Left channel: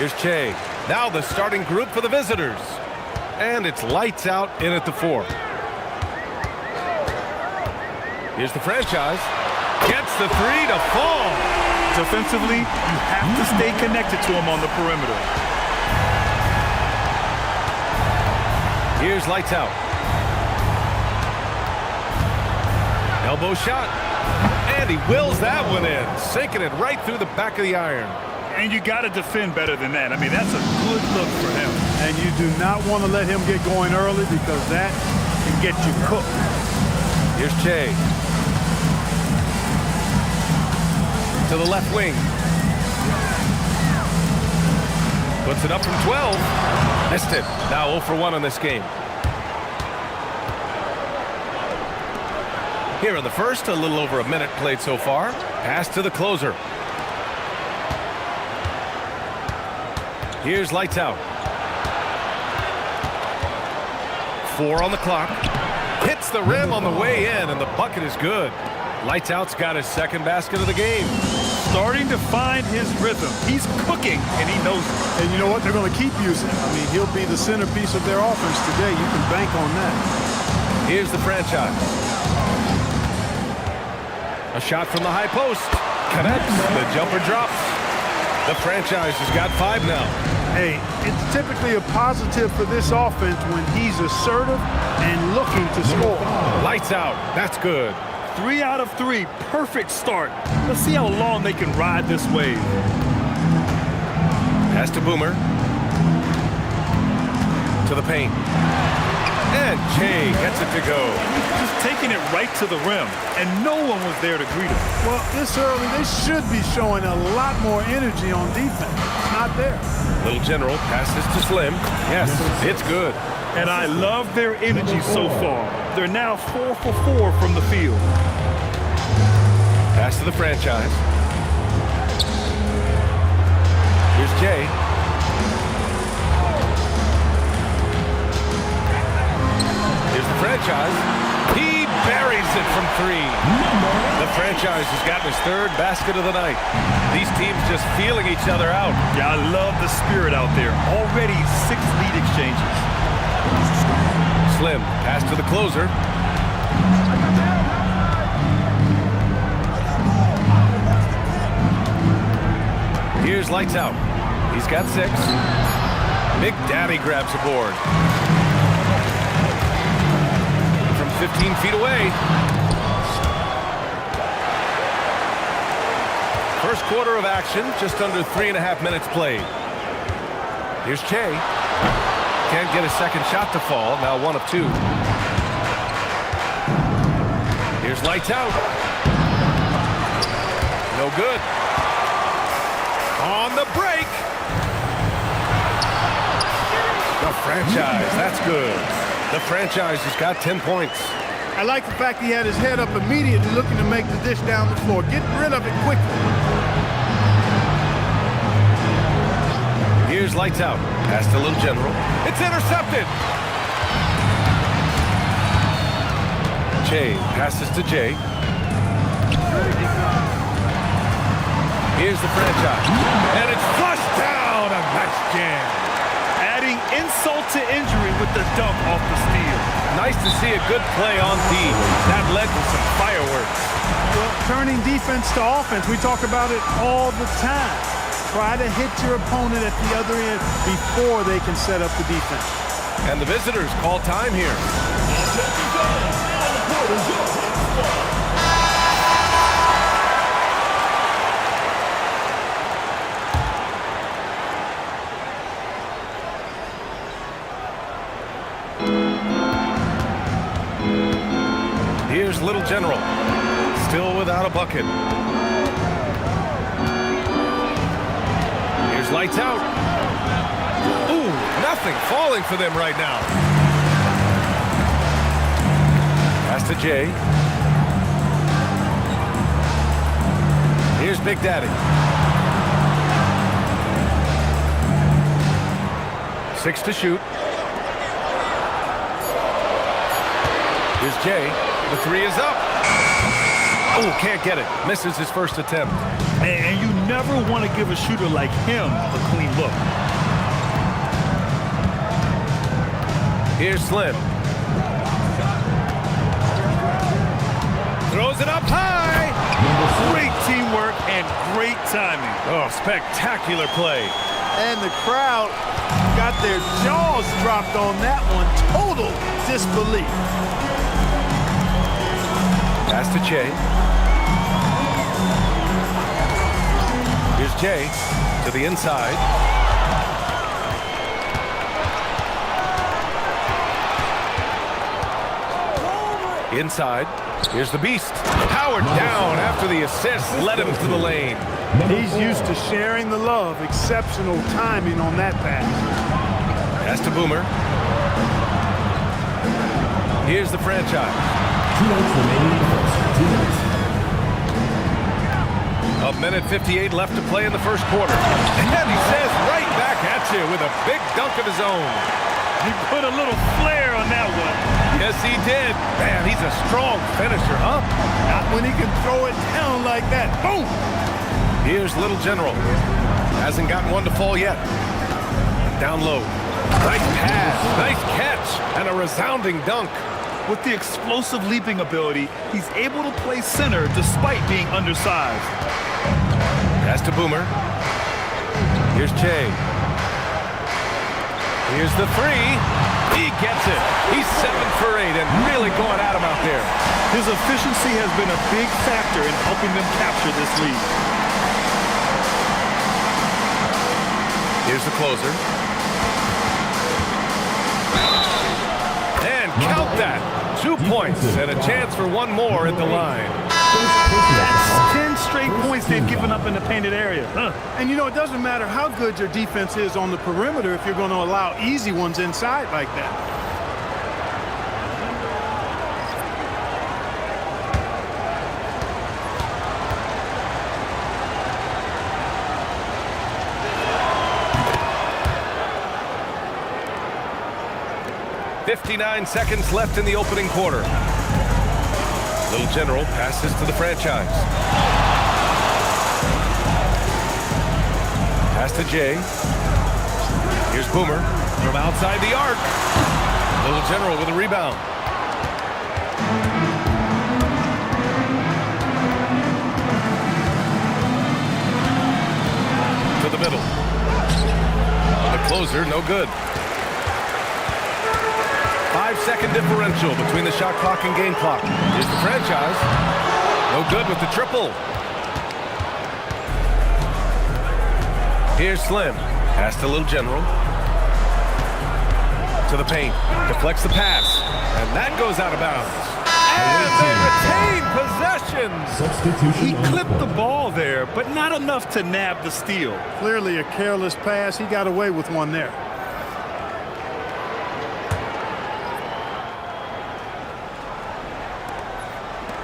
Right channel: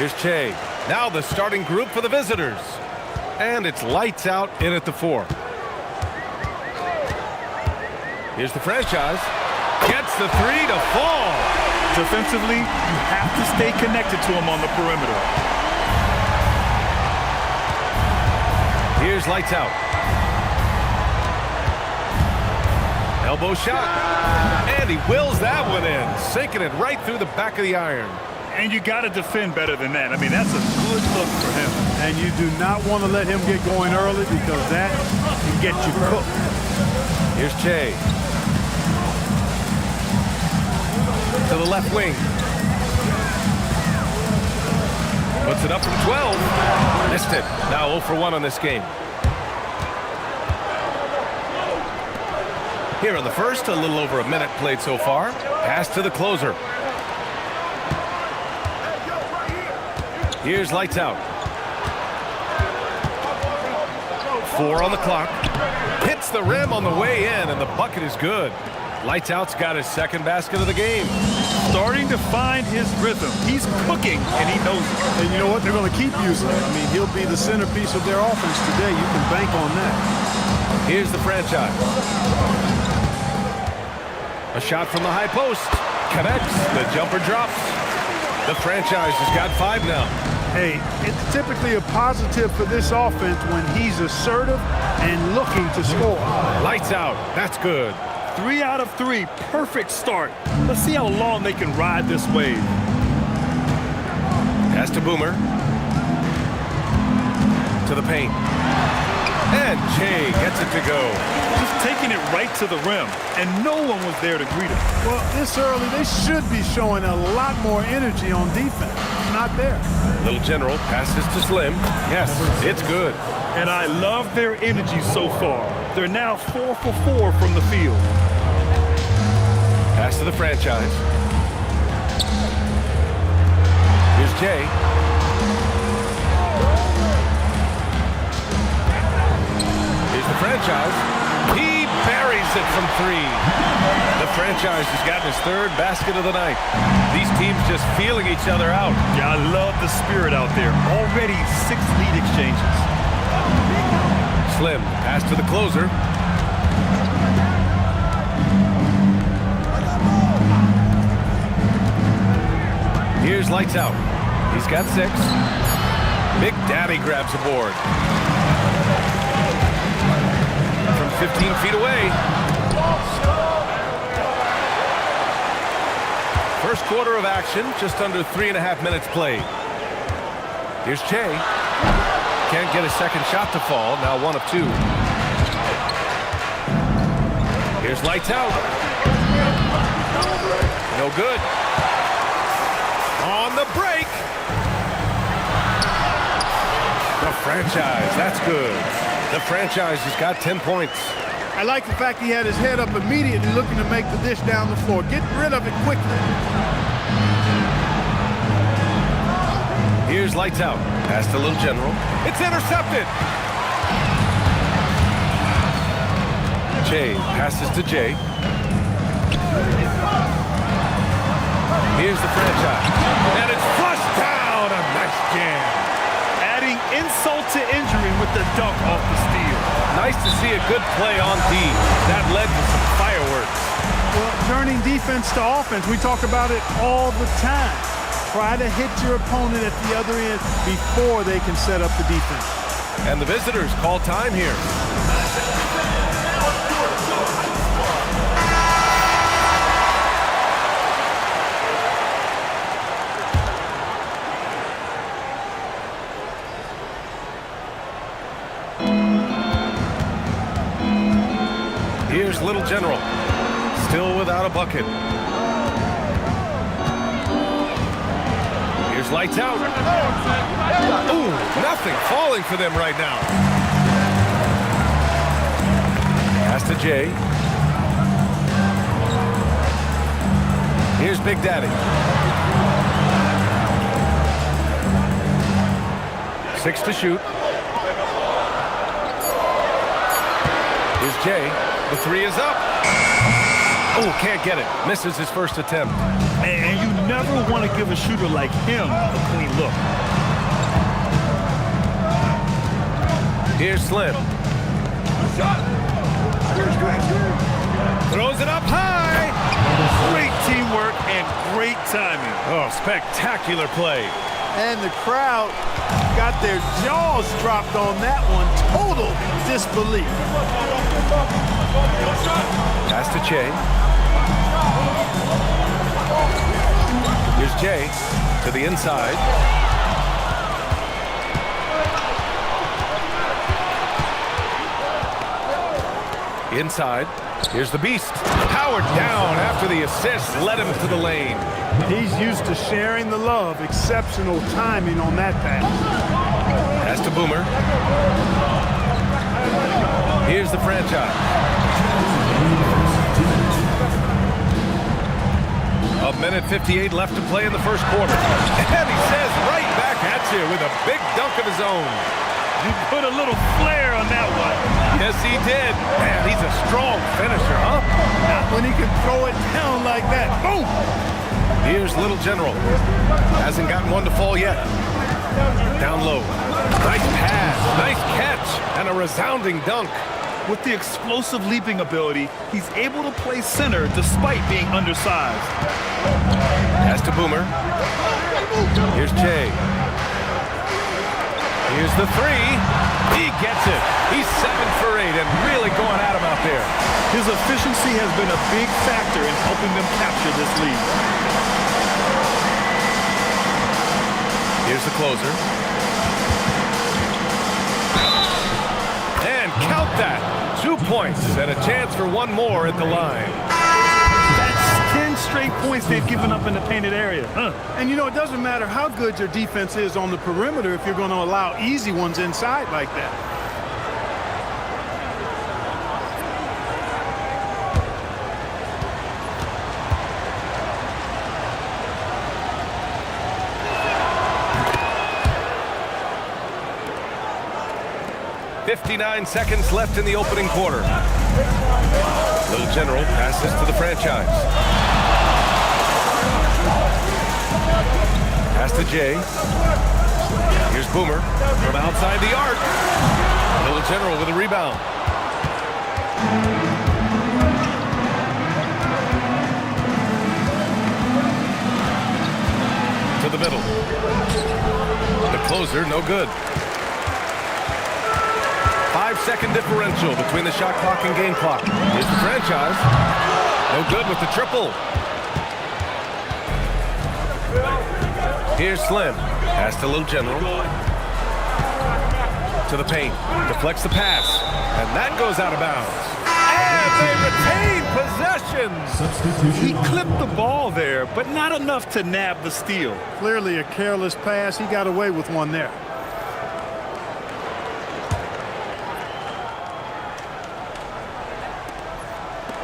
Here's Che. Now the starting group for the visitors. And it's lights out in at the 4. Here's the franchise. Gets the 3 to fall. Defensively, you have to stay connected to him on the perimeter. Here's lights out. Elbow shot. And he wills that one in, sinking it right through the back of the iron. And you got to defend better than that. I mean, that's a good look for him. And you do not want to let him get going early because that can get you cooked. Here's Che. To the left wing. Puts it up from 12. Missed it. Now 0 for 1 on this game. Here in the first, a little over a minute played so far. Pass to the closer. Here's lights out. 4 on the clock. Hits the rim on the way in, and the bucket is good. Lights out's got his second basket of the game. Starting to find his rhythm. He's cooking, and he knows it. And you know what? They're going to keep using him. I mean, he'll be the centerpiece of their offense today. You can bank on that. Here's the franchise. A shot from the high post. Connects. The jumper drops. The franchise has got 5 now. Hey, it's typically a positive for this offense when he's assertive and looking to score. Lights out. That's good. 3 out of 3. Perfect start. Let's see how long they can ride this wave. Pass to Boomer. To the paint. And Che gets it to go. Just taking it right to the rim, and no one was there to greet him. Well, this early, they should be showing a lot more energy on defense. It's not there. Little General passes to Slim. Yes, it's good. And I love their energy so far. They're now 4 for 4 from the field. Pass to the franchise. Here's Che. Here's the franchise. He buries it from 3. The franchise has gotten his 3rd basket of the night. These teams just feeling each other out. Yeah, I love the spirit out there. Already 6 lead exchanges. Slim, pass to the closer. Here's lights out. He's got 6. Big Daddy grabs a board. From 15 feet away. First quarter of action, just under 3.5 minutes played. Here's Che. Can't get a second shot to fall. Now 1 of 2. Here's lights out. No good. On the break. The franchise. That's good. The franchise has got 10 points. I like the fact he had his head up immediately looking to make the dish down the floor. Get rid of it quickly. Here's lights out. Pass to Little General. It's intercepted. Che passes to Jay. Here's the franchise. And it's flushed down. A nice jam. Adding insult to injury with the dunk off the steal. Nice to see a good play on D. That led to some fireworks. Well, turning defense to offense, we talk about it all the time. Try to hit your opponent at the other end before they can set up the defense. And the visitors call time here. Here's Little General, still without a bucket. Here's lights out. Ooh, nothing falling for them right now. Pass to Jay. Here's Big Daddy. 6 to shoot. Here's Jay. The 3 is up. Oh, can't get it. Misses his first attempt. And you never want to give a shooter like him a clean look. Here's Slim. Throws it up high. Great teamwork and great timing. Oh, spectacular play. And the crowd got their jaws dropped on that one. Total disbelief. Pass to Che. Here's Jay to the inside. Inside. Here's the beast. Powered down after the assist led him to the lane. He's used to sharing the love. Exceptional timing on that pass. Pass to Boomer. Here's the franchise. A minute 58 left to play in the first quarter. And he says right back at you with a big dunk of his own. He put a little flair on that one. Yes, he did. Man, he's a strong finisher, huh? Not when he can throw it down like that. Boom! Here's Little General. Hasn't gotten one to fall yet. Down low. Nice pass, nice catch, and a resounding dunk. With the explosive leaping ability, he's able to play center despite being undersized. Pass to Boomer. Here's Che. Here's the three. He gets it. He's 7 for 8 and really going at him out there. His efficiency has been a big factor in helping them capture this lead. Here's the closer. And count that. 2 points and a chance for one more at the line. That's 10 straight points they've given up in the painted area. And you know, it doesn't matter how good your defense is on the perimeter if you're going to allow easy ones inside like that. .59 seconds left in the opening quarter. Little General passes to the franchise. Pass to Jay. Here's Boomer from outside the arc. Little General with a rebound. To the middle. The closer, no good. 5-second differential between the shot clock and game clock. Here's the franchise. No good with the triple. Here's Slim. Pass to Little General. To the paint. Deflects the pass. And that goes out of bounds. And they retain possession. He clipped the ball there, but not enough to nab the steal. Clearly a careless pass. He got away with one there.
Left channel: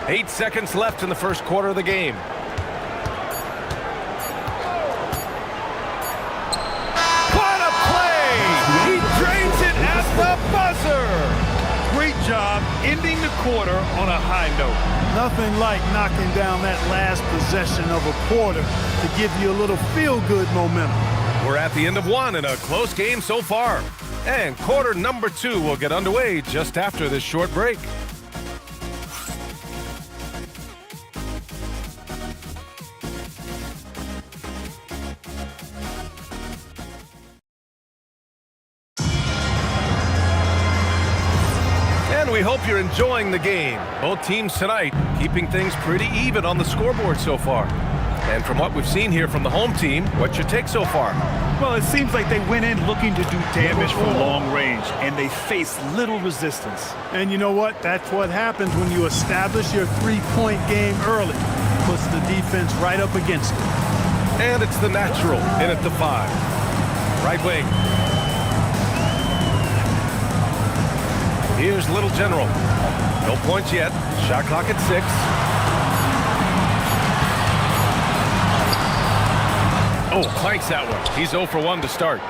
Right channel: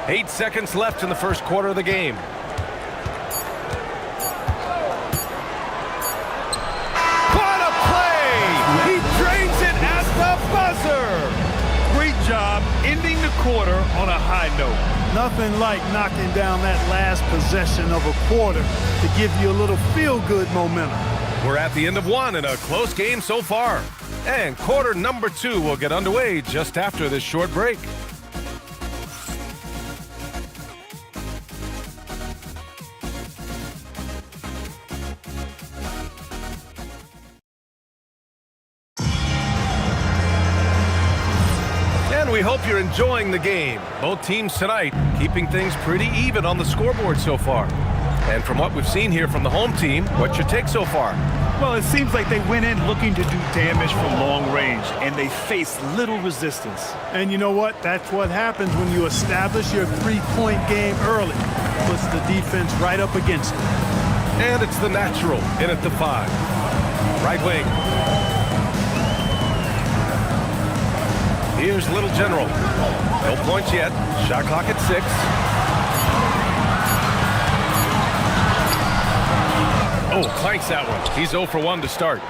Eight seconds left in the first quarter of the game. What a play! He drains it at the buzzer! Great job ending the quarter on a high note. Nothing like knocking down that last possession of a quarter to give you a little feel-good momentum. We're at the end of one in a close game so far. And quarter number 2 will get underway just after this short break. And we hope you're enjoying the game. Both teams tonight keeping things pretty even on the scoreboard so far. And from what we've seen here from the home team, what's your take so far? Well, it seems like they went in looking to do damage from long range, and they faced little resistance. And you know what? That's what happens when you establish your three-point game early. Puts the defense right up against it. And it's the natural in at the 5. Right wing. Here's Little General. No points yet. Shot clock at 6. Oh, clanks that one. He's 0 for 1 to start.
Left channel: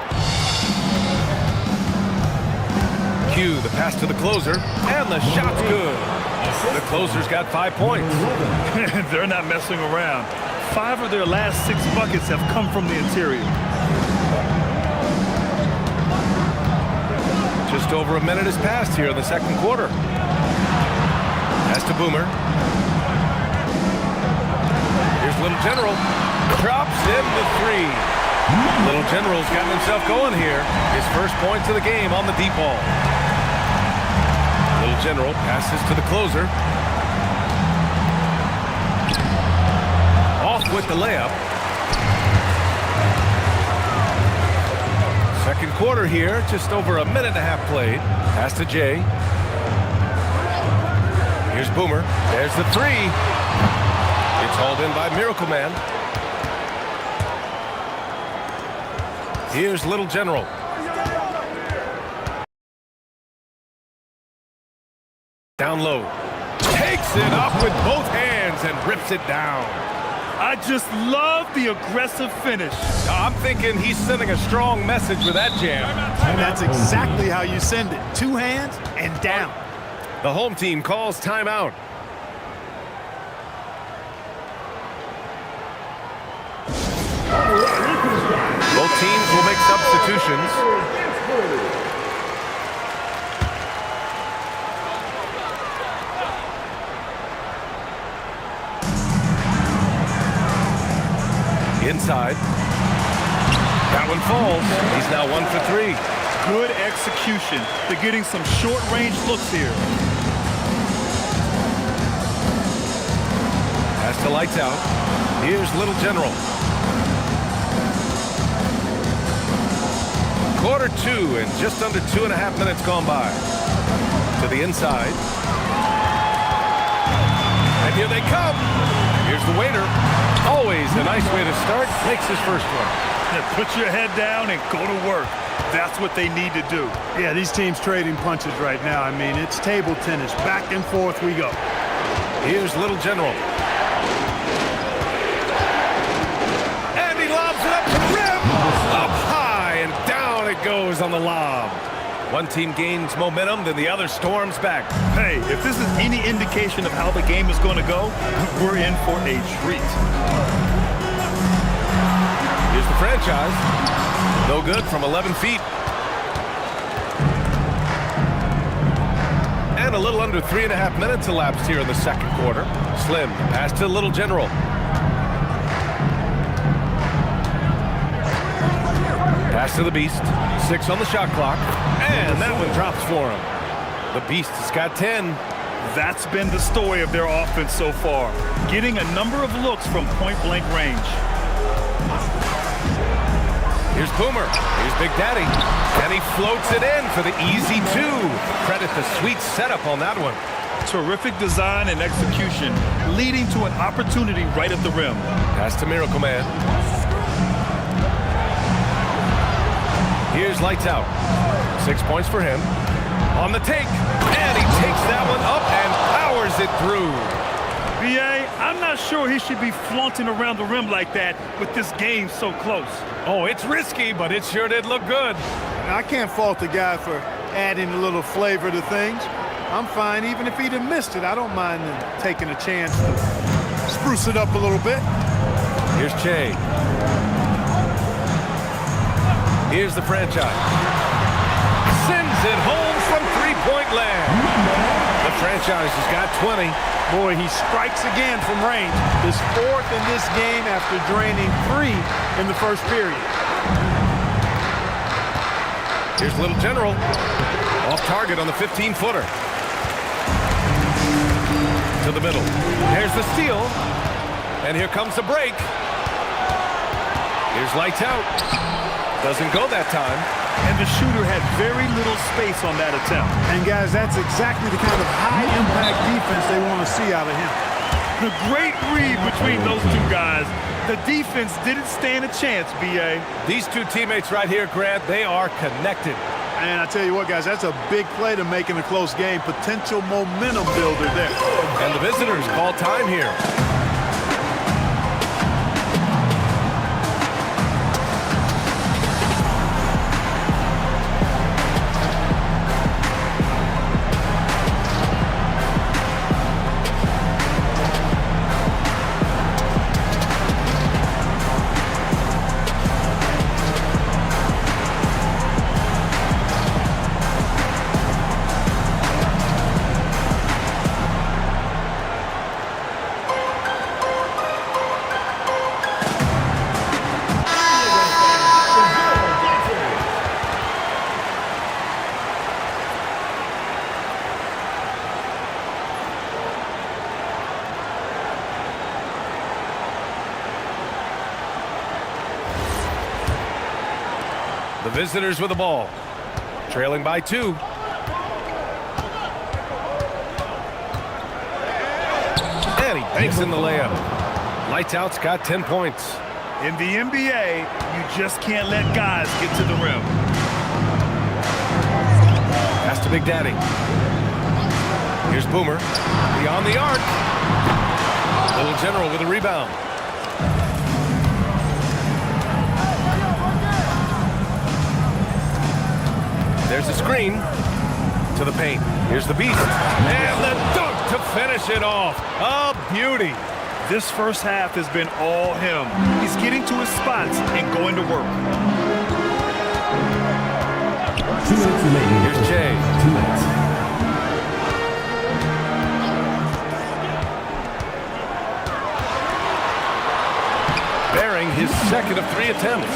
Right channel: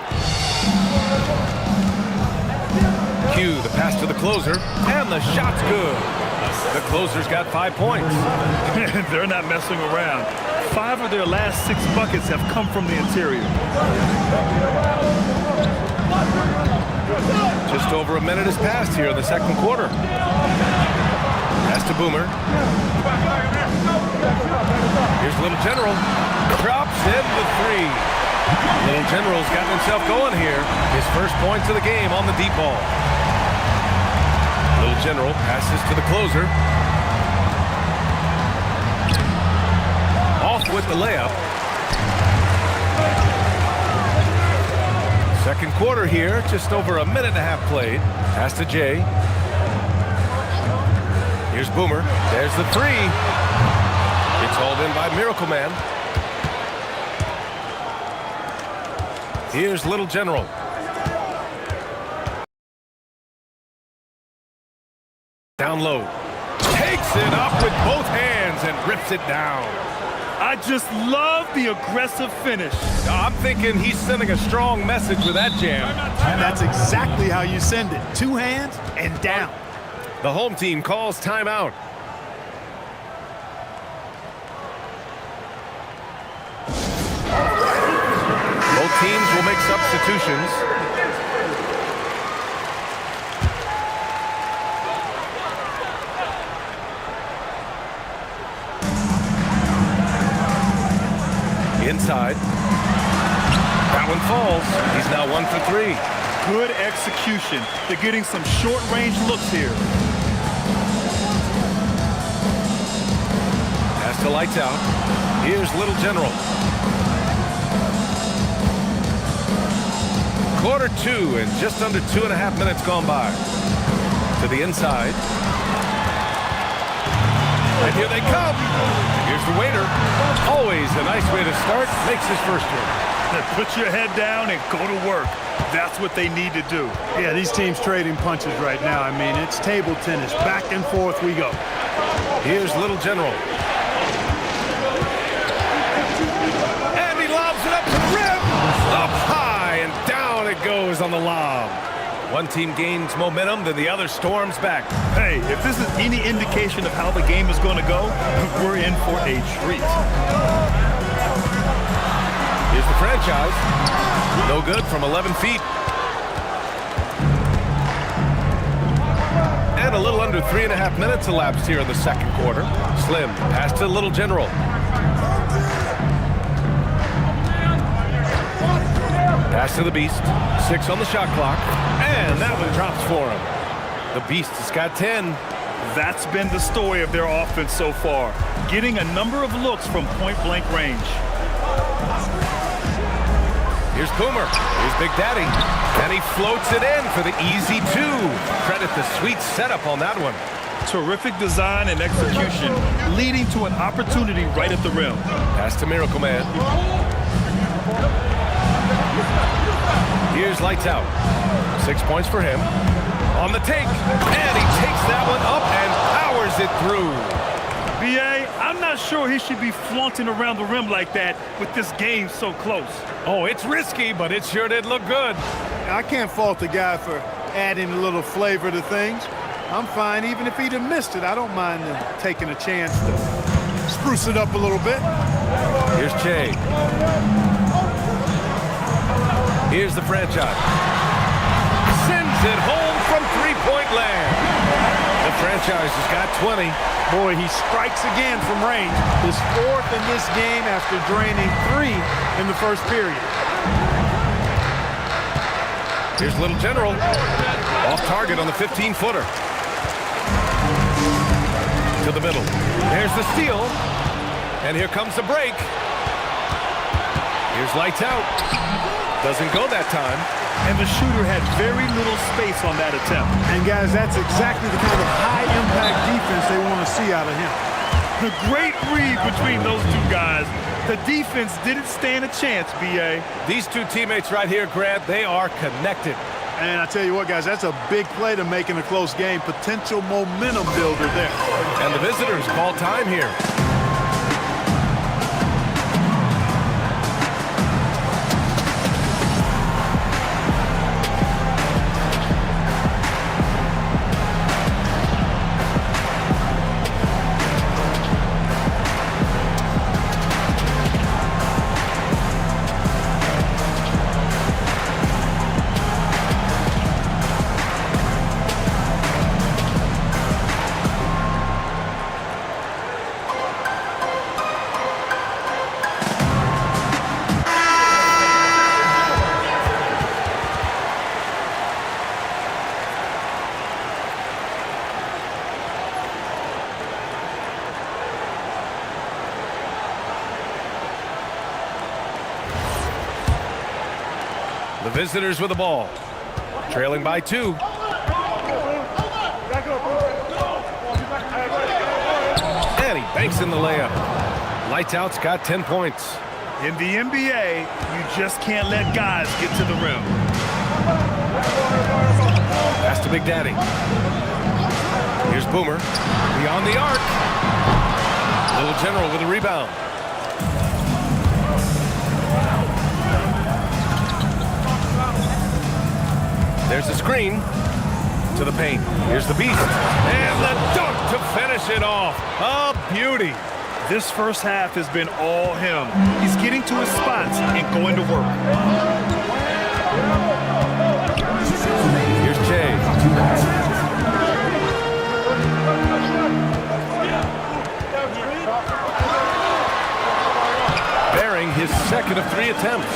Q, the pass to the closer, and the shot's good. The closer's got 5 points. They're not messing around. 5 of their last 6 buckets have come from the interior. Just over a minute has passed here in the second quarter. Pass to Boomer. Here's Little General. Drops in the 3. Little General's gotten himself going here. His first points of the game on the deep ball. Little General passes to the closer. Off with the layup. Second quarter here, just over a minute and a half played. Pass to Jay. Here's Boomer. There's the 3. It's hauled in by Miracle Man. Here's Little General. Down low. Takes it up with both hands and rips it down. I just love the aggressive finish. I'm thinking he's sending a strong message with that jam. And that's exactly how you send it. 2 hands and down. The home team calls timeout. Both teams will make substitutions. Inside. That one falls. He's now 1 for 3. Good execution. They're getting some short-range looks here. Pass to Lights Out. Here's Little General. Quarter 2 and just under 2.5 minutes gone by. To the inside. And here they come. Here's the waiter. Always a nice way to start. Makes his first one. Put your head down and go to work. That's what they need to do. Yeah, these teams trading punches right now. I mean, it's table tennis. Back and forth we go. Here's Little General. And he lobs it up to the rim. Up high and down it goes on the lob. One team gains momentum, then the other storms back. Hey, if this is any indication of how the game is going to go, we're in for a treat. Here's the franchise. No good from 11 feet. And a little under 3.5 minutes elapsed here in the second quarter. Slim, pass to Little General. Pass to the Beast. 6 on the shot clock. And that one drops for him. The Beast has got 10. That's been the story of their offense so far. Getting a number of looks from point-blank range. Here's Boomer. Here's Big Daddy. And he floats it in for the easy 2. Credit the sweet setup on that one. Terrific design and execution, leading to an opportunity right at the rim. Pass to Miracle Man. Here's Lights Out. 6 points for him. On the take. And he takes that one up and powers it through. B.A., I'm not sure he should be flaunting around the rim like that with this game so close. Oh, it's risky, but it sure did look good. I can't fault the guy for adding a little flavor to things. I'm fine even if he'd have missed it. I don't mind them taking a chance to spruce it up a little bit. Here's Che. Here's the franchise. Sends it home from three-point land. The franchise has got 20. Boy, he strikes again from range. His 4th in this game after draining 3 in the first period. Here's Little General. Off target on the 15-footer. To the middle. There's the steal. And here comes the break. Here's Lights Out. Doesn't go that time. And the shooter had very little space on that attempt. And guys, that's exactly the kind of high-impact defense they want to see out of him. The great read between those two guys. The defense didn't stand a chance, B.A. These two teammates right here, Grant, they are connected. And I tell you what, guys, that's a big play to make in a close game. Potential momentum builder there. And the visitors call time here. The visitors with the ball. Trailing by 2. And he banks in the layup. Lights out's got 10 points. In the NBA, you just can't let guys get to the rim. Pass to Big Daddy. Here's Boomer. Beyond the arc. Little General with a rebound. There's a screen to the paint. Here's the beast. And the dunk to finish it off. A beauty. This first half has been all him. He's getting to his spots and going to work. Here's Jay. Bearing his second of 3 attempts.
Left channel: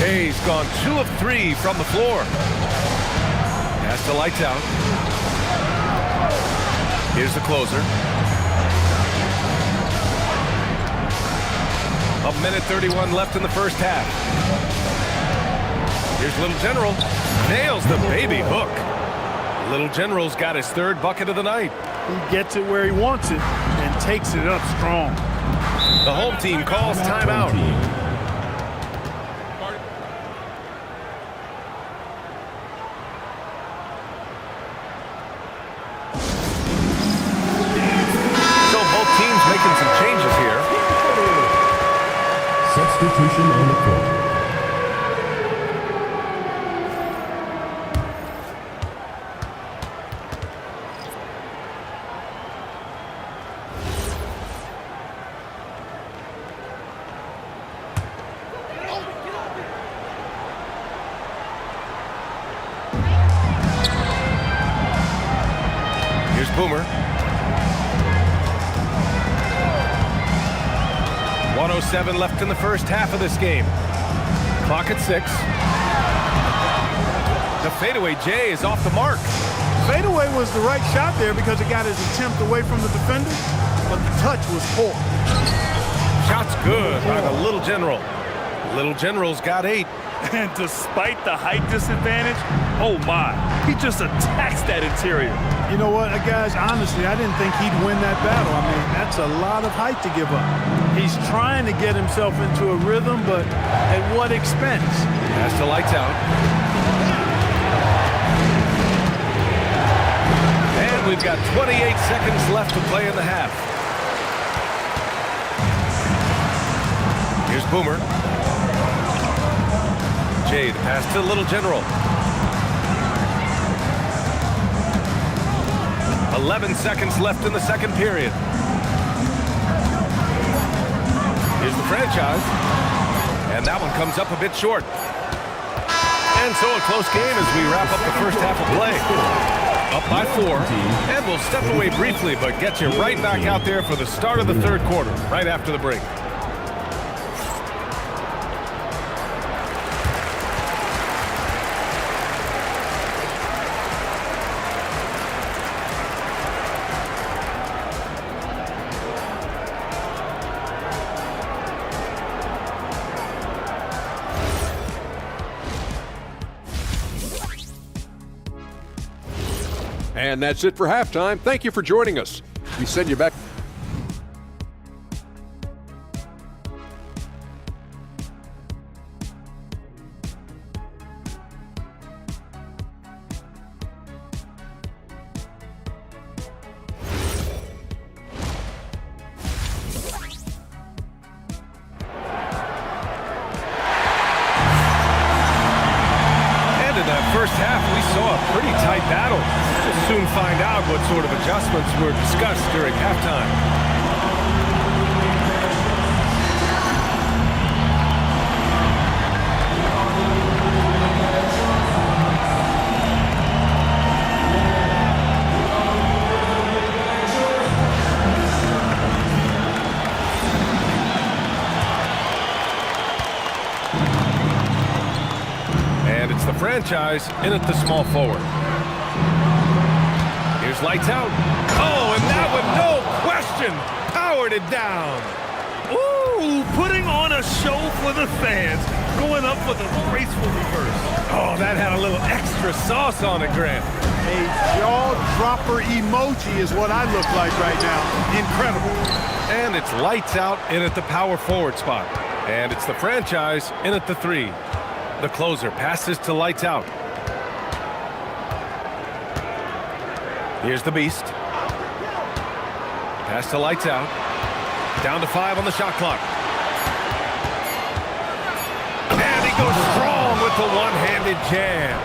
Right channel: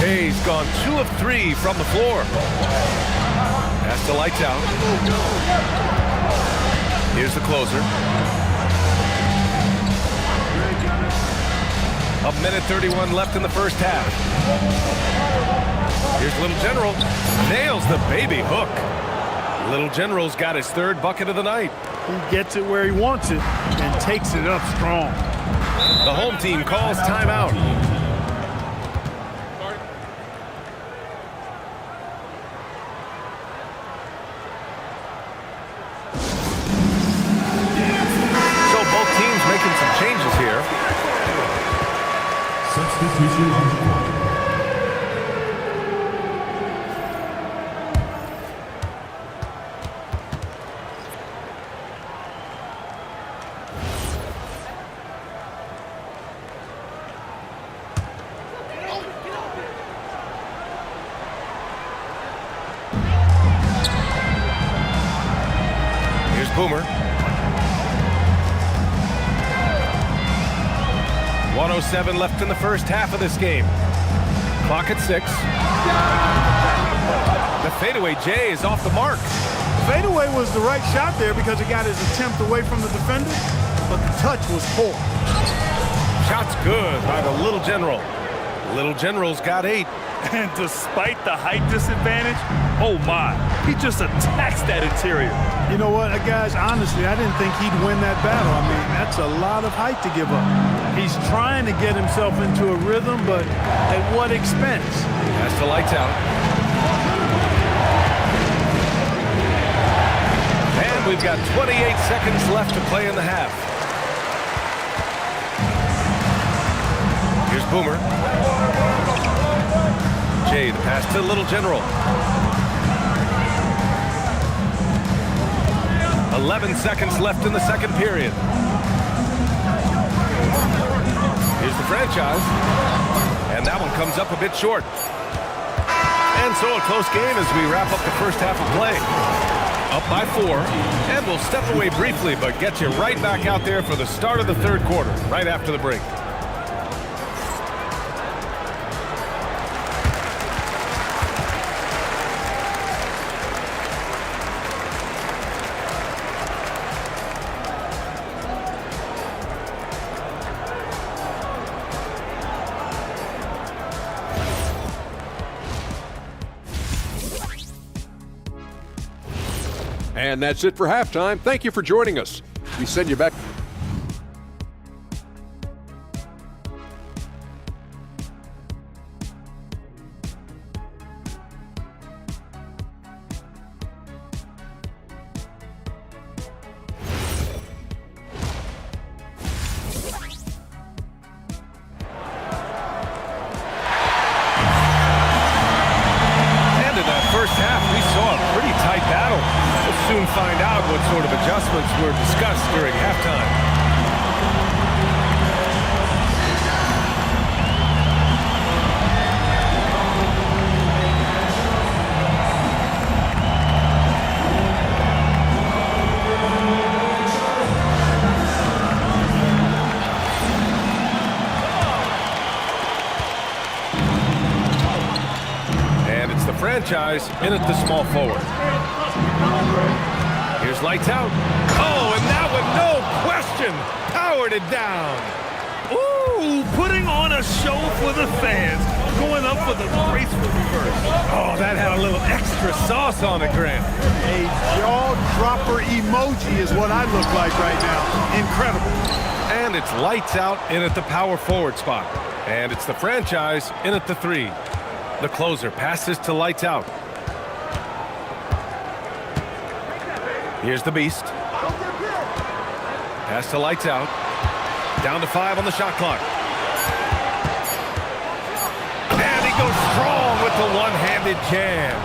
Jay's gone 2 of 3 from the floor. Pass to Lights Out. Here's the closer. A minute 31 left in the first half. Here's Little General. Nails the baby hook. Little General's got his 3rd bucket of the night. He gets it where he wants it and takes it up strong. The home team calls timeout. Both teams making some changes here. Substitution on the court. Here's Boomer. 1:07 left in the first half of this game. Clock at 6. The fadeaway Jay is off the mark. Fadeaway was the right shot there because it got his attempt away from the defender, but the touch was poor. Shot's good by the Little General. Little General's got 8. And despite the height disadvantage, oh my, he just attacks that interior. You know what, guys, honestly, I didn't think he'd win that battle. I mean, that's a lot of height to give up. He's trying to get himself into a rhythm, but at what expense? Pass to Lights Out. And we've got 28 seconds left to play in the half. Here's Boomer. Jay, the pass to Little General. 11 seconds left in the second period. Here's the franchise. And that one comes up a bit short. And so a close game as we wrap up the first half of play. Up by 4. And we'll step away briefly, but get you right back out there for the start of the third quarter, right after the break. And that's it for halftime. Thank you for joining us. We send you back. And in that first half, we saw a pretty tight battle. We'll soon find out what sort of adjustments were discussed during halftime. And it's the franchise in at the small forward. Here's Lights Out. Oh, and that one, no question, powered it down. Ooh, putting on a show for the fans, going up for the graceful reverse. Oh, that had a little extra sauce on it, Grant. A jaw-dropper emoji is what I look like right now. Incredible. And it's lights out in at the power forward spot. And it's the franchise in at the 3. The closer passes to lights out. Here's the beast. Pass to lights out. Down to 5 on the shot clock. And he goes strong with the one-handed jam.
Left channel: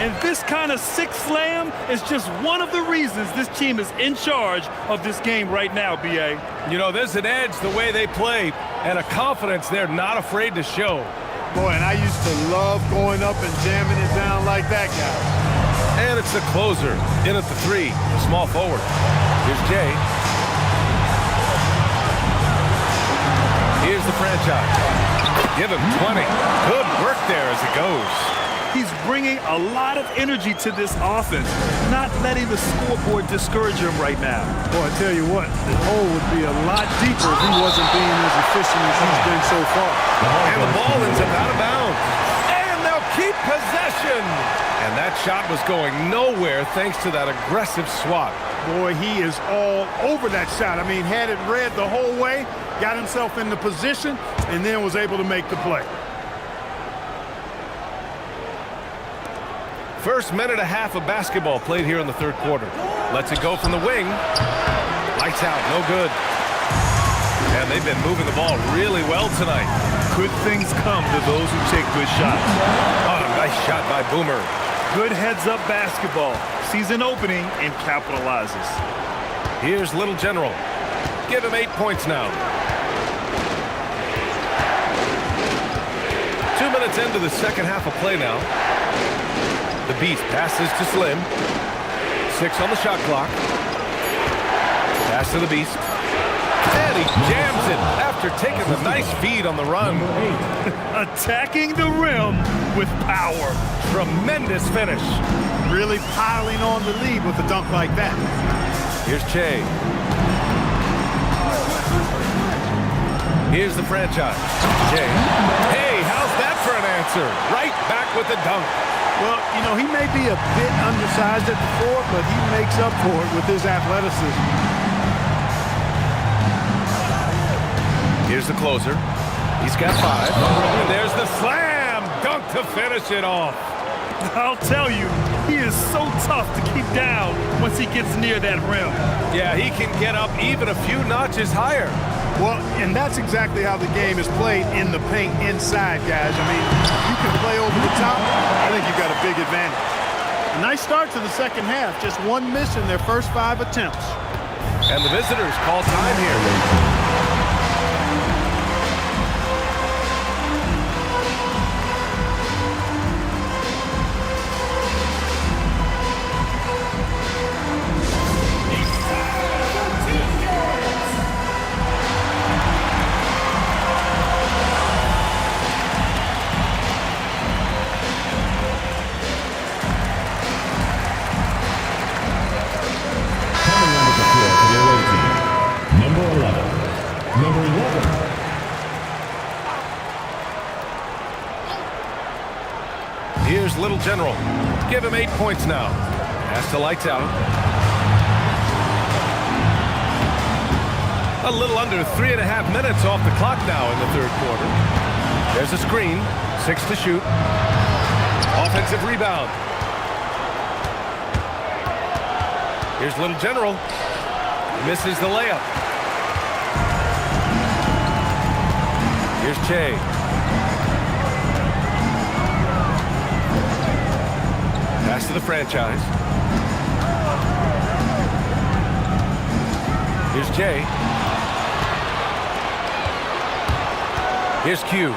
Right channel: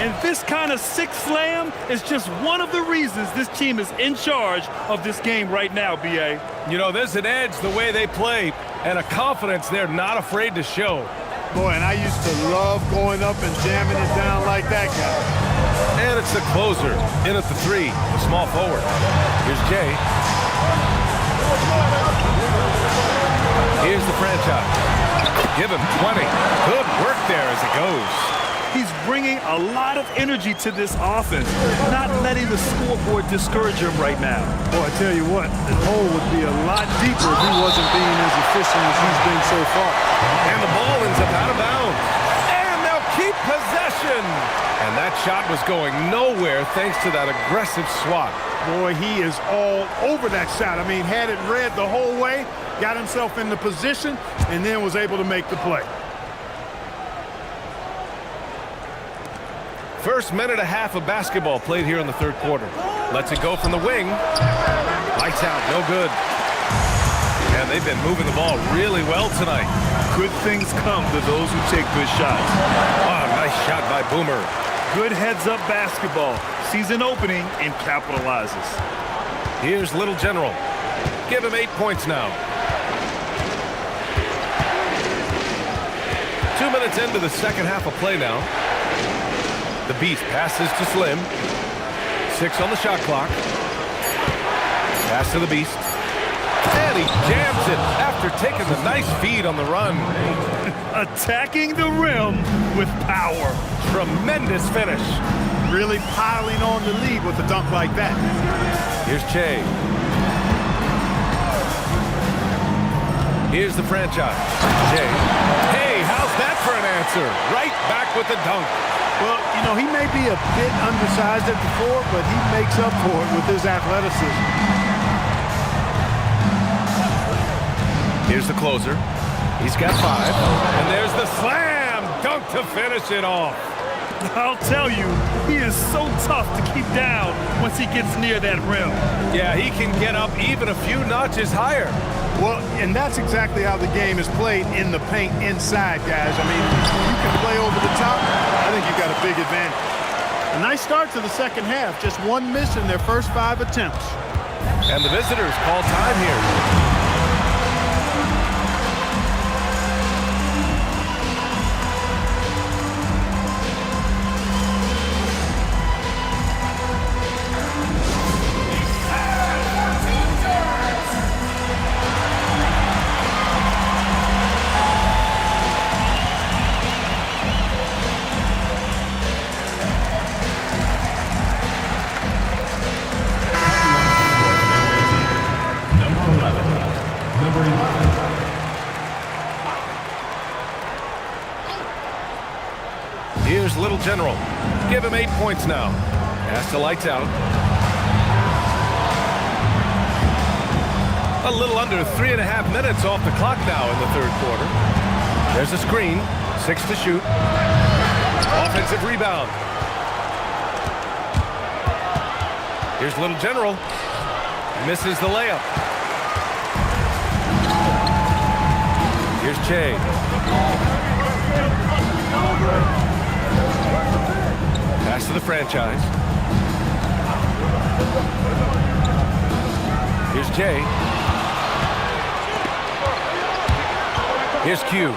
And this kind of sick slam is just one of the reasons this team is in charge of this game right now, B.A. You know, there's an edge the way they play and a confidence they're not afraid to show. Boy, and I used to love going up and jamming it down like that guy. And it's the closer in at the 3, the small forward. Here's Jay. Here's the franchise. Give him 20. Good work there as it goes. He's bringing a lot of energy to this offense, not letting the scoreboard discourage him right now. Boy, I tell you what, the hole would be a lot deeper if he wasn't being as efficient as he's been so far. And the ball ends up out of bounds. And they'll keep possession. And that shot was going nowhere thanks to that aggressive swat. Boy, he is all over that shot. I mean, had it read the whole way, got himself in the position, and then was able to make the play. First minute and a half of basketball played here in the third quarter. Lets it go from the wing. Lights out, no good. And they've been moving the ball really well tonight. Good things come to those who take good shots. Oh, nice shot by Boomer. Good heads-up basketball. Sees an opening and capitalizes. Here's Little General. Give him 8 points now. 2 minutes into the second half of play now. The Beast passes to Slim. 6 on the shot clock. Pass to the Beast. And he jams it after taking the nice feed on the run. Attacking the rim with power. Tremendous finish. Really piling on the lead with a dunk like that. Here's Che. Here's the franchise. Che. Hey, how's that for an answer? Right back with the dunk. Well, you know, he may be a bit undersized at the 4, but he makes up for it with his athleticism. Here's the closer. He's got 5. And there's the slam dunk to finish it off. I'll tell you, he is so tough to keep down once he gets near that rim. Yeah, he can get up even a few notches higher. Well, and that's exactly how the game is played in the paint inside, guys. I mean, if you can play over the top, I think you've got a big advantage. A nice start to the second half. Just 1 miss in their first 5 attempts. And the visitors call time here. Here's Little General. Give him 8 points now. Pass to lights out. A little under 3.5 minutes off the clock now in the third quarter. There's a screen. 6 to shoot. Offensive rebound. Here's Little General. Misses the layup. Here's Che. Pass to the franchise. Here's Jay. Here's Q.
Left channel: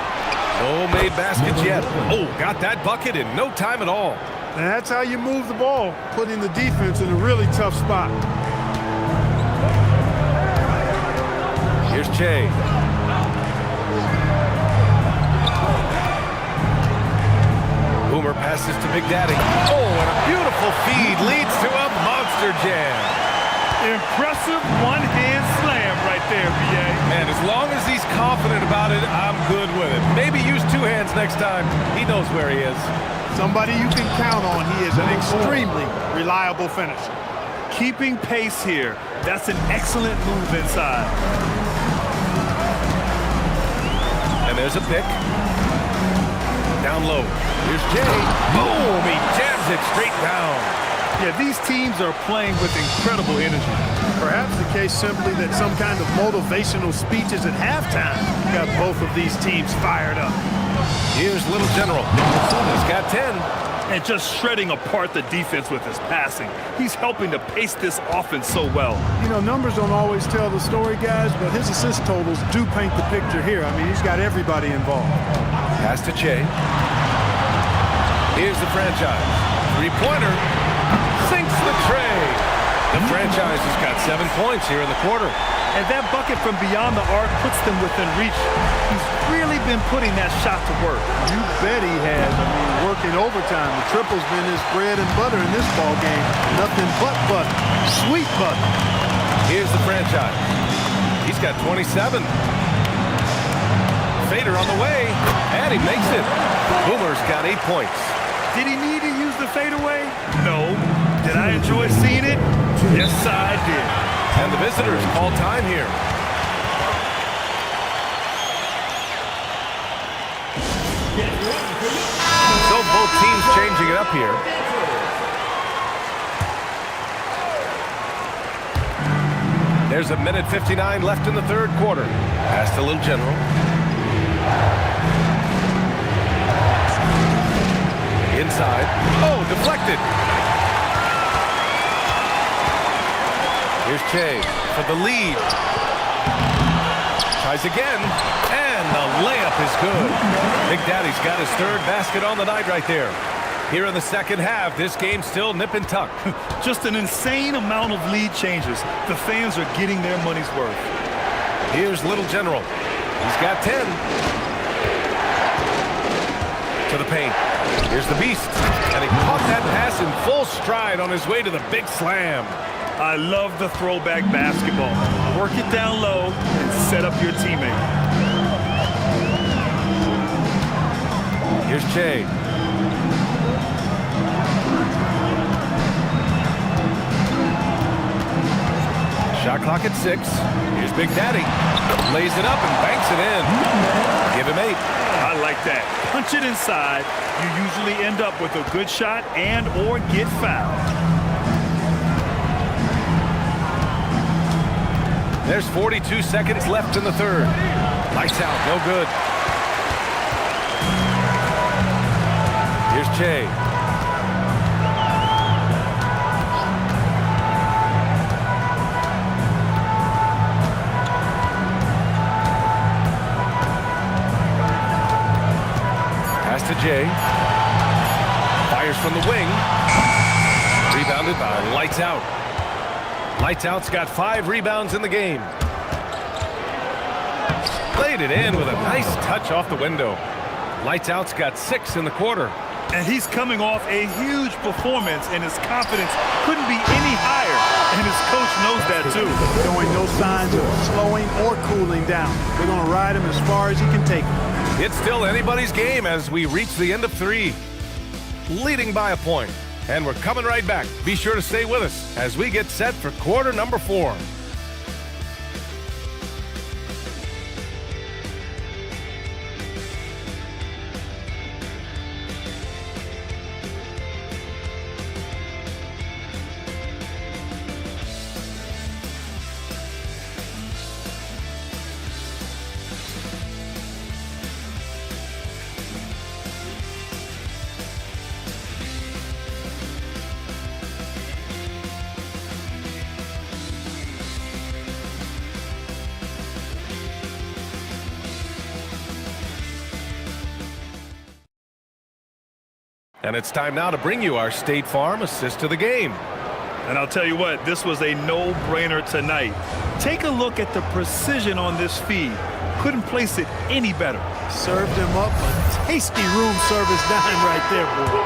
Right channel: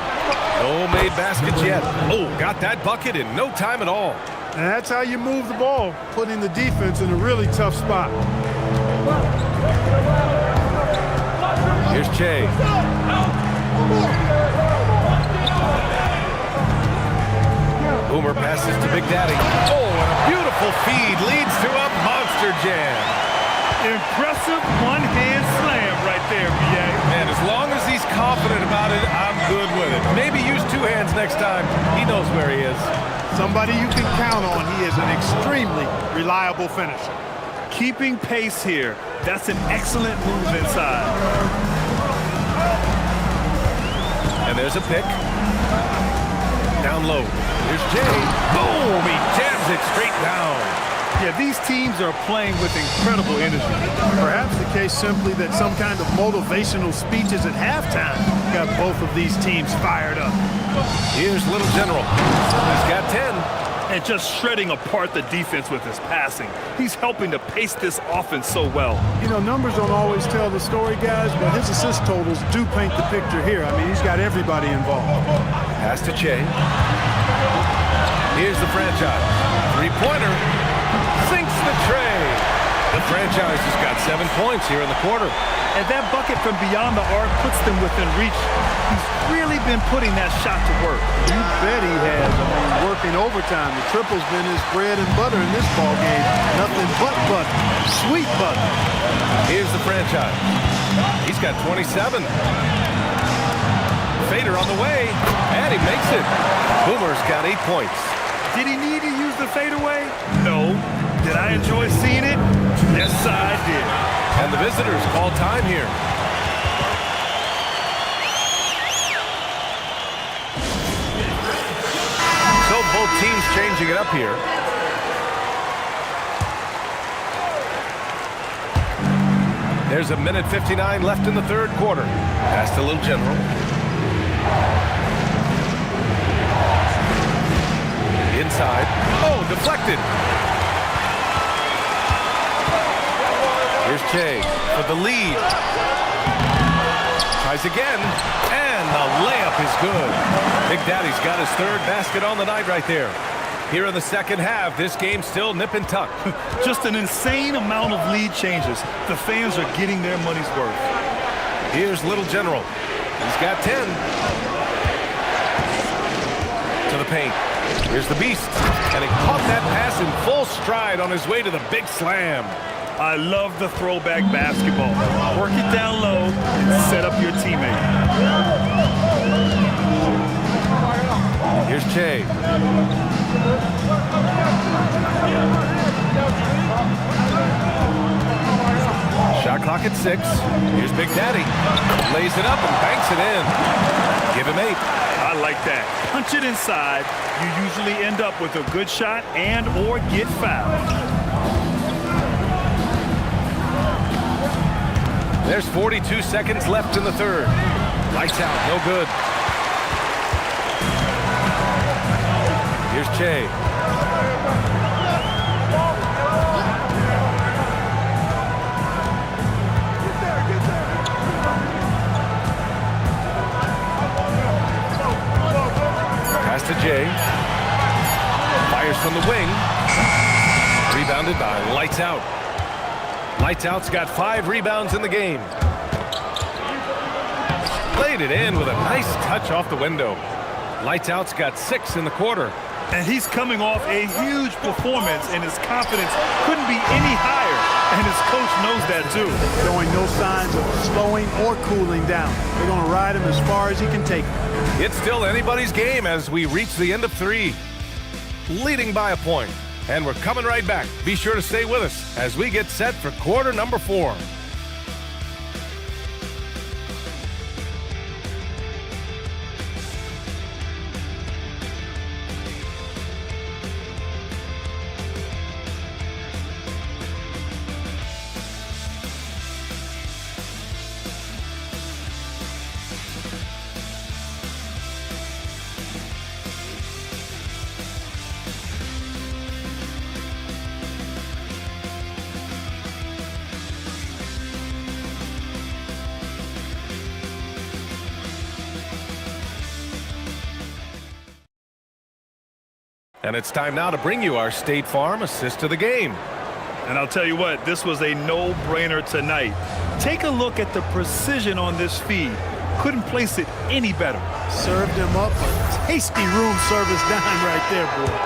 No made baskets yet. Oh, got that bucket in no time at all. And that's how you move the ball, putting the defense in a really tough spot. Here's Che. Boomer passes to Big Daddy. Oh, and a beautiful feed leads to a monster jam. Impressive one-hand slam right there, B.A. Man, as long as he's confident about it, I'm good with it. Maybe use two hands next time. He knows where he is. Somebody you can count on. He is an extremely reliable finisher. Keeping pace here. That's an excellent move inside. And there's a pick. Down low. Here's Jay. Boom! He jams it straight down. Yeah, these teams are playing with incredible energy. Perhaps the case simply that some kind of motivational speeches at halftime got both of these teams fired up. Here's Little General. He's got 10. And just shredding apart the defense with his passing. He's helping to pace this offense so well. You know, numbers don't always tell the story, guys, but his assist totals do paint the picture here. I mean, he's got everybody involved. Pass to Che. Here's the franchise. Three-pointer. Sinks the tray. The franchise has got 7 points here in the quarter. And that bucket from beyond the arc puts them within reach. He's really been putting that shot to work. You bet he has. I mean, working overtime. The triple's been his bread and butter in this ball game. Nothing but butter. Sweet butter. Here's the franchise. He's got 27. Fader on the way, and he makes it. Boomer's got 8 points. Did he need to use the fadeaway? No. Did I enjoy seeing it? Yes, I did. And the visitors call time here. So both teams changing it up here. There's a minute 59 left in the third quarter. Pass to Little General. Inside. Oh, deflected. Here's Che for the lead. Tries again, and the layup is good. Big Daddy's got his third basket on the night right there. Here in the second half, this game's still nip and tuck. Just an insane amount of lead changes. The fans are getting their money's worth. Here's Little General. He's got 10. To the paint. Here's the Beast. And he caught that pass in full stride on his way to the big slam. I love the throwback basketball. Work it down low and set up your teammate. Here's Che. Shot clock at 6. Here's Big Daddy. Lays it up and banks it in. Give him 8. I like that. Punch it inside. You usually end up with a good shot and or get fouled. There's 42 seconds left in the third. Lights out, no good. Here's Che. Pass to Jay. Fires from the wing. Rebounded by Lights Out. Lights Out's got 5 rebounds in the game. Played it in with a nice touch off the window. Lights Out's got 6 in the quarter. And he's coming off a huge performance, and his confidence couldn't be any higher. And his coach knows that, too. Showing no signs of slowing or cooling down. They're going to ride him as far as he can take him. It's still anybody's game as we reach the end of 3. Leading by a point. And we're coming right back. Be sure to stay with us as we get set for quarter number 4. And it's time now to bring you our State Farm assist of the game. And I'll tell you what, this was a no-brainer tonight. Take a look at the precision on this feed. Couldn't place it any better. Served him up a tasty room service dime right there, boy.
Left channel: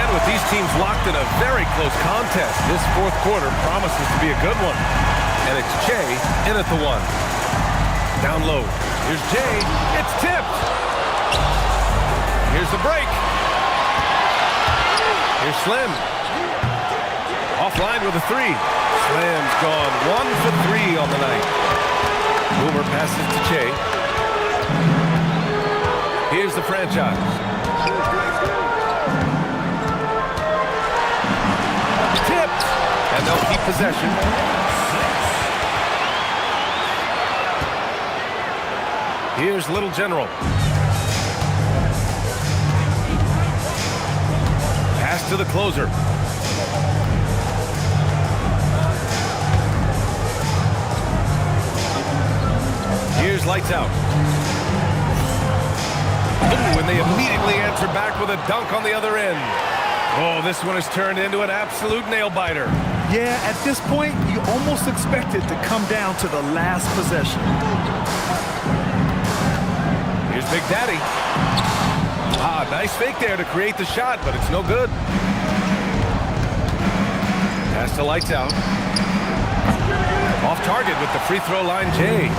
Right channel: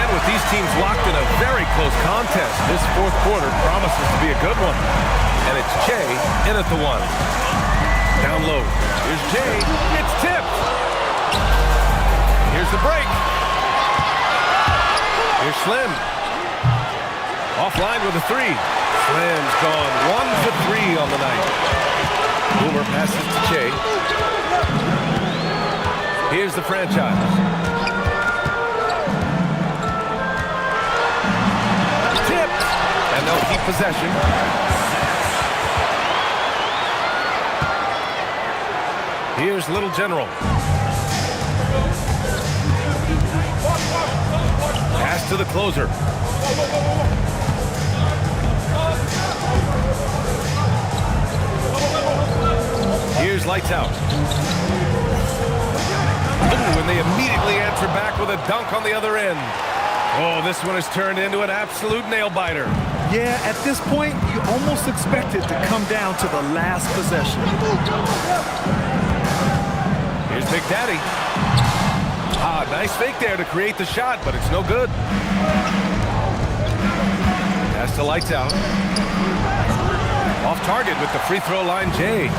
And with these teams locked in a very close contest, this fourth quarter promises to be a good one. And it's Che in at the 1. Down low. Here's Jay. It's tipped. Here's the break. Here's Slim. Offline with a 3. Slim's gone 1 for 3 on the night. Boomer passes to Che. Here's the franchise. Tipped. And they'll keep possession. Here's Little General. Pass to the closer. Here's Lights Out. Ooh, and they immediately answer back with a dunk on the other end. Oh, this one has turned into an absolute nail-biter. Yeah, at this point, you almost expect it to come down to the last possession. Here's Big Daddy. Ah, nice fake there to create the shot, but it's no good. Pass to Lights Out. Off target with the free throw line, Jay.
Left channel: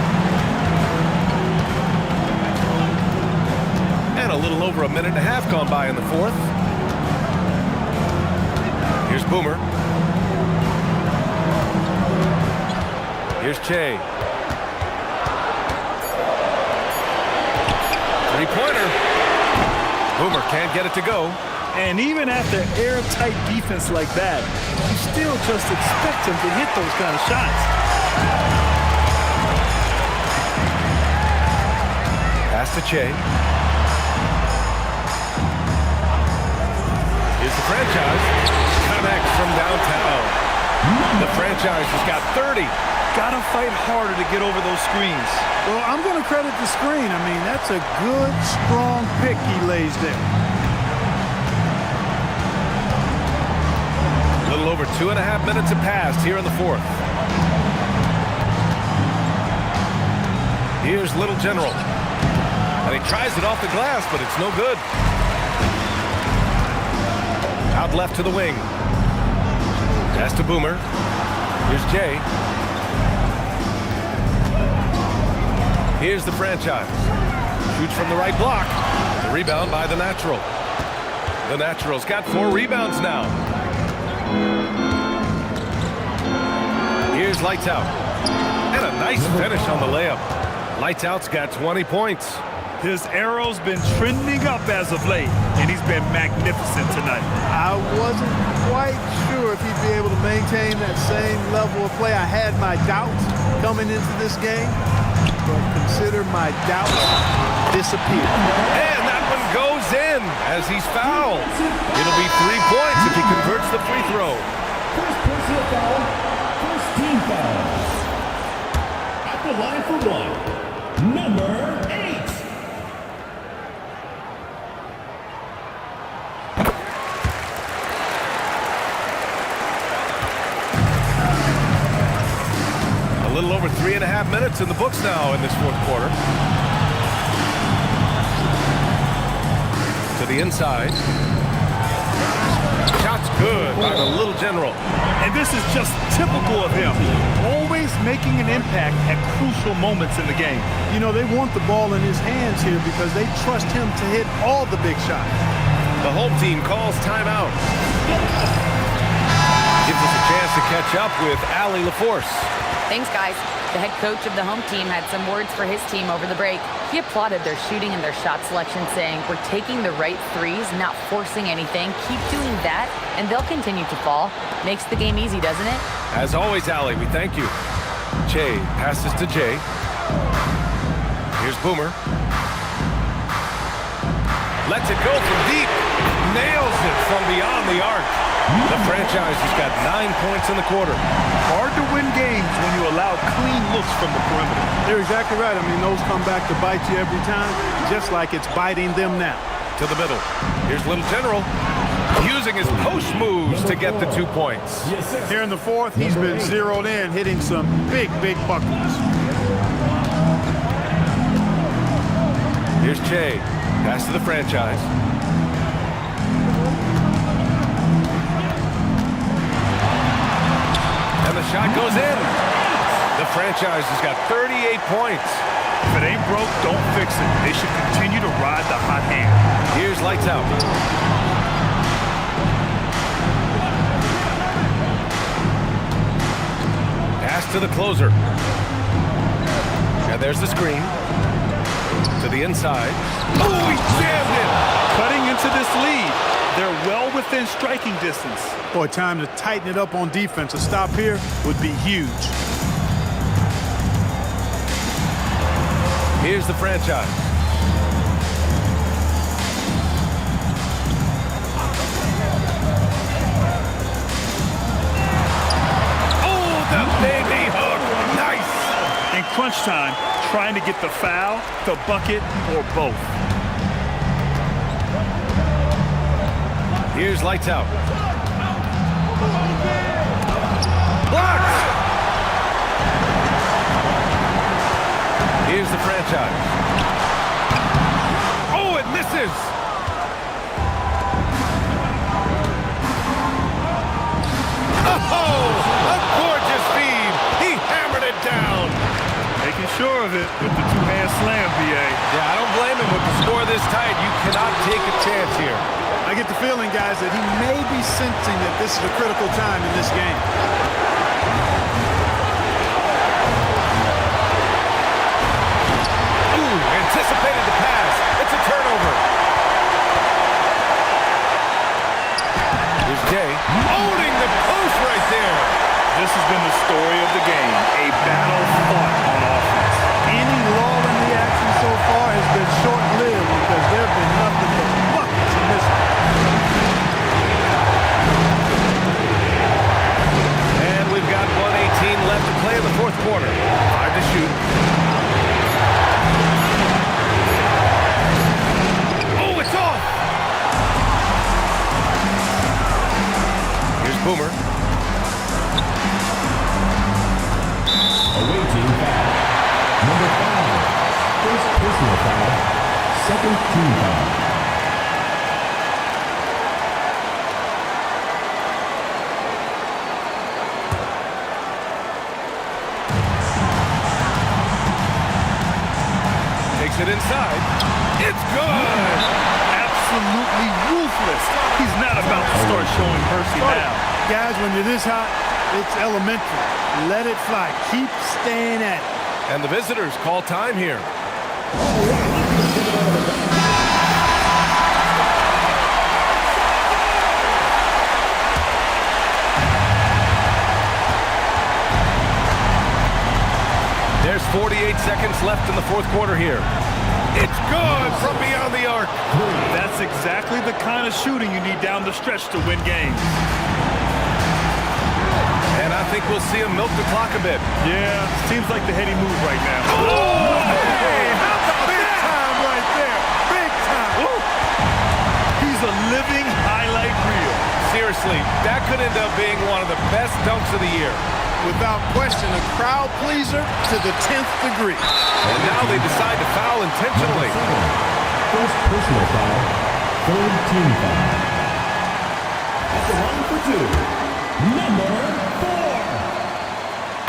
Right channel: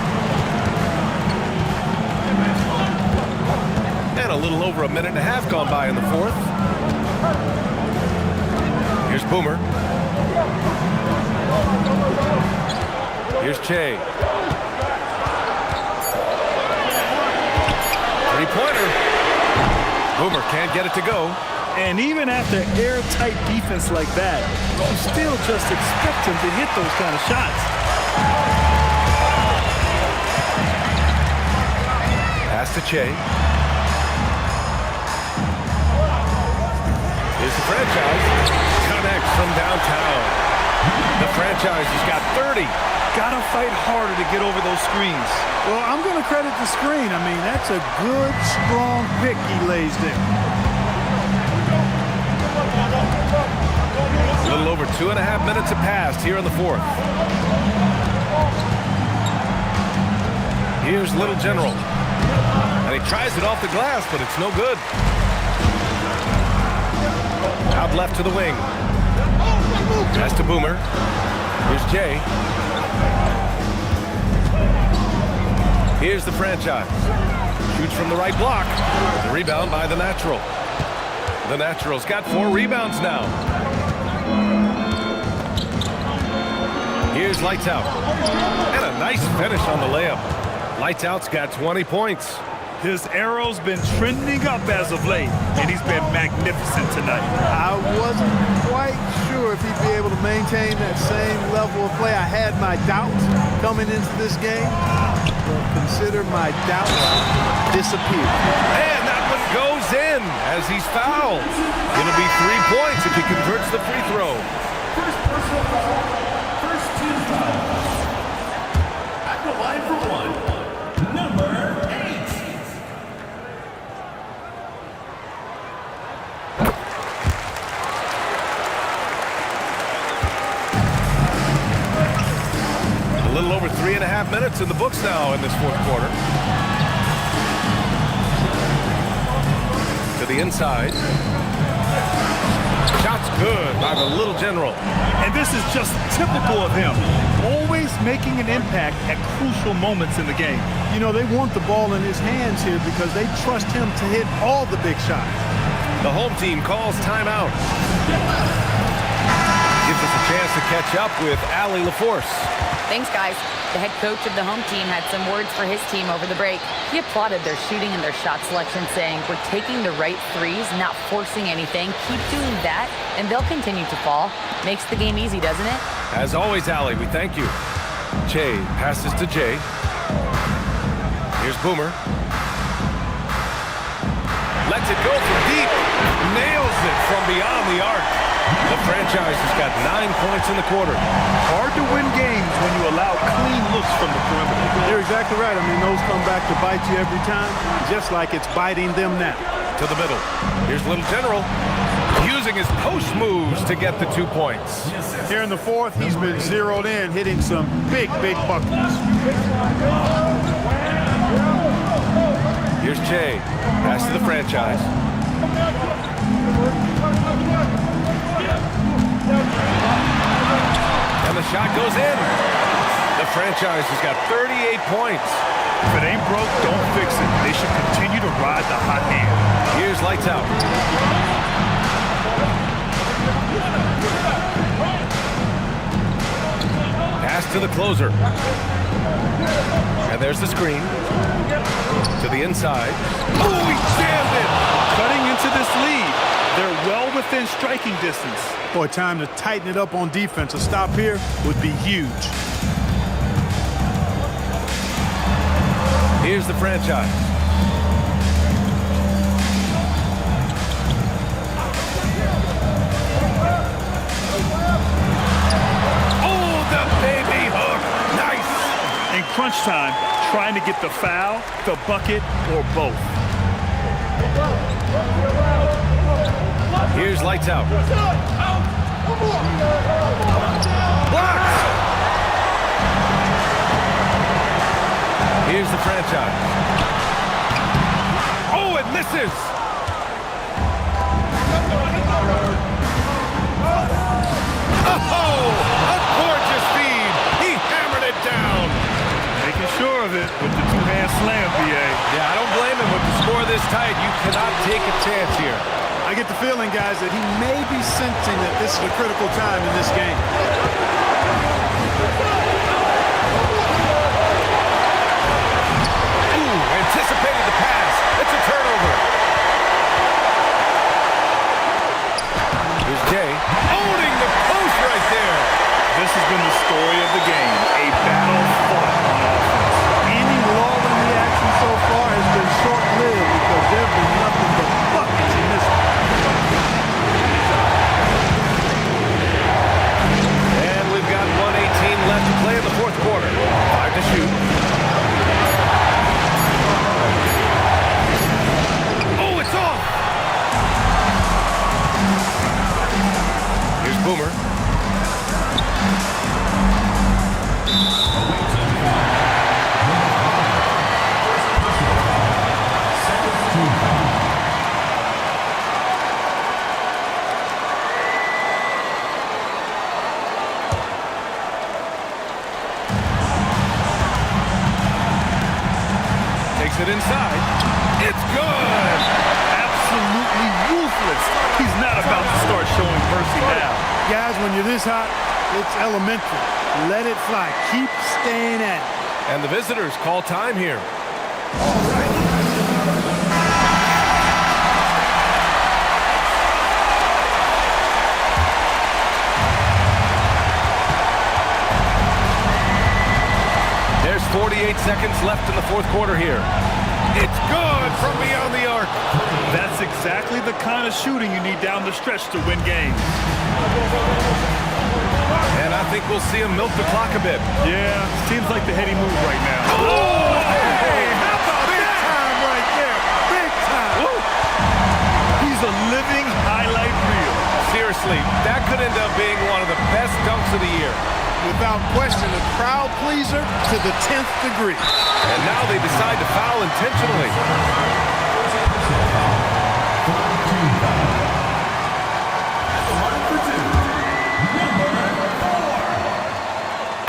And a little over a minute and a half gone by in the fourth. Here's Boomer. Here's Che. Three-pointer. Boomer can't get it to go. And even after airtight defense like that, you still just expect him to hit those kind of shots. Pass to Che. Here's the franchise. Connects from downtown. The franchise has got 30. Gotta fight harder to get over those screens. Well, I'm going to credit the screen. I mean, that's a good, strong pick he lays there. A little over 2.5 minutes have passed here in the fourth. Here's Little General. And he tries it off the glass, but it's no good. Out left to the wing. Pass to Boomer. Here's Jay. Here's the franchise. Shoots from the right block. The rebound by the Natural. The Natural's got 4 rebounds now. Here's Lights Out. And a nice finish on the layup. Lights Out's got 20 points. His arrow's been trending up as of late, and he's been magnificent tonight. I wasn't quite sure if he'd be able to maintain that same level of play. I had my doubts coming into this game, but consider my doubts disappeared. And that one goes in as he's fouled. It'll be 3 points if he converts the free throw. First personal foul, first team foul. At the line for 1, number 8. A little over 3.5 minutes in the books now in this fourth quarter. To the inside. Shot's good by the Little General. And this is just typical of him, always making an impact at crucial moments in the game. You know, they want the ball in his hands here because they trust him to hit all the big shots. The home team calls timeout. Gives us a chance to catch up with Allie LaForce. Thanks, guys. The head coach of the home team had some words for his team over the break. He applauded their shooting and their shot selection, saying, "We're taking the right threes, not forcing anything. Keep doing that, and they'll continue to fall." Makes the game easy, doesn't it? As always, Allie, we thank you. Che passes to Jay. Here's Boomer. Lets it go from deep. Nails it from beyond the arc. The franchise has got 9 points in the quarter. Hard to win games when you allow clean looks from the perimeter. You're exactly right. I mean, those come back to bite you every time, just like it's biting them now. To the middle. Here's Little General. Using his post moves to get the 2 points. Here in the fourth, he's been zeroed in, hitting some big buckets. Here's Che. Pass to the franchise. the shot goes in. The franchise has got 38 points. If it ain't broke, don't fix it. They should continue to ride the hot hand. Here's lights out. Pass to the closer. And there's the screen. To the inside. Oh, he jammed it! Cutting into this lead. They're well within striking distance. Boy, time to tighten it up on defense. A stop here would be huge. Here's the franchise. Oh, the baby hook. Nice. In crunch time, trying to get the foul, the bucket, or both. Here's lights out. Blocked. Here's the franchise. Oh, it misses. Oh, a gorgeous feed. He hammered it down. Making sure of it with the two-hand slam, BA. Yeah, I don't blame him. With the score this tight, you cannot take a chance here. I get the feeling, guys, that he may be sensing that this is a critical time in this game. Ooh, anticipated the pass. It's a turnover. Here's Jay owning the post right there. This has been the story of the game, a battle fought on offense. Any lull in the action so far has been short-lived because there have been nothing but buckets in this one. And we've got 1:18 left to play in the fourth quarter. 5 to shoot. Oh, it's off! Here's Boomer. Away team foul. Number 5. First personal foul. Second team foul. Takes it inside. It's good! Absolutely ruthless. He's not about to start showing mercy now. Guys, when you're this hot, it's elementary. Let it fly. Keep staying at it. And the visitors call time here. There's 48 seconds left in the fourth quarter here. It's good from beyond the arc. That's exactly the kind of shooting you need down the stretch to win games. And I think we'll see him milk the clock a bit. Yeah, seems like the heady move right now. Oh, hey, how about Big that? time right there. Big time. Woo! He's a living highlight reel. Seriously, that could end up being one of the best dunks of the year. Without question, a crowd pleaser to the 10th degree. And now they decide to foul intentionally. First personal foul. Third team foul. At the line for 2. Number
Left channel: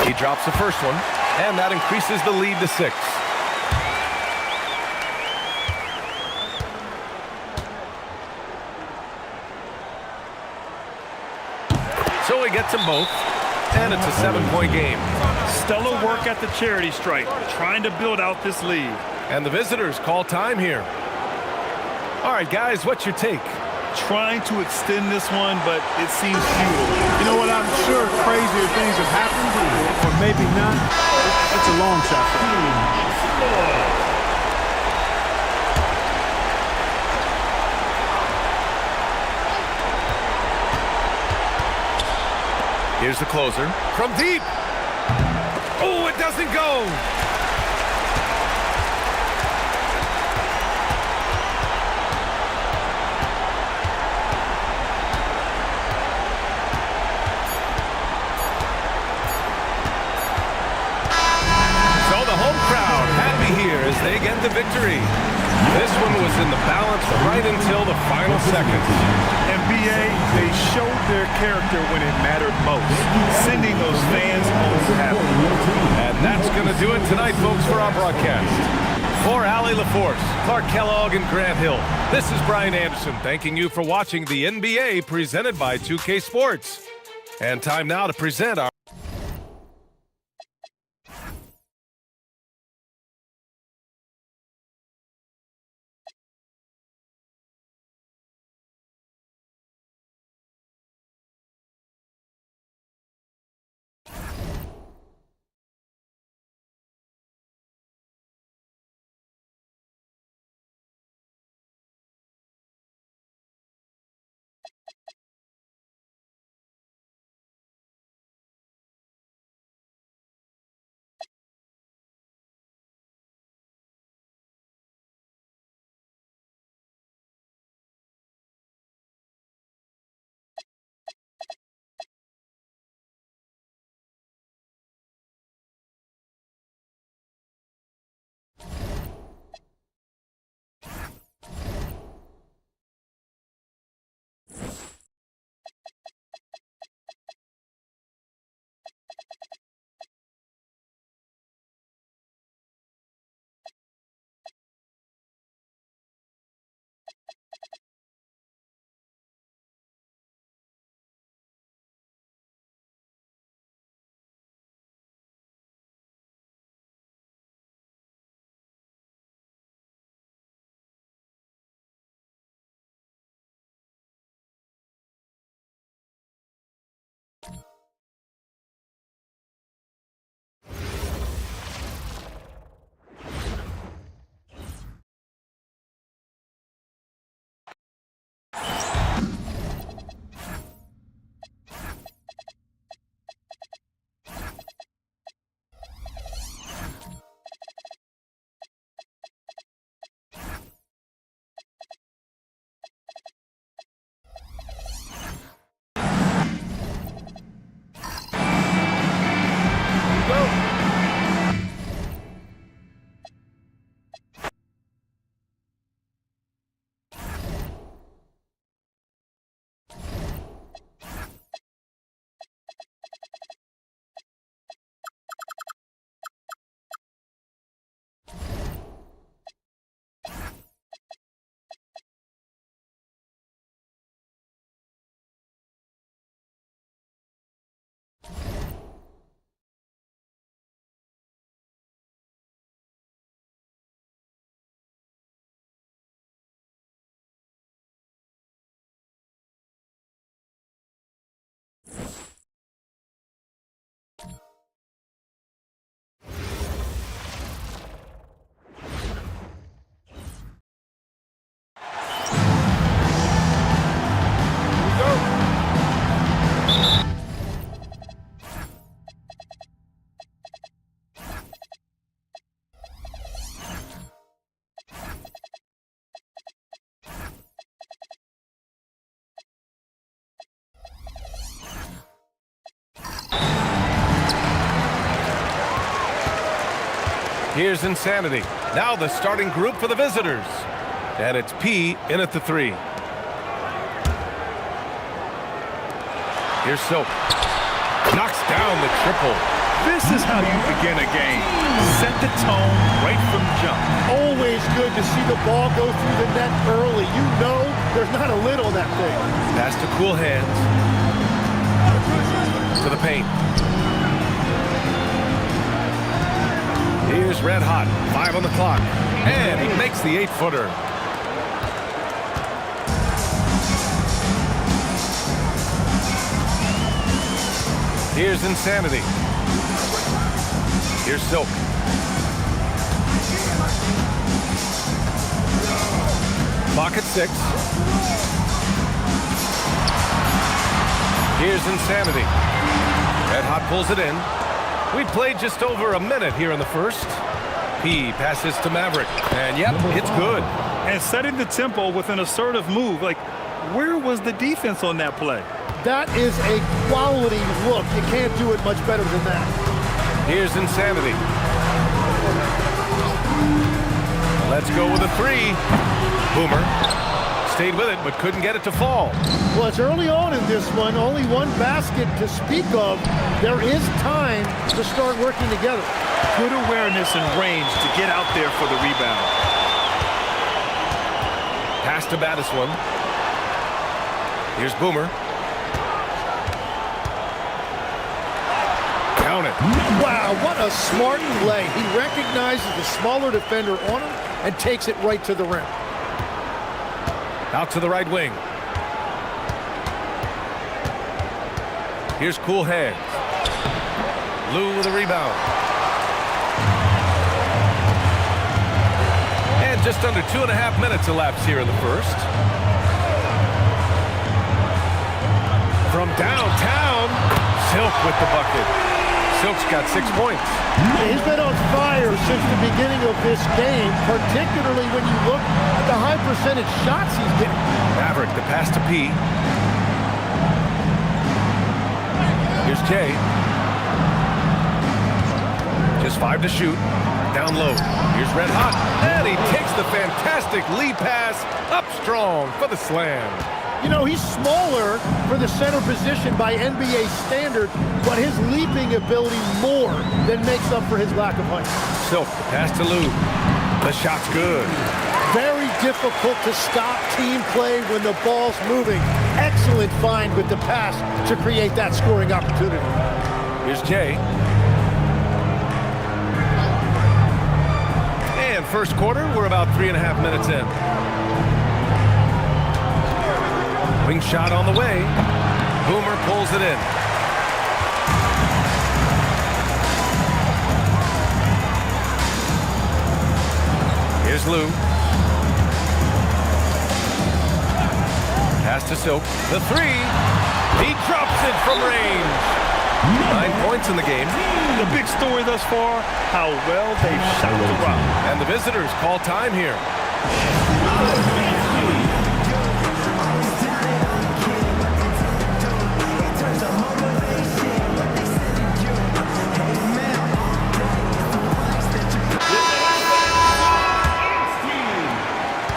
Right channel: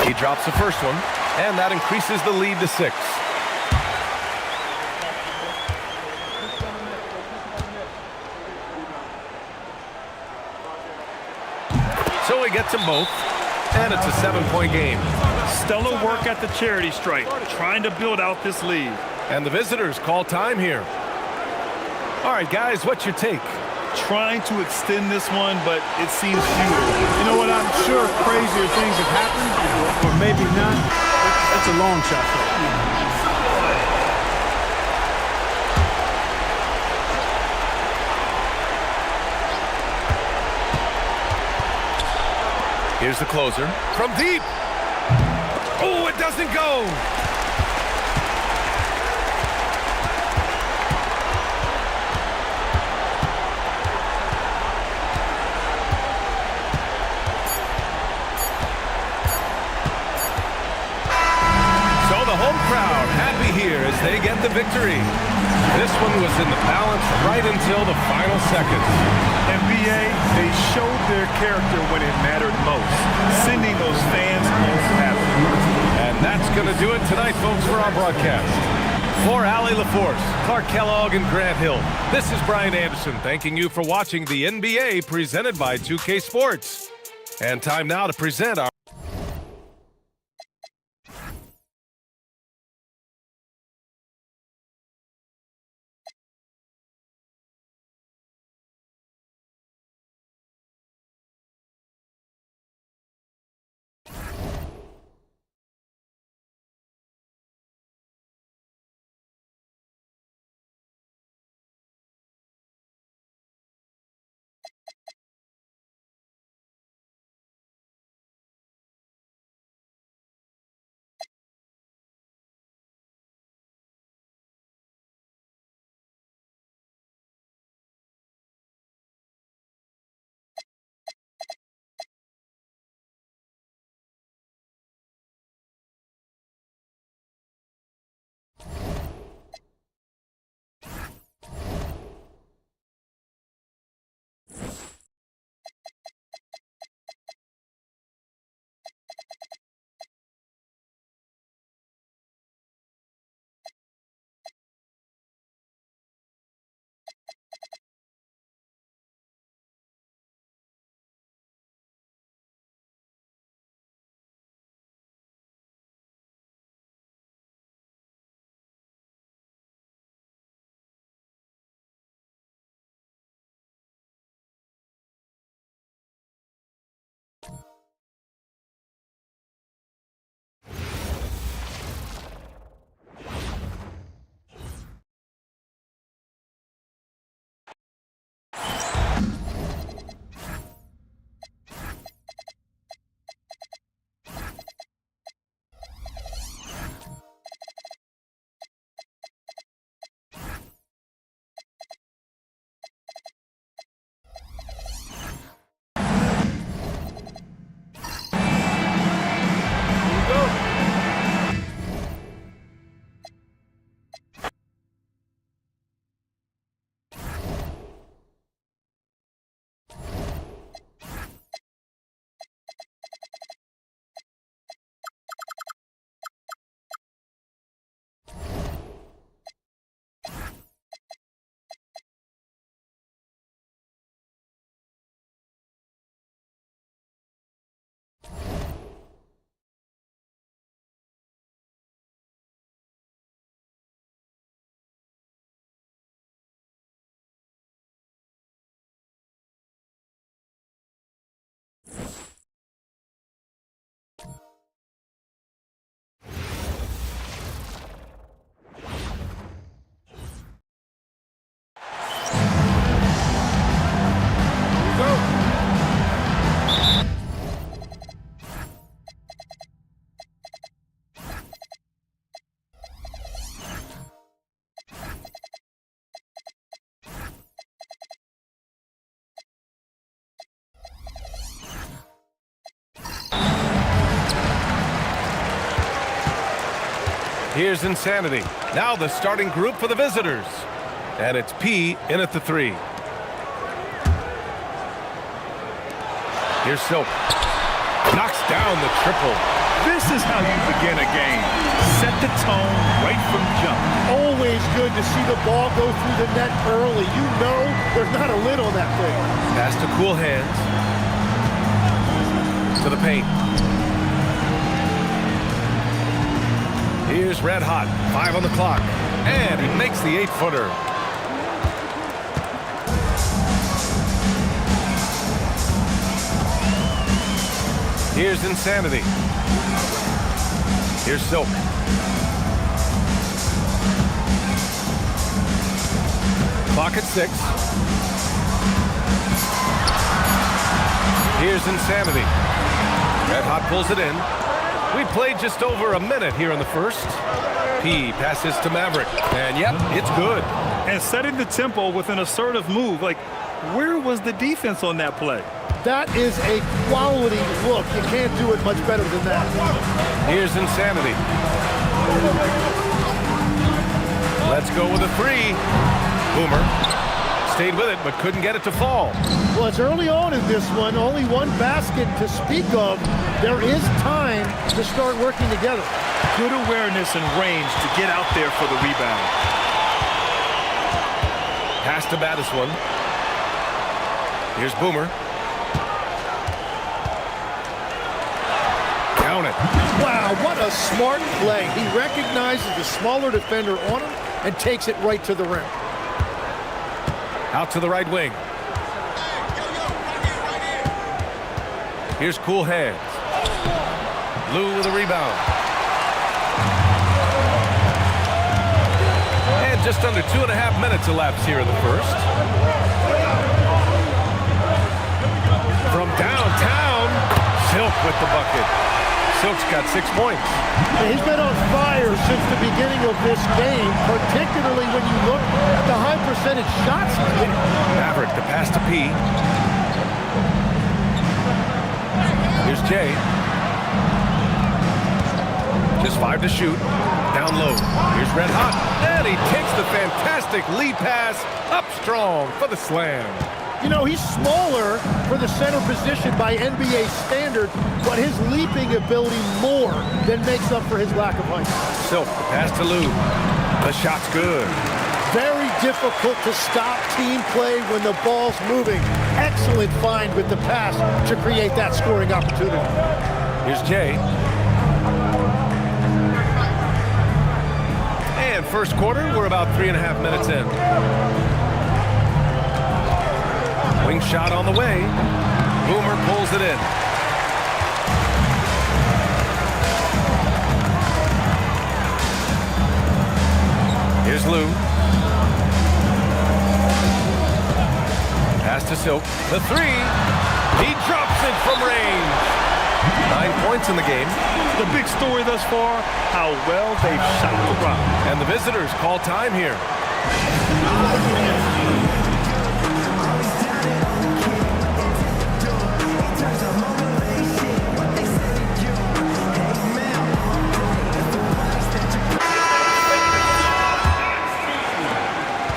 4. He drops the first one, and that increases the lead to 6. So he gets them both, and it's a 7-point game. Stellar work at the charity stripe, trying to build out this lead. And the visitors call time here. All right, guys, what's your take? Trying to extend this one, but it seems futile. You know what? I'm sure crazier things have happened, or maybe not. It's a long shot, though. Here's the closer from deep. Oh, it doesn't go. So the home crowd happy here as they get the victory. This one was in the balance right until the final seconds. And BA, they showed their character when it mattered most, sending those fans home happy. And that's going to do it tonight, folks, for our broadcast. For Allie LaForce, Clark Kellogg, and Grant Hill, this is Brian Anderson thanking you for watching the NBA presented by 2K Sports. And time now to present our Here's Insanity. Now the starting group for the visitors. And it's P in at the 3. Here's Silk. Knocks down the triple. This is how you begin a game. Set the tone right from jump. Always good to see the ball go through the net early. You know there's not a lid on that thing. Pass to cool hands. To the paint. Here's Red Hot. 5 on the clock. And he makes the 8-footer. Here's Insanity. Here's Silk. Clock at 6. Here's Insanity. Red Hot pulls it in. We played just over a minute here in the first. P passes to Maverick. And yep, it's good. And setting the tempo with an assertive move. Like, where was the defense on that play? That is a quality look. You can't do it much better than that. Here's Insanity. Let's go with a three. Boomer stayed with it, but couldn't get it to fall. Well, it's early on in this one. Only one basket to speak of. There is time to start working together. Good awareness and range to get out there for the rebound. Pass to Battis one. Here's Boomer. Count it. Wow, what a smart play. He recognizes the smaller defender on him and takes it right to the rim. Out to the right wing. Here's Cool Hands. Lou with a rebound. And just under 2.5 minutes elapsed here in the first. From downtown, Silk with the bucket. Silk's got 6 points. He's been on fire since the beginning of this game, particularly when you look at the high percentage shots he's getting. Maverick, the pass to P. Here's Jay. Just 5 to shoot. Down low. Here's Red Hot. And he takes the fantastic lead pass up strong for the slam. You know, he's smaller for the center position by NBA standard, but his leaping ability more than makes up for his lack of height. Silk, the pass to Lou. The shot's good. Very difficult to stop team play when the ball's moving. Excellent find with the pass to create that scoring opportunity. Here's Jay. And first quarter, we're about 3.5 minutes in. Wing shot on the way. Boomer pulls it in. Here's Lou. Pass to Silk. The three. He drops it from range. 9 points in the game. The big story thus far, how well they've shot the rock. And the visitors call time here.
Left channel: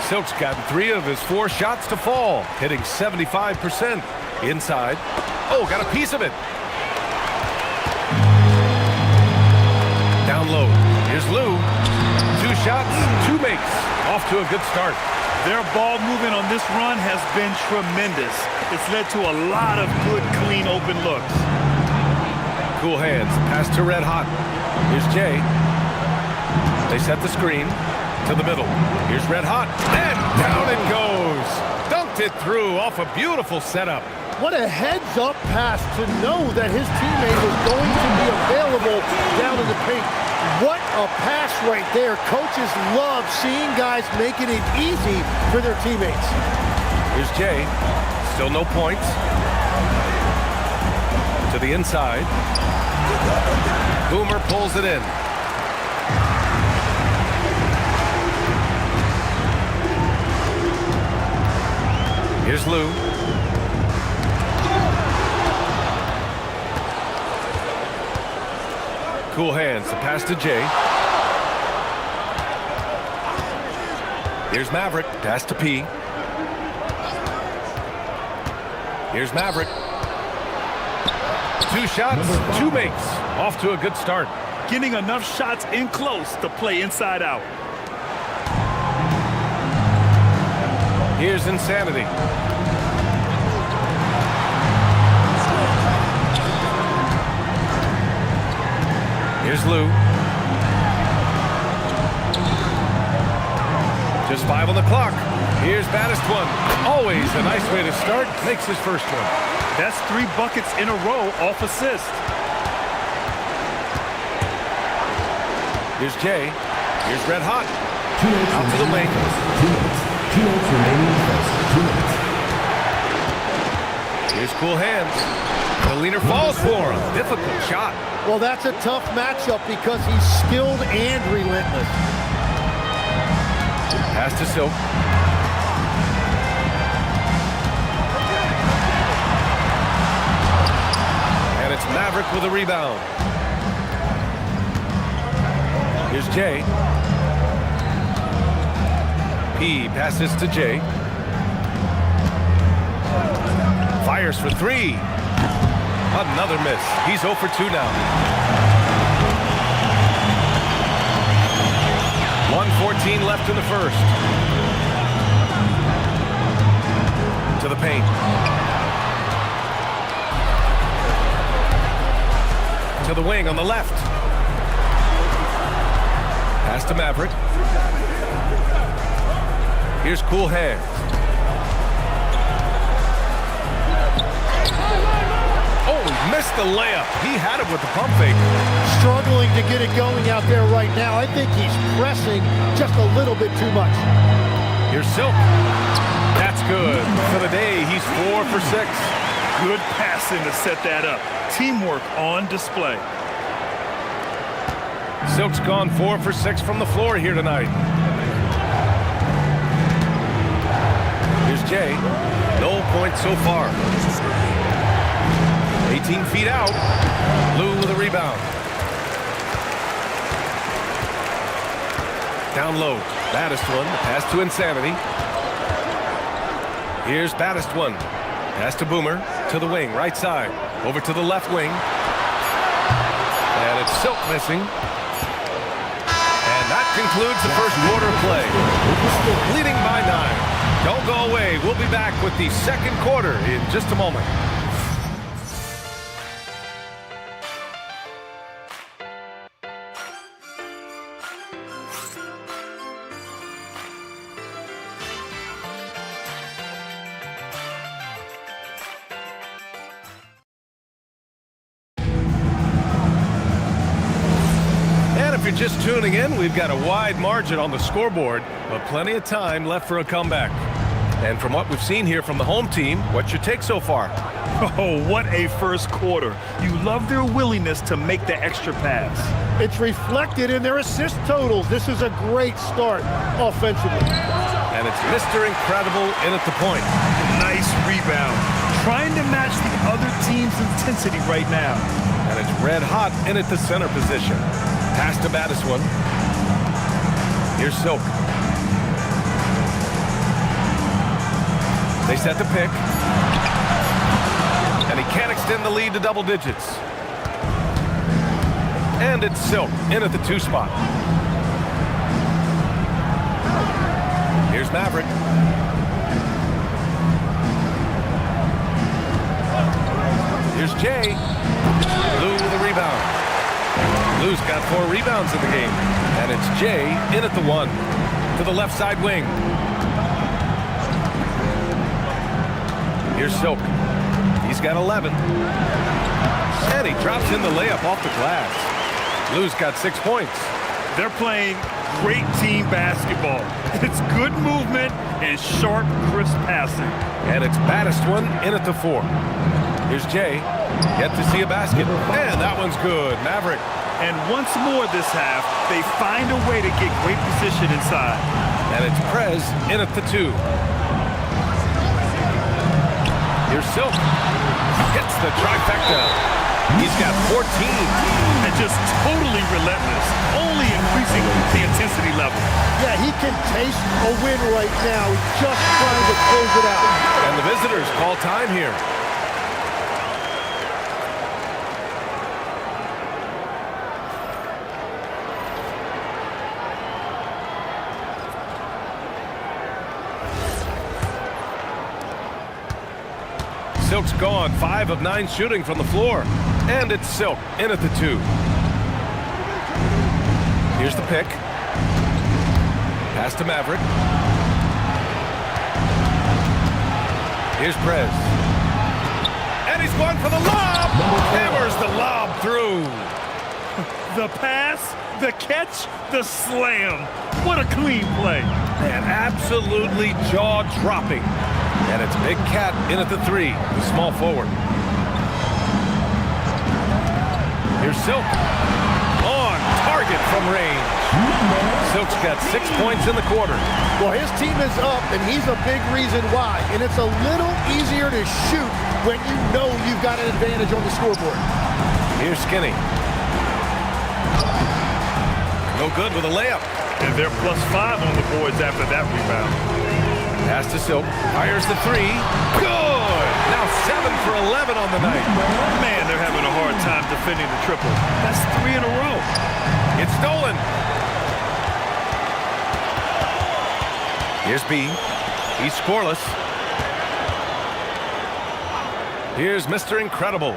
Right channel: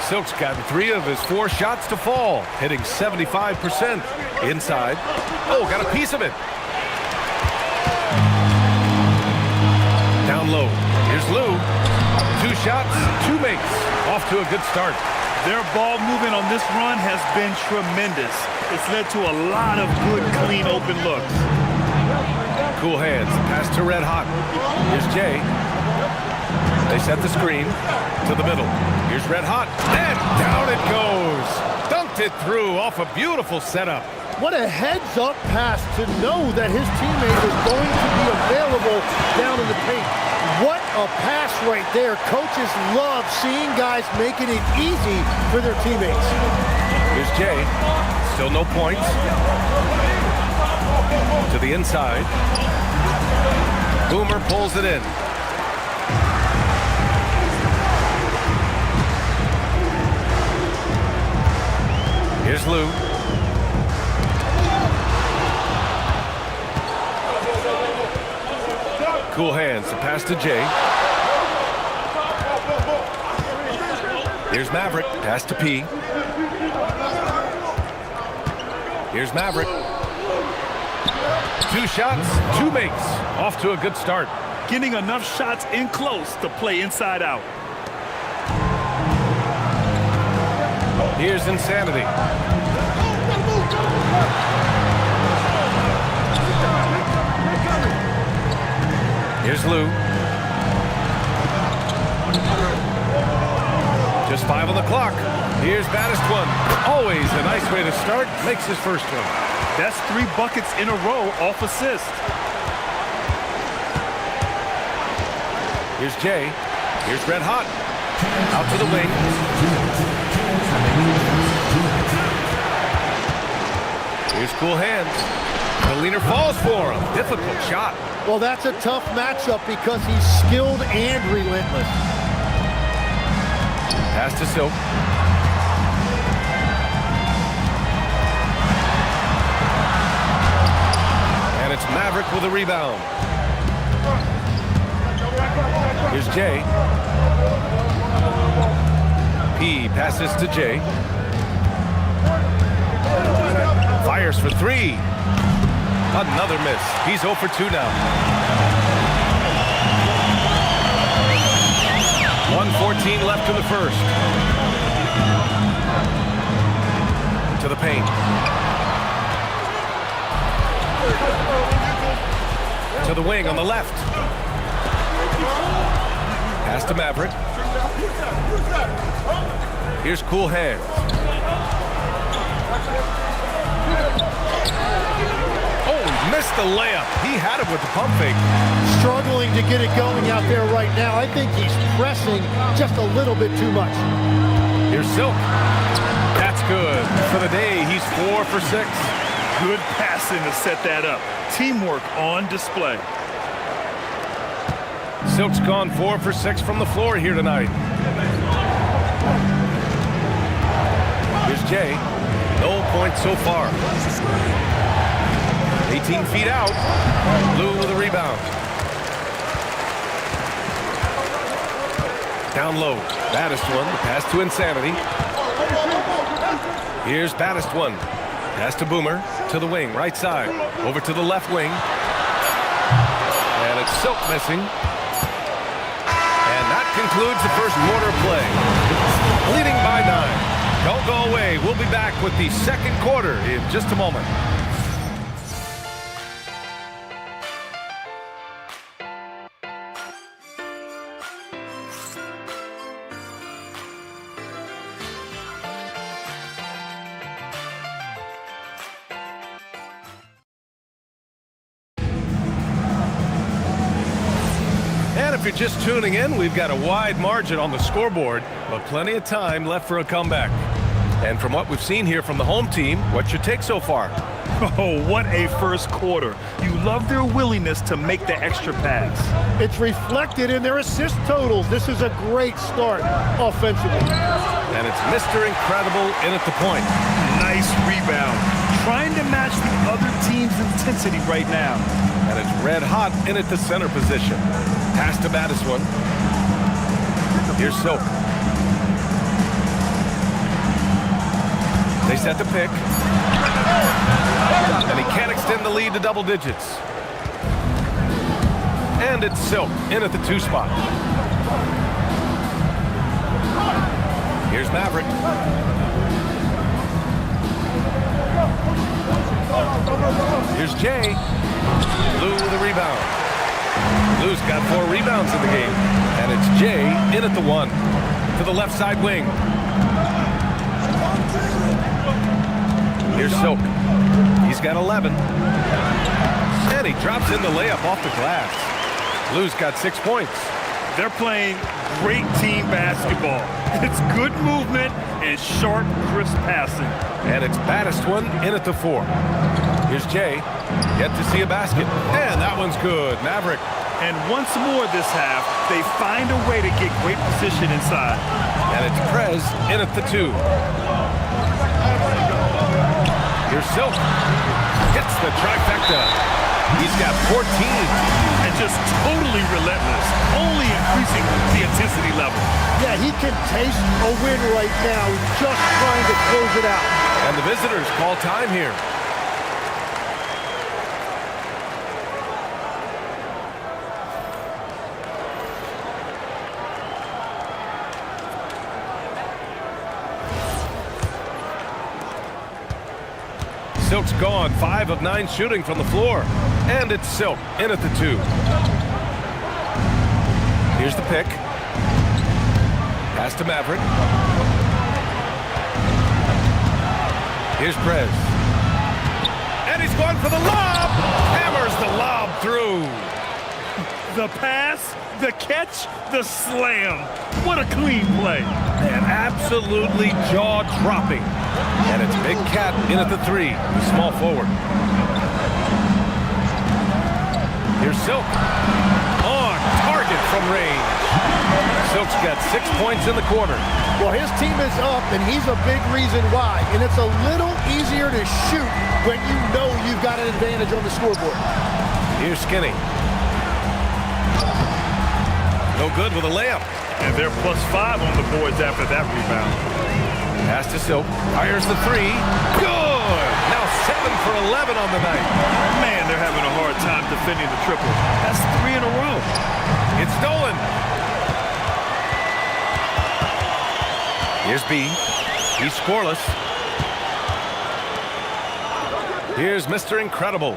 Silk's gotten 3 of his 4 shots to fall, hitting 75% inside. Oh, got a piece of it. Down low. Here's Lou. 2 shots, 2 makes. Off to a good start. Their ball movement on this run has been tremendous. It's led to a lot of good, clean, open looks. Cool Hands. The pass to Red Hot. Here's Jay. They set the screen to the middle. Here's Red Hot. And down it goes. Dunked it through off a beautiful setup. What a heads-up pass to know that his teammate was going to be available down in the paint. What a pass right there. Coaches love seeing guys making it easy for their teammates. Here's Jay. Still no points. To the inside. Boomer pulls it in. Here's Lou. Cool Hands. The pass to Jay. Here's Maverick. Pass to P. Here's Maverick. 2 shots, 2 makes. Off to a good start. Getting enough shots in close to play inside out. Here's Insanity. Here's Lou. Just 5 on the clock. Here's Battis one. Always a nice way to start. Makes his first one. That's 3 buckets in a row off assist. Here's Jay. Here's Red Hot. Out to the wing. 2 minutes remaining. Here's Cool Hands. The leaner falls for him. Difficult shot. Well, that's a tough matchup because he's skilled and relentless. Pass to Silk. And it's Maverick with a rebound. Here's Jay. P passes to Jay. Fires for three. Another miss. He's 0 for 2 now. 1:14 left in the first. To the paint. To the wing on the left. Pass to Maverick. Here's Cool Hands. Oh, he missed the layup. He had it with the pump fake. Struggling to get it going out there right now. I think he's pressing just a little bit too much. Here's Silk. That's good. For the day, he's 4 for 6. Good passing to set that up. Teamwork on display. Silk's gone 4 for 6 from the floor here tonight. Here's Jay. No points so far. 18 feet out. Lou with a rebound. Down low. Baddest one. The pass to Insanity. Here's Baddest one. Pass to Boomer. To the wing. Right side. Over to the left wing. And it's Silk missing. And that concludes the first quarter of play. Leading by 9. Don't go away. We'll be back with the second quarter in just a moment. And if you're just tuning in, we've got a wide margin on the scoreboard, but plenty of time left for a comeback. And from what we've seen here from the home team, what's your take so far? Oh, what a first quarter. You love their willingness to make the extra pass. It's reflected in their assist totals. This is a great start offensively. And it's Mr. Incredible in at the point. Nice rebound. Trying to match the other team's intensity right now. And it's red hot in at the center position. Pass to Baddest one. Here's Silk. They set the pick. And he can't extend the lead to double digits. And it's Silk in at the 2 spot. Here's Maverick. Here's Jay. Lou with a rebound. Lou's got 4 rebounds in the game. And it's Jay in at the 1. To the left side wing. Here's Silk. He's got 11. And he drops in the layup off the glass. Lou's got 6 points. They're playing great team basketball. It's good movement and sharp, crisp passing. And it's Baddest one in at the 4. Here's Jay. Yet to see a basket. And that one's good. Maverick. And once more this half, they find a way to get great position inside. And it's Prez in at the 2. Here's Silk. Hits the trifecta. He's got 14. And just totally relentless, only increasing the intensity level. Yeah, he can taste a win right now. He's just trying to close it out. And the visitors call time here. Silk's gone, 5 of 9 shooting from the floor. And it's Silk in at the 2. Here's the pick. Pass to Maverick. Here's Prez. And he's going for the lob. Hammers the lob through. The pass, the catch, the slam. What a clean play. Man, absolutely jaw-dropping. And it's Big Cat in at the 3, the small forward. Here's Silk. On target from range. Silk's got 6 points in the quarter. Well, his team is up, and he's a big reason why. And it's a little easier to shoot when you know you've got an advantage on the scoreboard. Here's Skinny. No good with a layup. And they're +5 on the boards after that rebound. Pass to Silk. Fires the three. Good! Now 7 for 11 on the night. Man, they're having a hard time defending the triple. That's 3 in a row. It's stolen. Here's B. He's scoreless. Here's Mr. Incredible.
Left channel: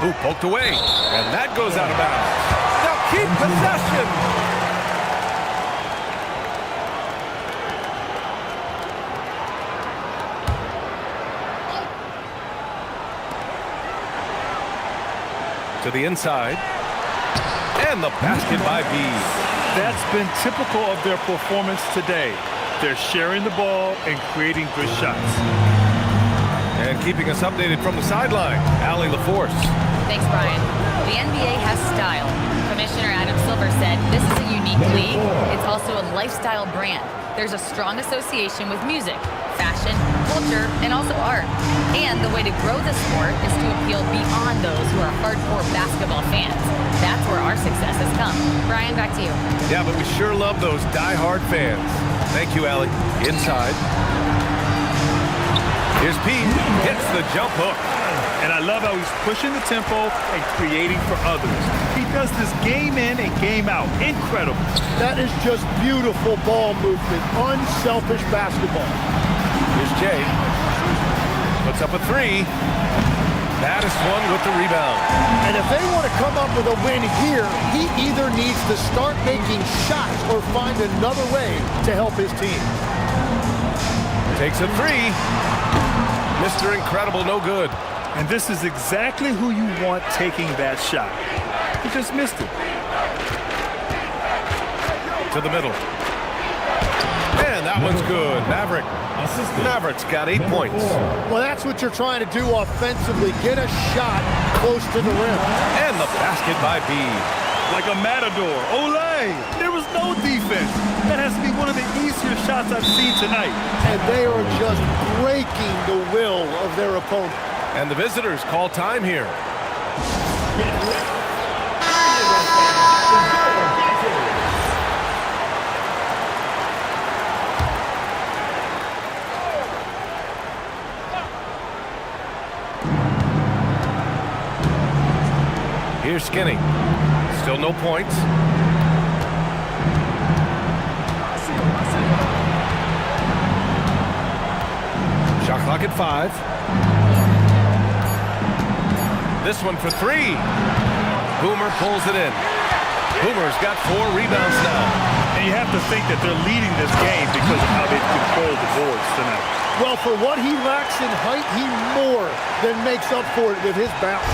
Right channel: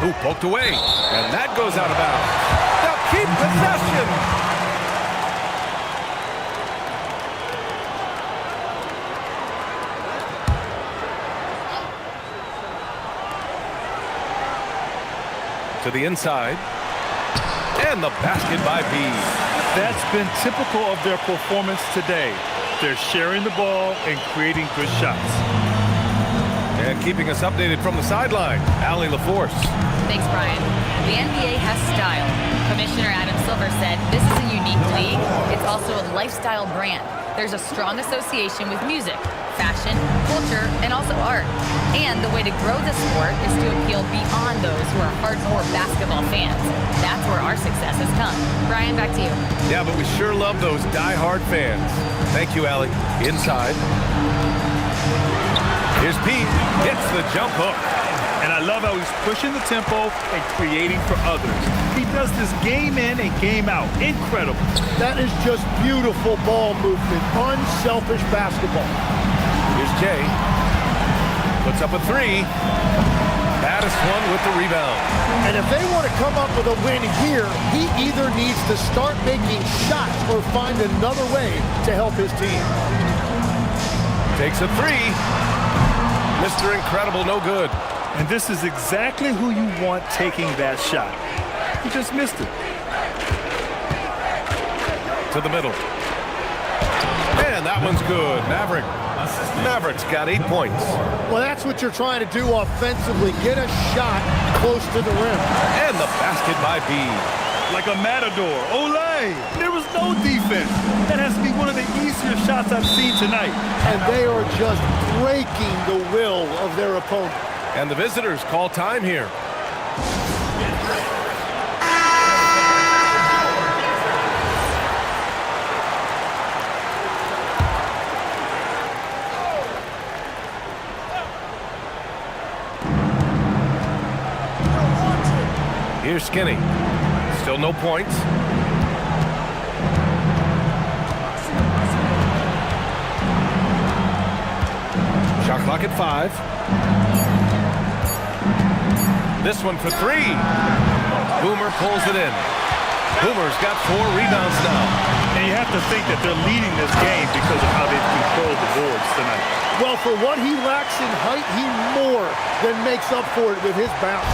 Who poked away. And that goes out of bounds. They'll keep possession. To the inside. And the basket by B. That's been typical of their performance today. They're sharing the ball and creating good shots. And keeping us updated from the sideline, Allie LaForce. Thanks, Brian. The NBA has style. Commissioner Adam Silver said this is a unique league. It's also a lifestyle brand. There's a strong association with music, fashion, culture, and also art. And the way to grow the sport is to appeal beyond those who are hardcore basketball fans. That's where our success has come. Brian, back to you. Yeah, but we sure love those die-hard fans. Thank you, Allie. Inside. Here's P. Hits the jump hook. And I love how he's pushing the tempo and creating for others. He does this game in and game out. Incredible. That is just beautiful ball movement, unselfish basketball. Here's Jay. Puts up a three. Baddest one with the rebound. And if they want to come up with a win here, he either needs to start making shots or find another way to help his team. Takes a three. Mr. Incredible, no good. And this is exactly who you want taking that shot. He just missed it. To the middle. And that one's good. Maverick's got 8 points. Well, that's what you're trying to do offensively. Get a shot close to the rim. And the basket by B. Like a matador. Olay! There was no defense. That has to be one of the easier shots I've seen tonight. And they are just breaking the will of their opponent. And the visitors call time here. Here's Skinny. Still no points. Shot clock at 5. This one for 3. Boomer pulls it in. Boomer's got 4 rebounds now. And you have to think that they're leading this game because of how they've controlled the boards tonight. Well, for what he lacks in height, he more than makes up for it with his bounce.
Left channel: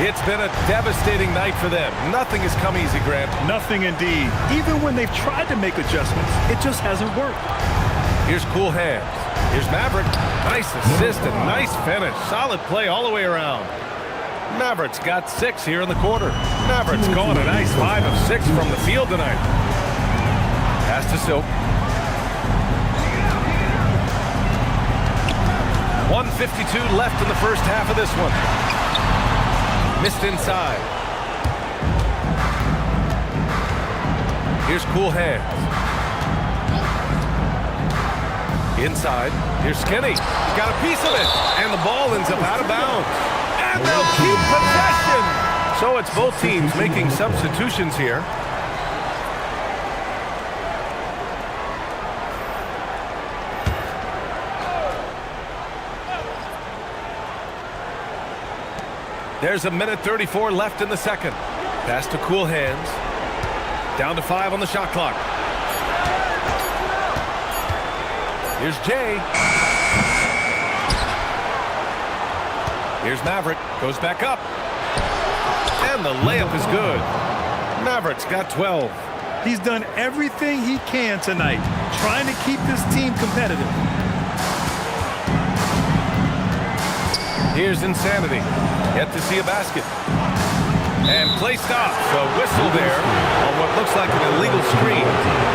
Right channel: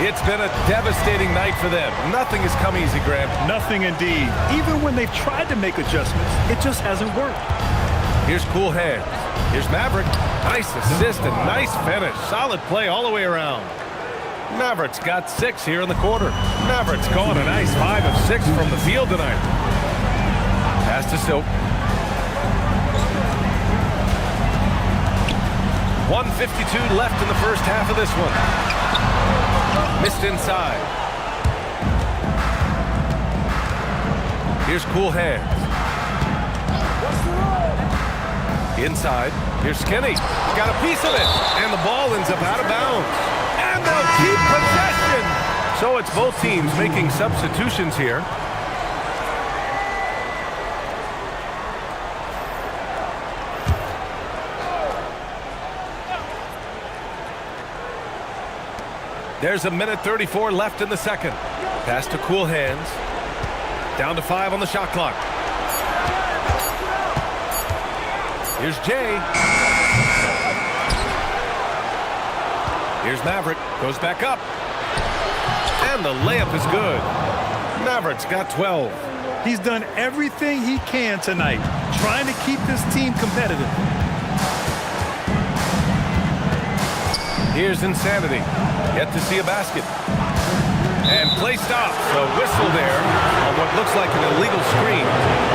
It's been a devastating night for them. Nothing has come easy, Grant. Nothing indeed. Even when they've tried to make adjustments, it just hasn't worked. Here's Cool Hands. Here's Maverick. Nice assist and nice finish. Solid play all the way around. Maverick's got 6 here in the quarter. Maverick's gone a nice 5 of 6 from the field tonight. Pass to Silk. 1:52 left in the first half of this one. Missed inside. Here's Cool Hands. Inside. Here's Skinny. He got a piece of it. And the ball ends up out of bounds. And they'll keep possession. So it's both teams making substitutions here. There's 1:34 left in the second. Pass to Cool Hands. Down to 5 on the shot clock. Here's Jay. Here's Maverick. Goes back up. And the layup is good. Maverick's got 12. He's done everything he can tonight, trying to keep this team competitive. Here's Insanity. Yet to see a basket. And play stops. A whistle there on what looks like an illegal screen.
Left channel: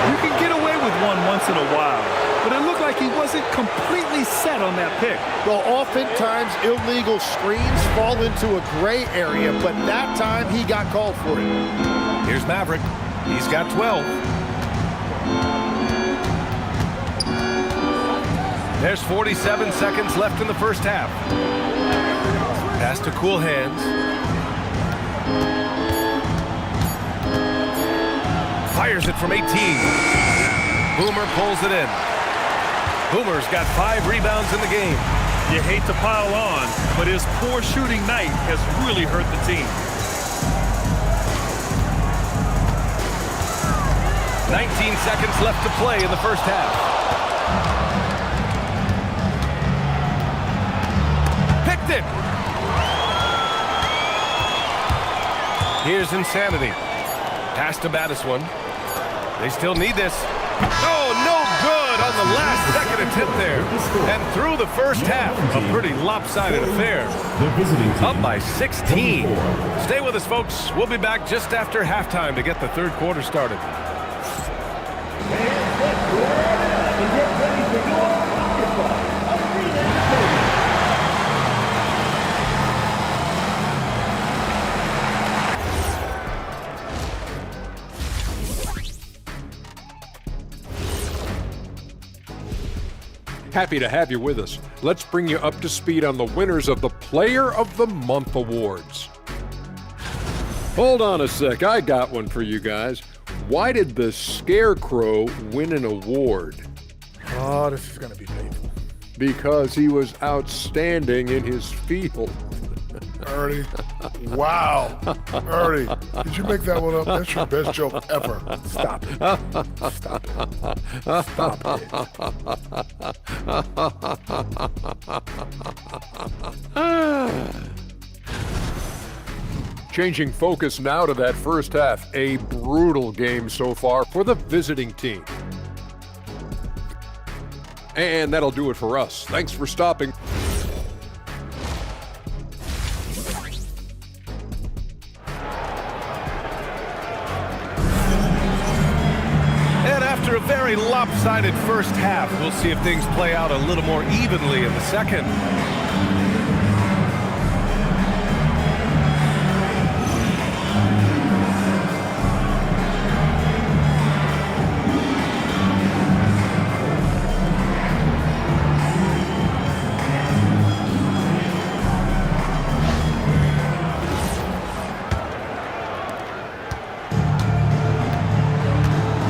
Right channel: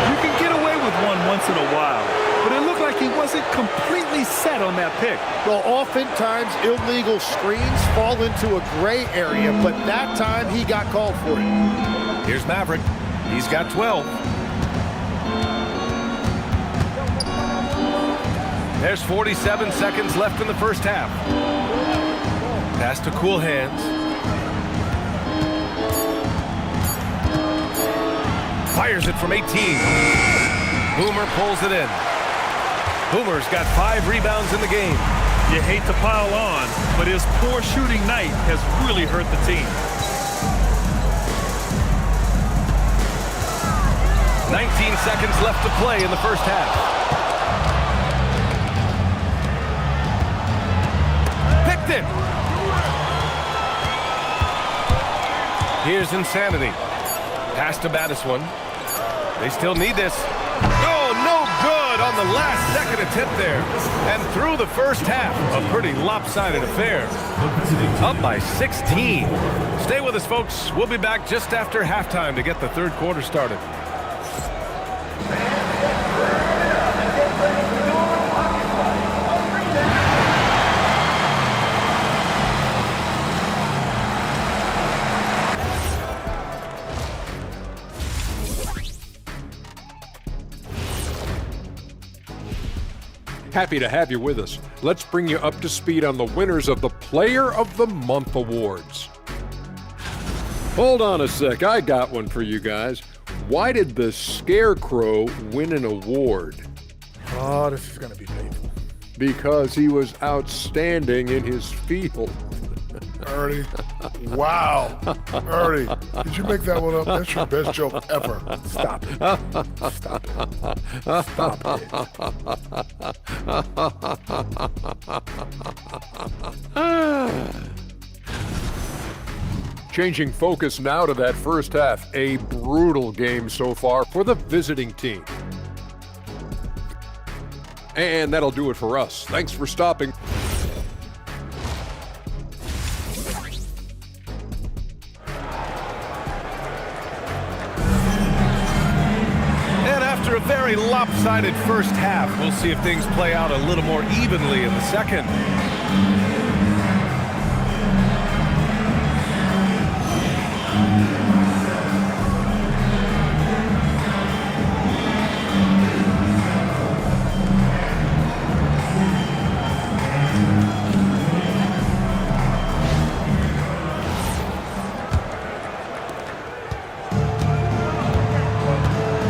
You can get away with one once in a while, but it looked like he wasn't completely set on that pick. Well, oftentimes illegal screens fall into a gray area, but that time he got called for it. Here's Maverick. He's got 12. There's 47 seconds left in the first half. Pass to Cool Hands. Fires it from 18. Boomer pulls it in. Boomer's got 5 rebounds in the game. You hate to pile on, but his poor shooting night has really hurt the team. 19 seconds left to play in the first half. Picked it. Here's Insanity. Pass to Battiswan. They still need this. Oh, no good on the last second attempt there. And through the first half, a pretty lopsided affair. The visiting team. Up by 16. Stay with us, folks. We'll be back just after halftime to get the third quarter started. Happy to have you with us. Let's bring you up to speed on the winners of the Player of the Month awards. Hold on a sec, I got one for you guys. Why did the Scarecrow win an award? Oh, this is going to be painful. Because he was outstanding in his field. Ernie, wow. Ernie, did you make that one up? That's your best joke ever. Stop it. Stop it. Stop it. Changing focus now to that first half. A brutal game so far for the visiting team. And that'll do it for us. Thanks for stopping. And after a very lopsided first half, we'll see if things play out a little more evenly in the second.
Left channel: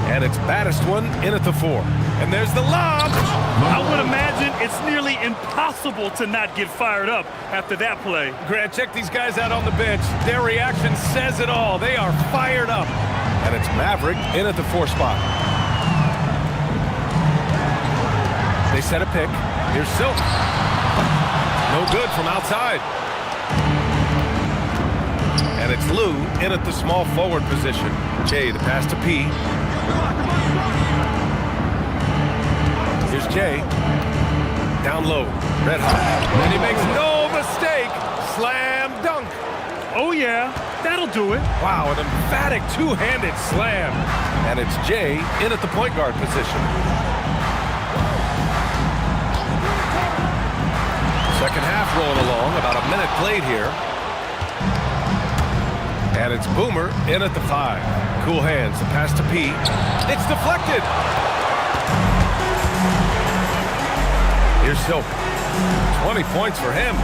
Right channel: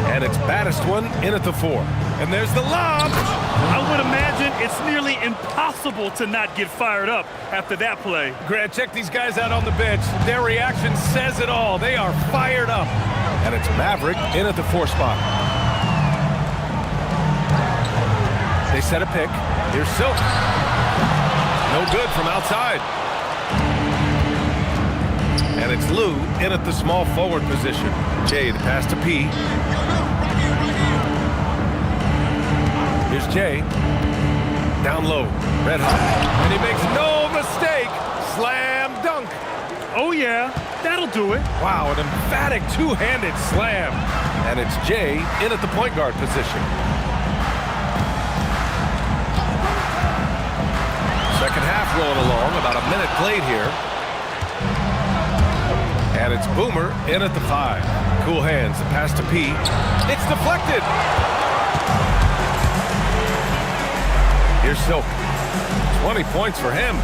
And it's Battiswan in at the 4. And there's the lob. I would imagine it's nearly impossible to not get fired up after that play. Grant, check these guys out on the bench. Their reaction says it all. They are fired up. And it's Maverick in at the 4 spot. They set a pick. Here's Silk. No good from outside. And it's Lou in at the small forward position. Jay, the pass to P. Here's Jay. Down low. Red hot. And he makes no mistake. Slam dunk. Oh, yeah. That'll do it. Wow, an emphatic two-handed slam. And it's Jay in at the point guard position. Second half rolling along. About a minute played here. And it's Boomer in at the 5. Cool Hands. The pass to P. It's deflected. Here's Silk. 20 points for him.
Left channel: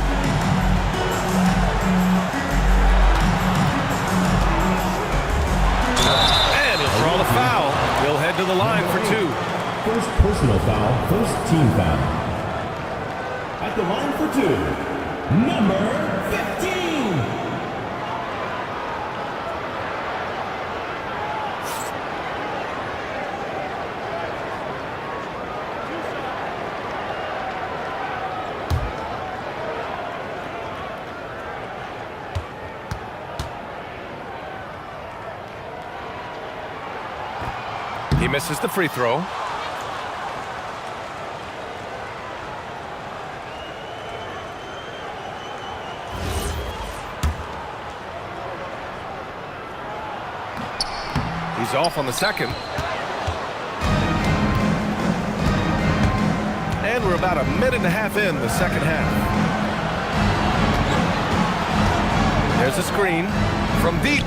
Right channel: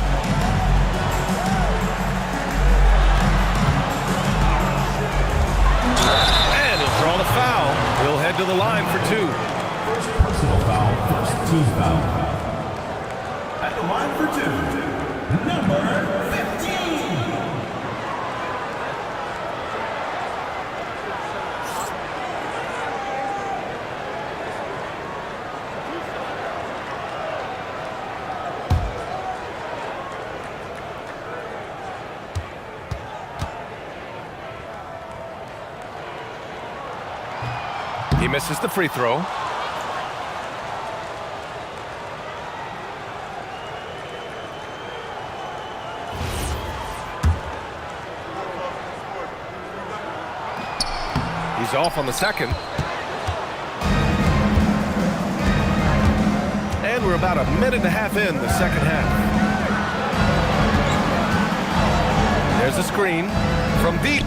And he'll draw the foul. He'll head to the line for 2. First personal foul, first team foul. At the line for 2, number 15. He misses the free throw. He's off on the second. And we're about a minute and a half in the second half. There's a screen from deep.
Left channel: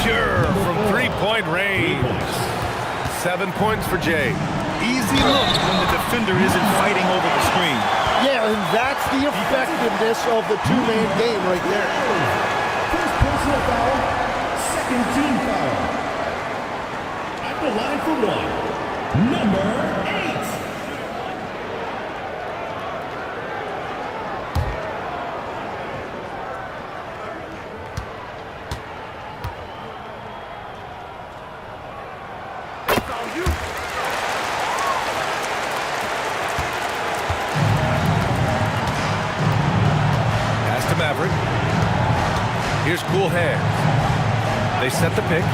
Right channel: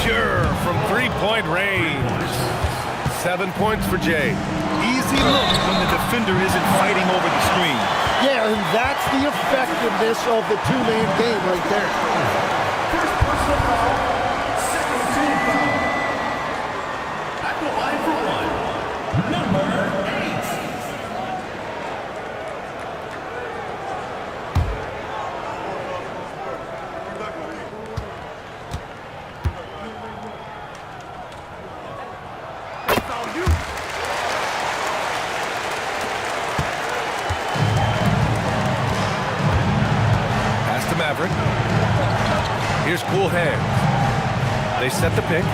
Pure from three-point range. 7 points for Jay. Easy look when the defender isn't fighting over the screen. Yeah, and that's the effectiveness of the two-man game right there. First personal foul, second team foul. At the line for one, number 8. Pass to Maverick. Here's Cool Hands. They set the pick.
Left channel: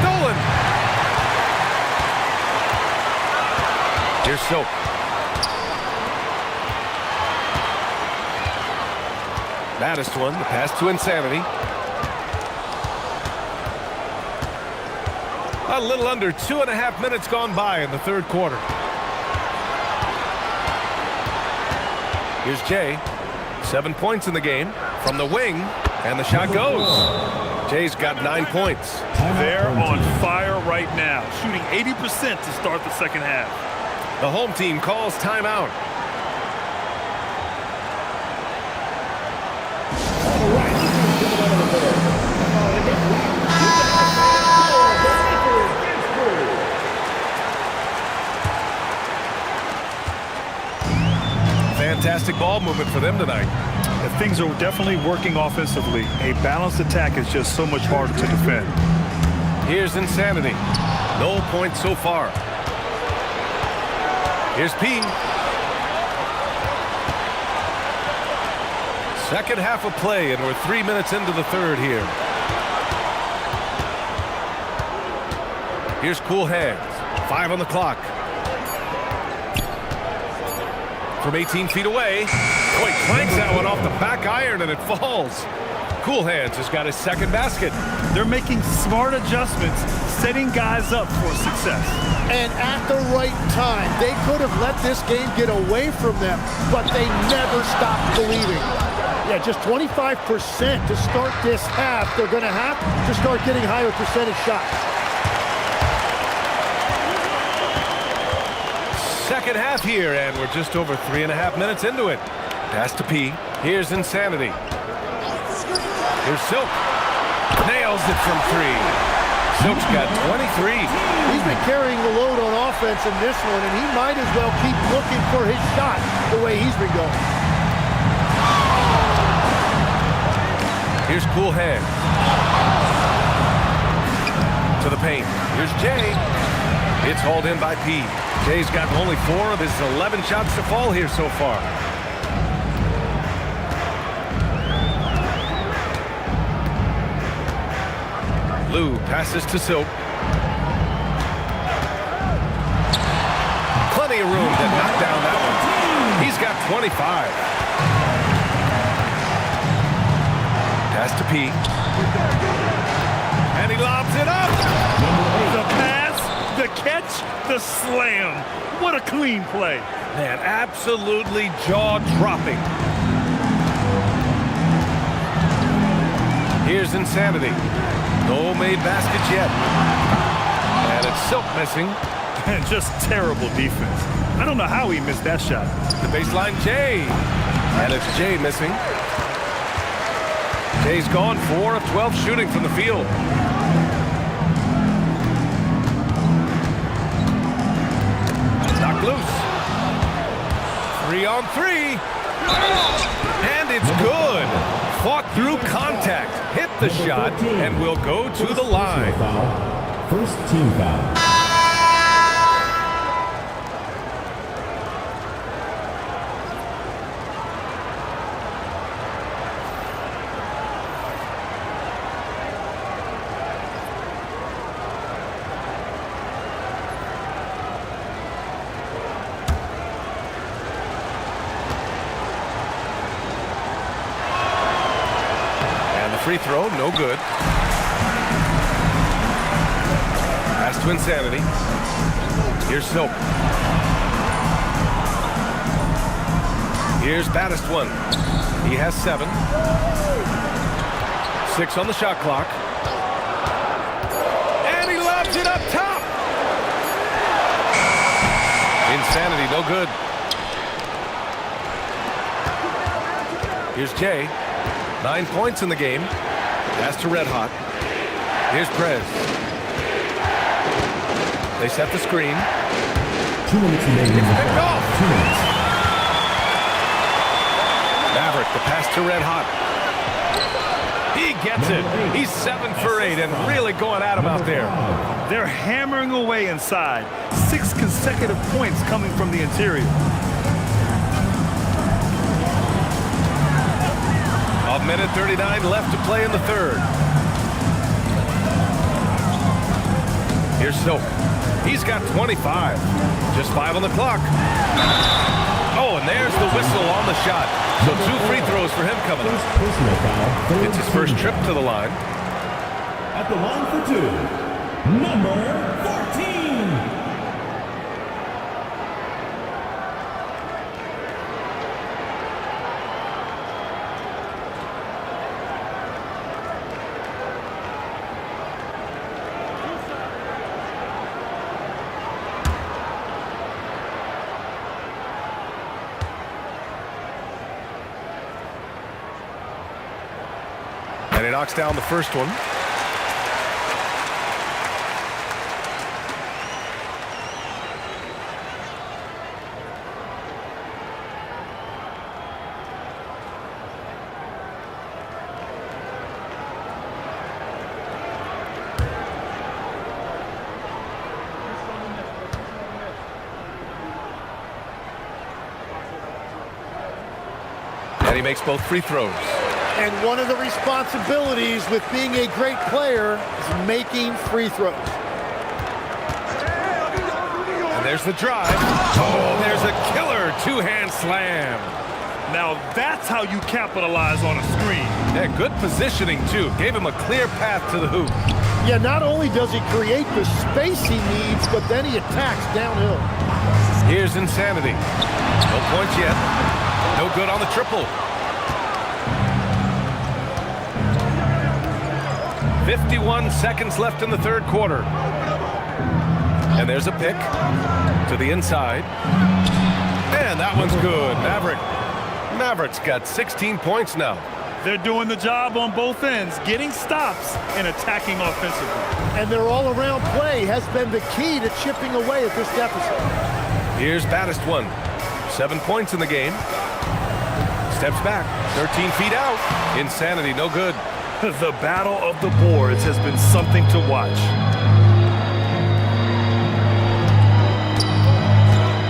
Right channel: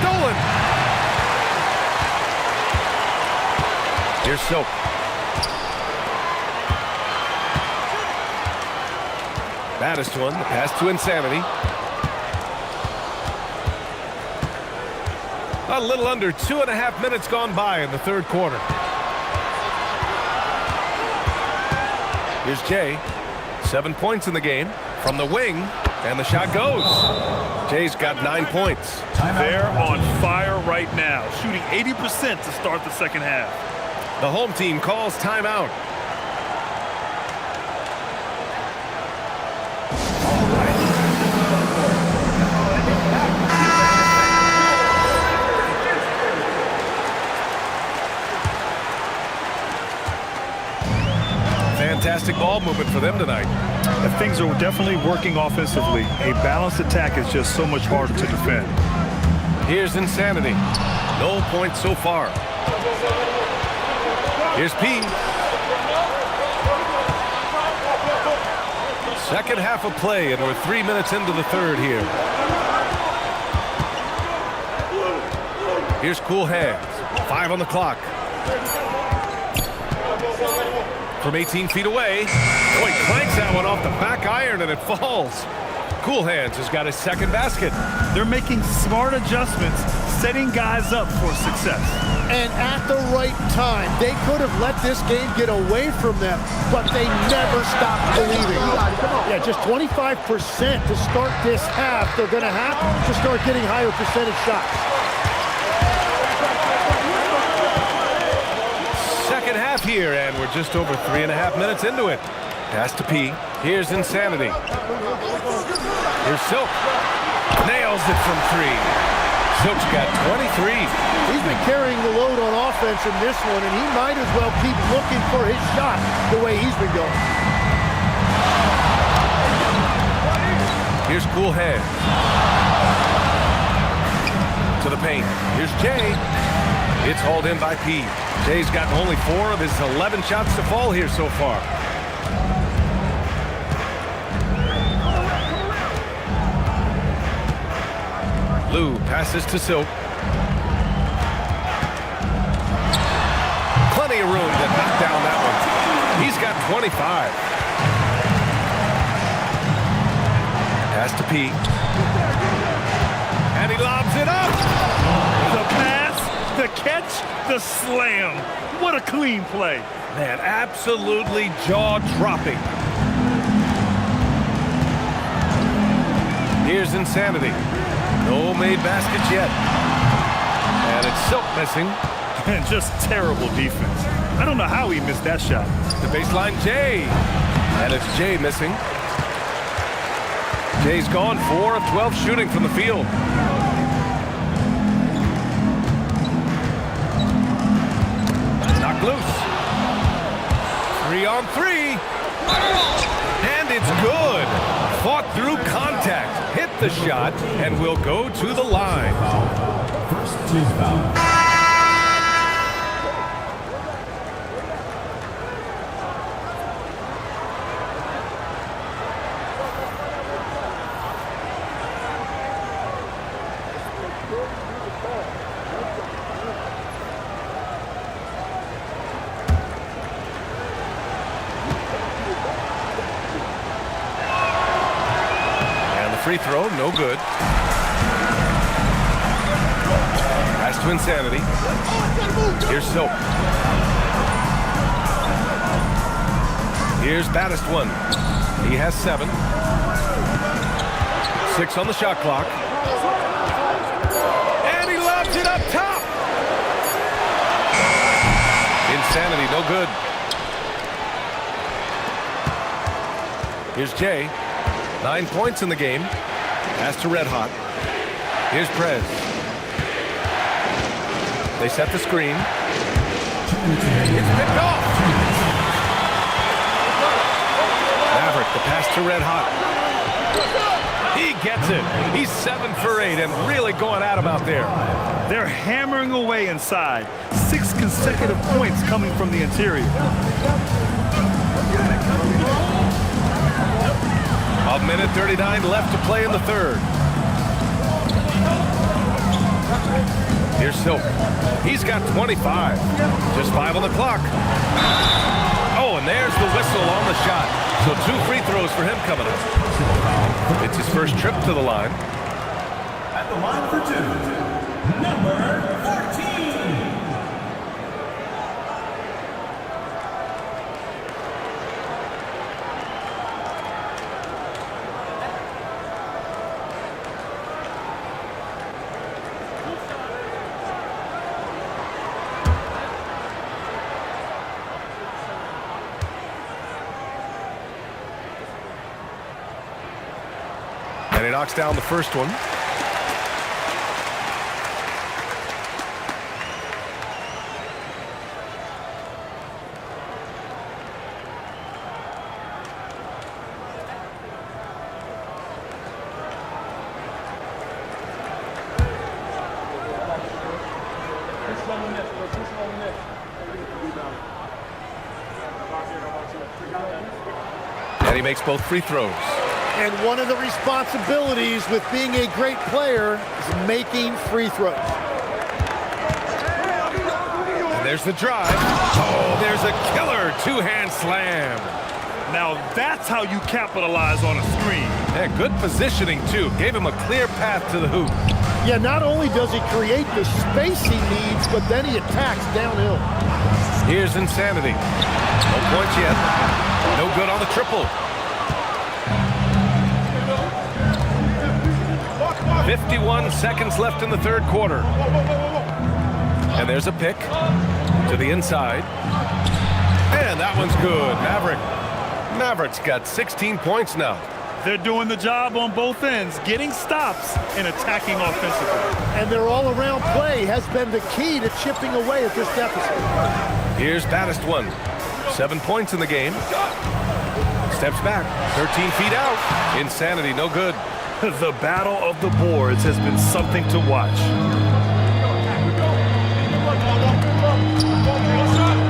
Stolen. Here's Silk. Baddest one. The pass to Insanity. A little under 2.5 minutes gone by in the third quarter. Here's Jay. 7 points in the game from the wing, and the shot goes. Jay's got 9 points. They're on fire right now, shooting 80% to start the second half. The home team calls timeout. Fantastic ball movement for them tonight. Things are definitely working offensively. A balanced attack is just so much harder to defend. Here's Insanity. No points so far. Here's P. Second half of play, and we're 3 minutes into the third here. Here's Cool Hands. 5 on the clock. From 18 feet away. Oh, he clanks that one off the back iron, and it falls. Cool Hands has got his second basket. They're making smart adjustments, setting guys up for success. And at the right time, they could have let this game get away from them, but they never stopped believing. Yeah, just 25% to start this half. They're going to have to start getting higher percentage shots. Second half here, and we're just over 3.5 minutes into it. Pass to P. Here's Insanity. Here's Silk. Nails it from 3. Silk's got 23. He's been carrying the load on offense in this one, and he might as well keep looking for his shot the way he's been going. Here's Cool Hands. To the paint. Here's Jay. It's hauled in by P. Jay's got only 4 of his 11 shots to fall here so far. Lou passes to Silk. Plenty of room to knock down that one. He's got 25. Pass to P. And he lobs it up. The pass, the catch, the slam. What a clean play. Man, absolutely jaw-dropping. Here's Insanity. No made baskets yet. And it's Silk missing. And just terrible defense. I don't know how he missed that shot. The baseline, Jay. And it's Jay missing. Jay's gone 4 of 12 shooting from the field. Knocked loose. 3 on 3. And it's good. Fought through contact. Hit the shot and will go to the line. First team foul. Free throw, no good. Pass to Insanity. Here's Silk. Here's baddest one. He has 7. 6 on the shot clock. And he lobs it up top. Insanity, no good. Here's Jay. 9 points in the game. Pass to Red Hot. Here's Prez. They set the screen. It's picked off. Maverick, the pass to Red Hot. He gets it. He's 7 for 8 and really going at him out there. They're hammering away inside. 6 consecutive points coming from the interior. A minute 39 left to play in the third. Here's Silk. He's got 25. Just 5 on the clock. Oh, and there's the whistle on the shot. So 2 free throws for him coming up. Personal foul. It's his first trip to the line. At the line for 2, number 14. And he knocks down the first one. And he makes both free throws. And one of the responsibilities with being a great player is making free throws. And there's the drive. Oh, there's a killer 2-hand slam. Now that's how you capitalize on a screen. Yeah, good positioning, too. Gave him a clear path to the hoop. Yeah, not only does he create the space he needs, but then he attacks downhill. Here's Insanity. No points yet. No good on the triple. 51 seconds left in the third quarter. And there's a pick to the inside. And that one's good. Maverick's got 16 points now. They're doing the job on both ends, getting stops and attacking offensively. And their all-around play has been the key to chipping away at this deficit. Here's Baddest one. 7 points in the game. Steps back. 13 feet out. Insanity, no good. The battle of the boards has been something to watch.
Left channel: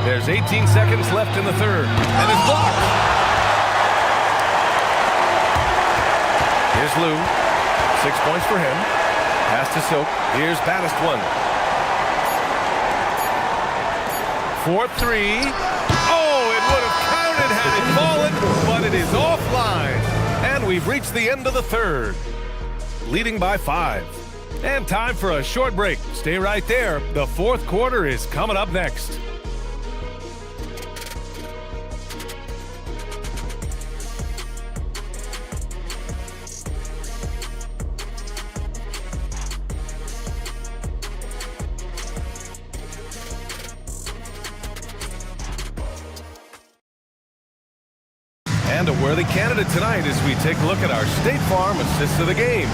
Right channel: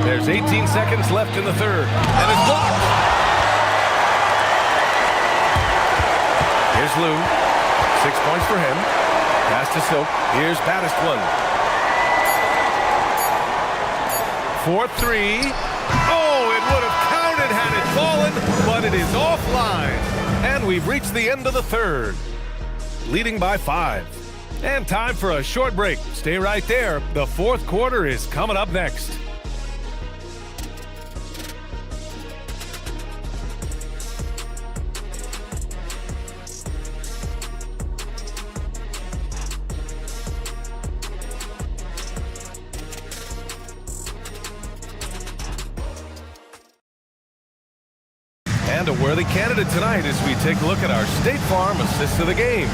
There's 18 seconds left in the third. And it's blocked. Here's Lou. 6 points for him. Pass to Silk. Here's Baddest one. 4-3. Oh, it would have counted had it fallen, but it is offline. And we've reached the end of the third, leading by 5. And time for a short break. Stay right there. The fourth quarter is coming up next. And a worthy candidate tonight as we take a look at our State Farm assist of the game.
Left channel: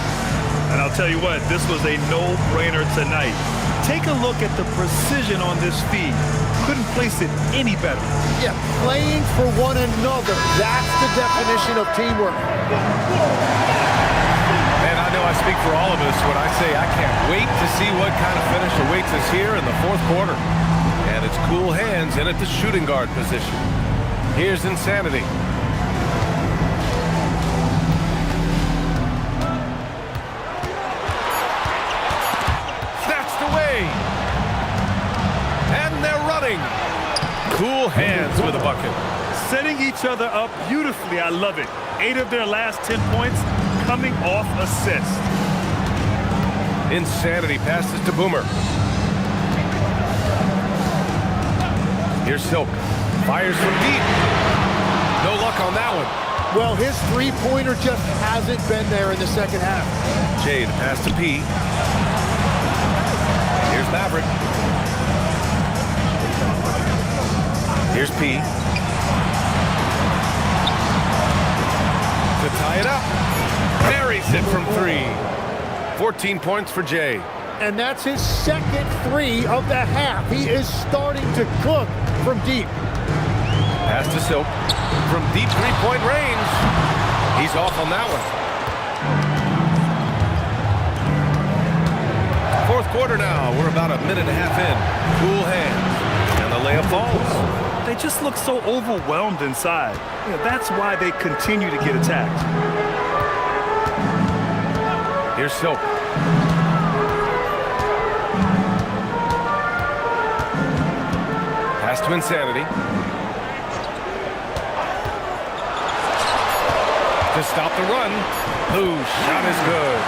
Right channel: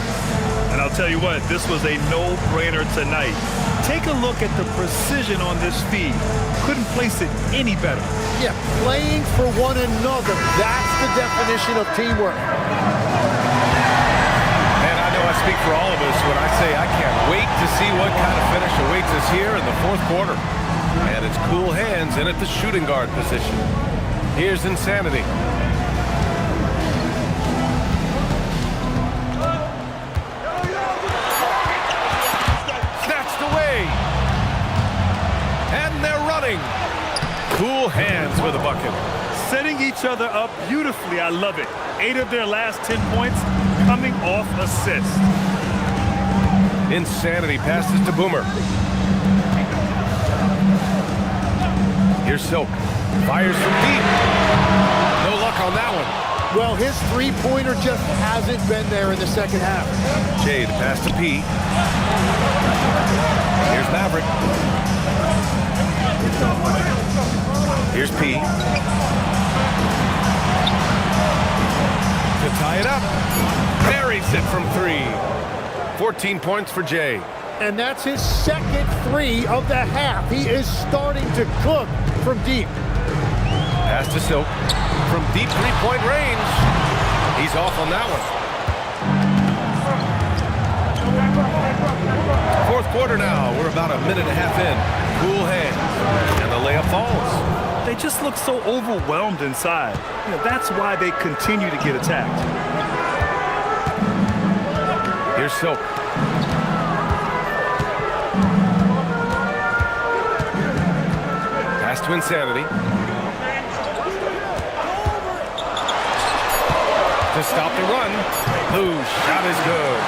And I'll tell you what, this was a no-brainer tonight. Take a look at the precision on this feed. Couldn't place it any better. Yeah, playing for one another. That's the definition of teamwork. Man, I know I speak for all of us when I say I can't wait to see what kind of finish awaits us here in the fourth quarter. And it's cool hands in at the shooting guard position. Here's Insanity. Away. And they're running. Cool hands with a bucket. Setting each other up beautifully. I love it. 8 of their last 10 points coming off assist. Insanity passes to Boomer. Here's Silk. Fires from deep. No luck on that one. Well, his three-pointer just hasn't been there in the second half. Jay, the pass to P. Here's Maverick. Here's P. To tie it up. Buries it from 3. 14 points for Jay. And that's his second 3 of the half. He is starting to cook from deep. Pass to Silk. From deep three-point range. He's off on that one. Fourth quarter now. We're about a minute and a half in. Cool hands. And the layup falls. They just look so overwhelmed inside. You know, that's why they continue to get attacked. Here's Silk. Pass to Insanity. To stop the run. Whose shot is good.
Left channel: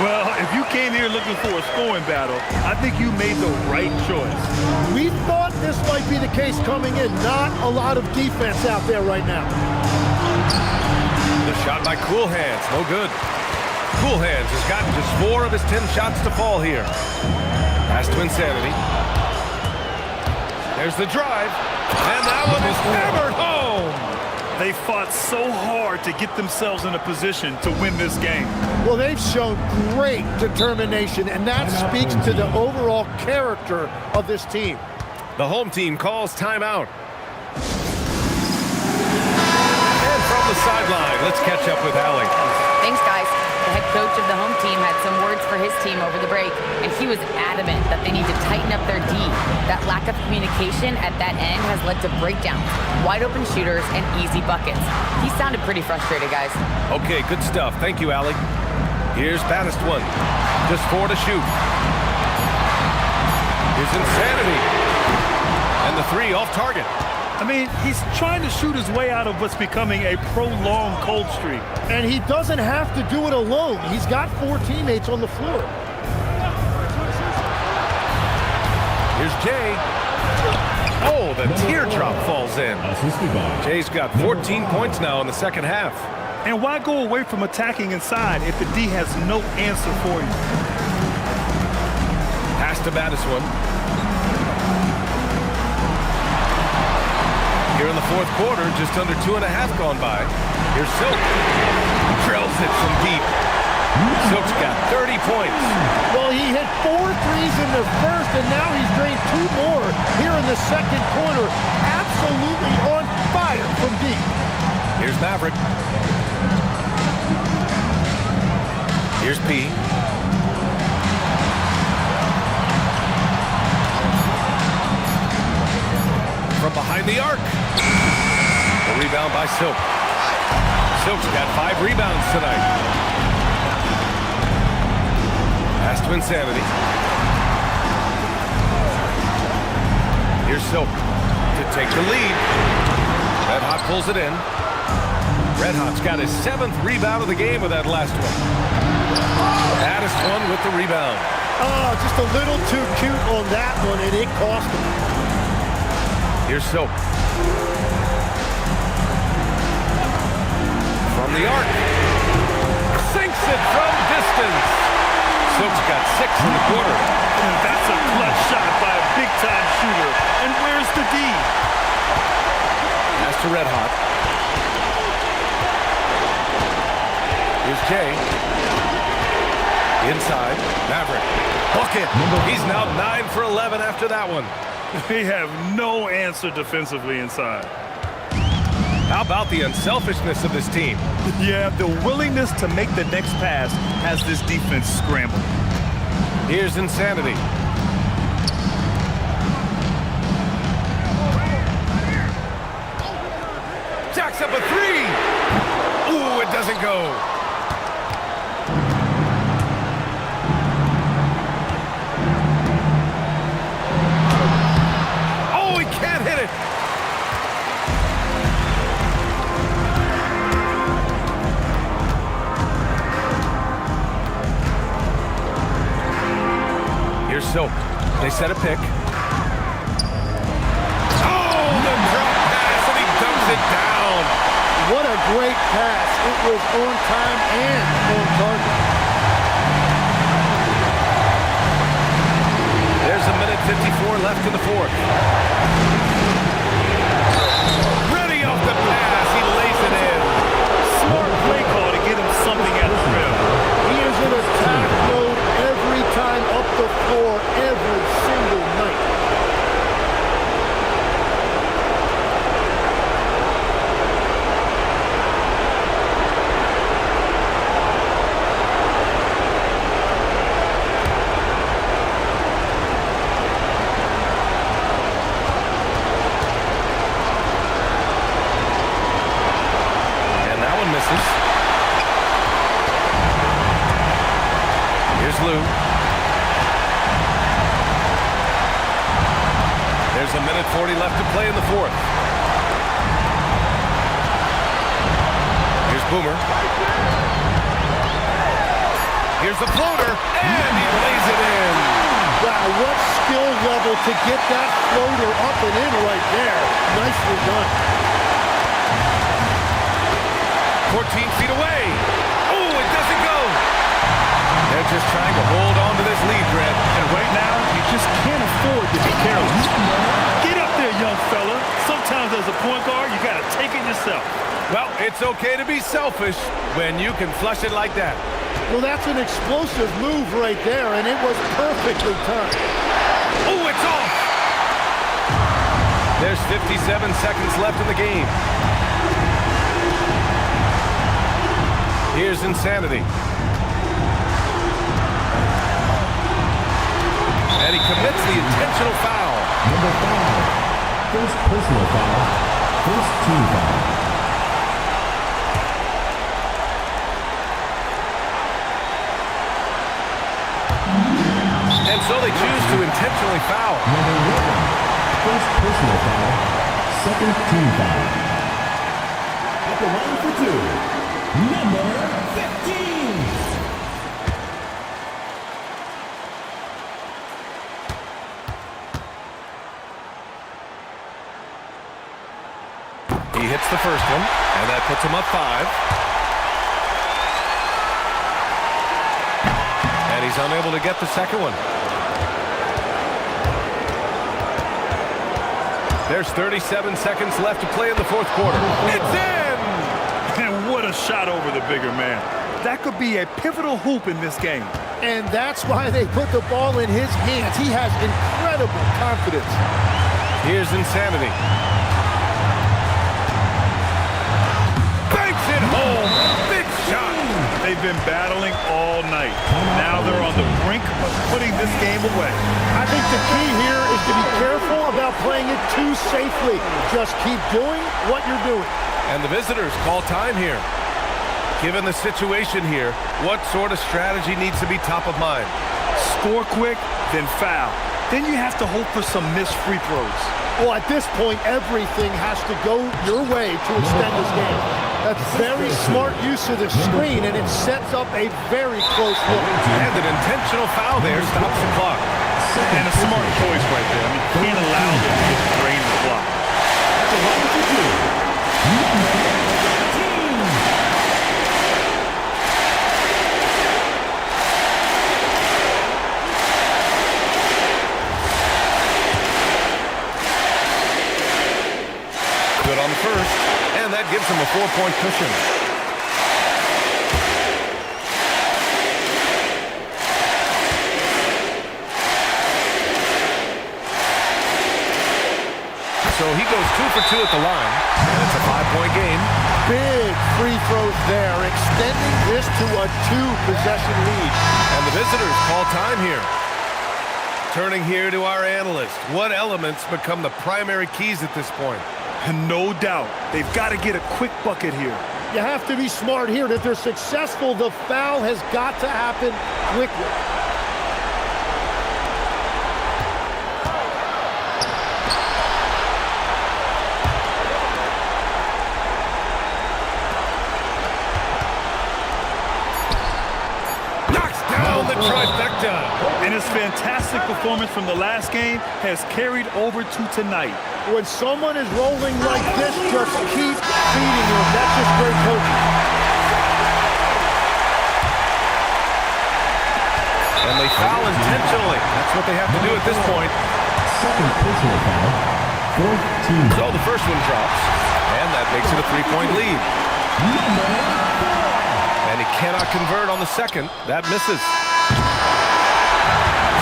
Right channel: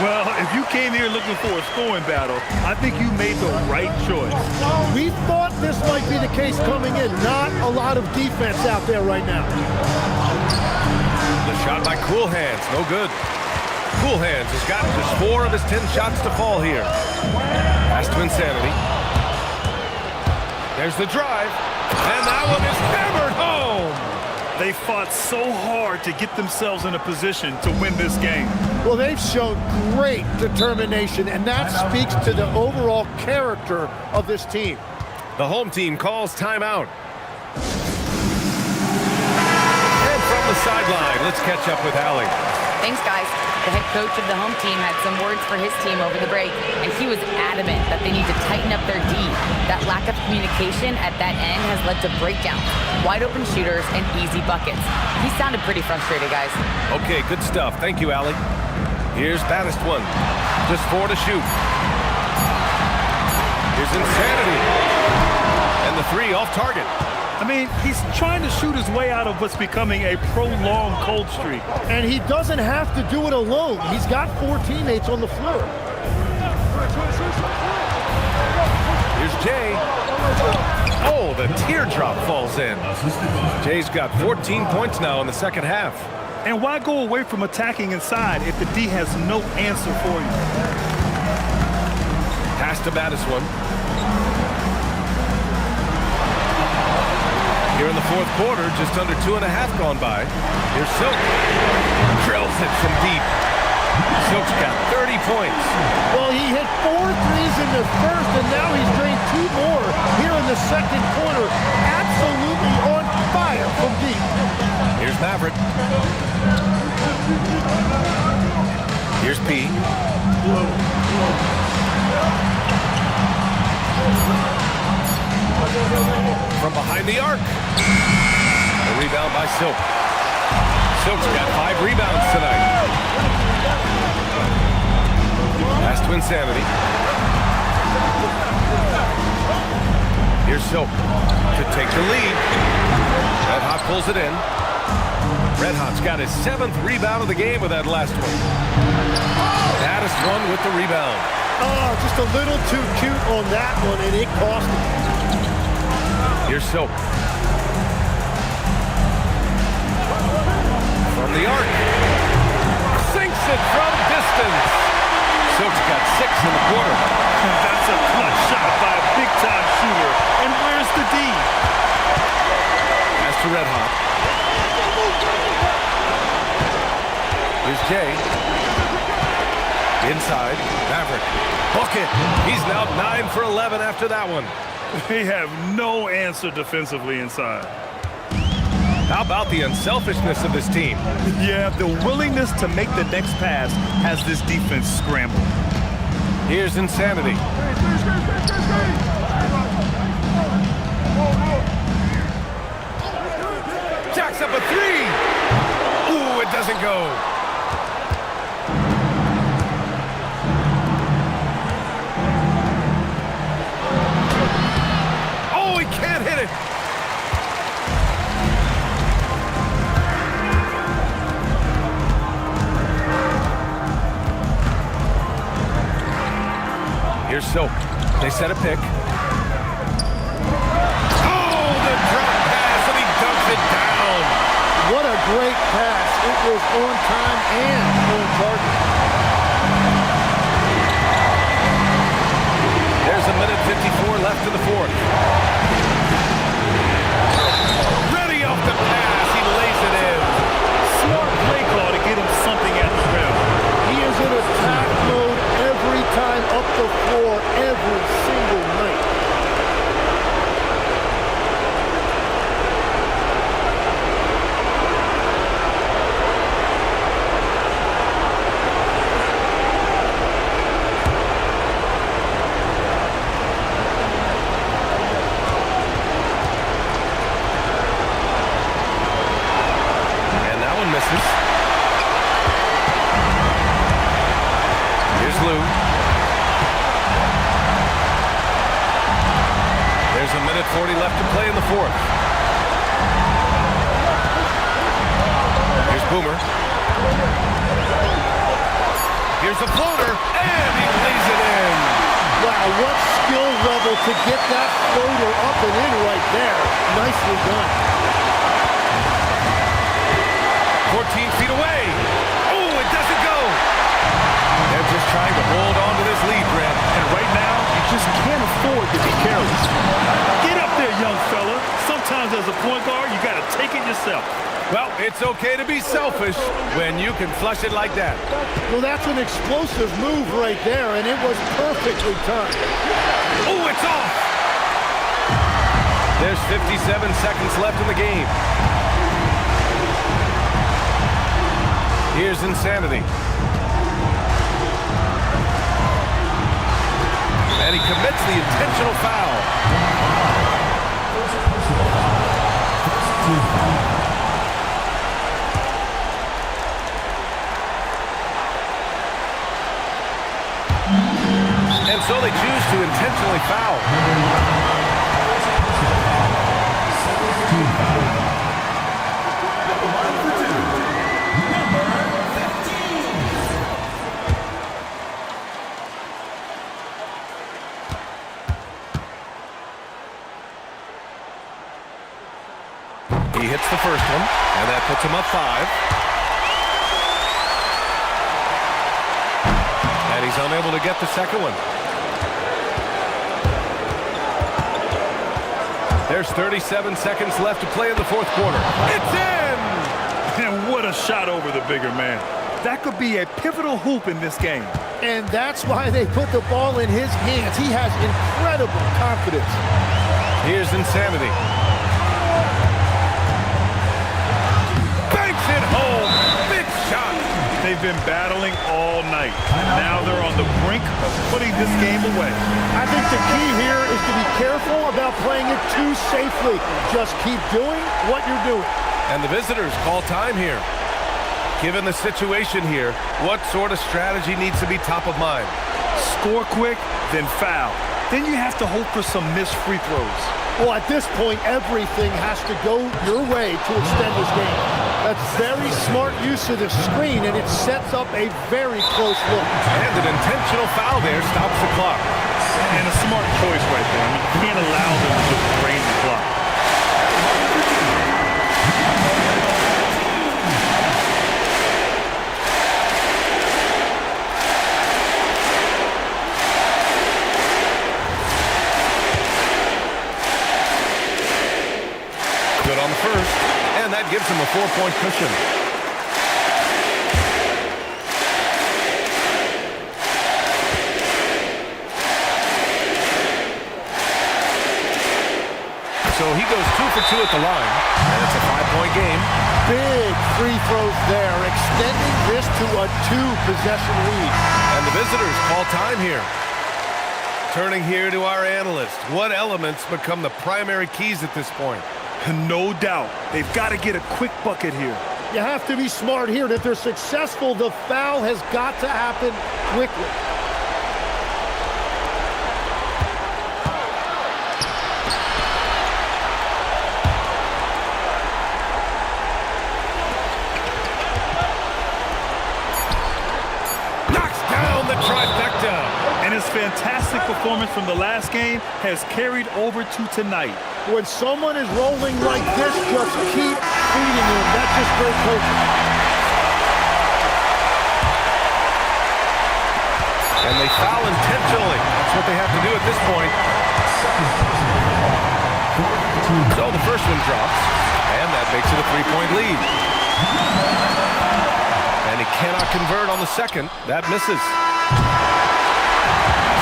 Well, if you came here looking for a scoring battle, I think you made the right choice. We thought this might be the case coming in. Not a lot of defense out there right now. The shot by Cool Hands, no good. Cool Hands has gotten just 4 of his 10 shots to fall here. Pass to Insanity. There's the drive, and that one is hammered home. They fought so hard to get themselves in a position to win this game. Well, they've shown great determination, and that speaks to the overall character of this team. The home team calls timeout. And from the sideline, let's catch up with Allie. Thanks, guys. The head coach of the home team had some words for his team over the break, and he was adamant that they need to tighten up their D. That lack of communication at that end has led to breakdowns, wide open shooters, and easy buckets. He sounded pretty frustrated, guys. Okay, good stuff. Thank you, Allie. Here's Baddest one. Just 4 to shoot. Here's Insanity. And the 3 off target. I mean, he's trying to shoot his way out of what's becoming a prolonged cold streak. And he doesn't have to do it alone. He's got 4 teammates on the floor. Here's Jay. Oh, the teardrop falls in. Jay's got 14 points now in the second half. And why go away from attacking inside if the D has no answer for you? Pass to Baddest one. Here in the fourth quarter, just under 2.5 gone by. Here's Silk. Drills it from deep. Silk's got 30 points. Well, he hit 4 threes in the first, and now he's drained 2 more here in the second quarter. Absolutely on fire from deep. Here's Maverick. Here's P. From behind the arc. The rebound by Silk. Silk's got 5 rebounds tonight. Pass to Insanity. Here's Silk to take the lead. Red Hot pulls it in. Red Hot's got his 7th rebound of the game with that last one. Baddest one with the rebound. Oh, just a little too cute on that one, and it cost him. Here's Silk. From the arc. Sinks it from distance. Silk's got 6 in the quarter. That's a clutch shot by a big-time shooter. And where's the D? Pass to Red Hot. Here's Jay. Inside. Maverick. Bucket. He's now 9 for 11 after that one. They have no answer defensively inside. How about the unselfishness of this team? Yeah, the willingness to make the next pass has this defense scrambled. Here's Insanity. Jacks up a 3. Ooh, it doesn't go. Oh, he can't hit it. Here's Silk. They set a pick. Oh, the drop pass, and he dumps it down. What a great pass. It was on time and on target. There's a minute 54 left in the fourth. Ready off the pass. He lays it in. Smart play call to get him something at the rim. He is in attack mode every time up the floor, every single night. Misses. Here's Lou. There's a minute 40 left to play in the fourth. Here's Boomer. Here's the floater, and he lays it in. Wow, what skill level to get that floater up and in right there. Nicely done. 14 feet away. Oh, it doesn't go. They're just trying to hold on to this lead, Brett. And right now, you just can't afford to be careless. Get up there, young fella. Sometimes as a point guard, you got to take it yourself. Well, it's okay to be selfish when you can flush it like that. Well, that's an explosive move right there, and it was perfectly timed. Oh, it's off. There's 57 seconds left in the game. Here's Insanity. And he commits the intentional foul. Number 5. First personal foul. First team foul. And so they choose to intentionally foul. Number 11. First personal foul. Second team foul. At the line for 2. Number 15. He hits the first one, and that puts him up 5. And he's unable to get the second one. There's 37 seconds left to play in the fourth quarter. It's in! And what a shot over the bigger man. That could be a pivotal hoop in this game. And that's why they put the ball in his hands. He has incredible confidence. Here's Insanity. Banks it home. Big shot. They've been battling all night. Now they're on the brink of putting this game away. I think the key here is to be careful about playing it too safely. Just keep doing what you're doing. And the visitors call time here. Given the situation here, what sort of strategy needs to be top of mind? Score quick, then foul. Then you have to hope for some missed free throws. Well, at this point, everything has to go your way to extend this game. That's very smart use of the screen, and it sets up a very close look. And an intentional foul there stops the clock. And a smart choice right there. I mean, you can't allow them to just drain the clock. Good on the first, and that gives him a 4-point cushion. So he goes 2 for 2 at the line, and it's a 5-point game. Big free throws there, extending this to a 2-possession lead. And the visitors call time here. Turning here to our analyst. What elements become the primary keys at this point? No doubt. They've got to get a quick bucket here. You have to be smart here. If they're successful, the foul has got to happen quickly. the trifecta. And his fantastic performance from the last game has carried over to tonight. When someone is rolling like this, just keep feeding him. That's just great coaching. And they foul intentionally. That's what they have to do at this point. Second personal foul. Fourth team. So the first one drops, and that makes it a 3-point lead. And he cannot convert on the second. That misses.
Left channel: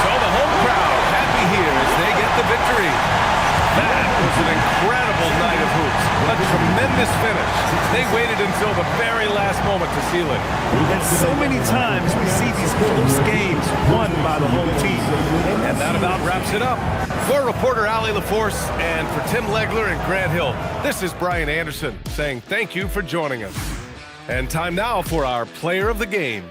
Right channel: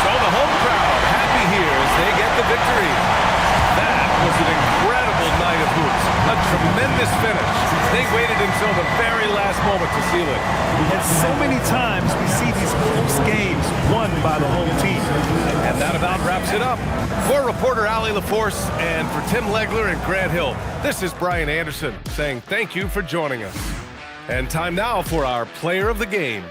So the home crowd happy here as they get the victory. That was an incredible night of hoops. A tremendous finish. They waited until the very last moment to seal it. And so many times we see these close games won by the home team. And that about wraps it up. For reporter Allie LaForce and for Tim Legler and Grant Hill, this is Brian Anderson saying thank you for joining us. And time now for our player of the game.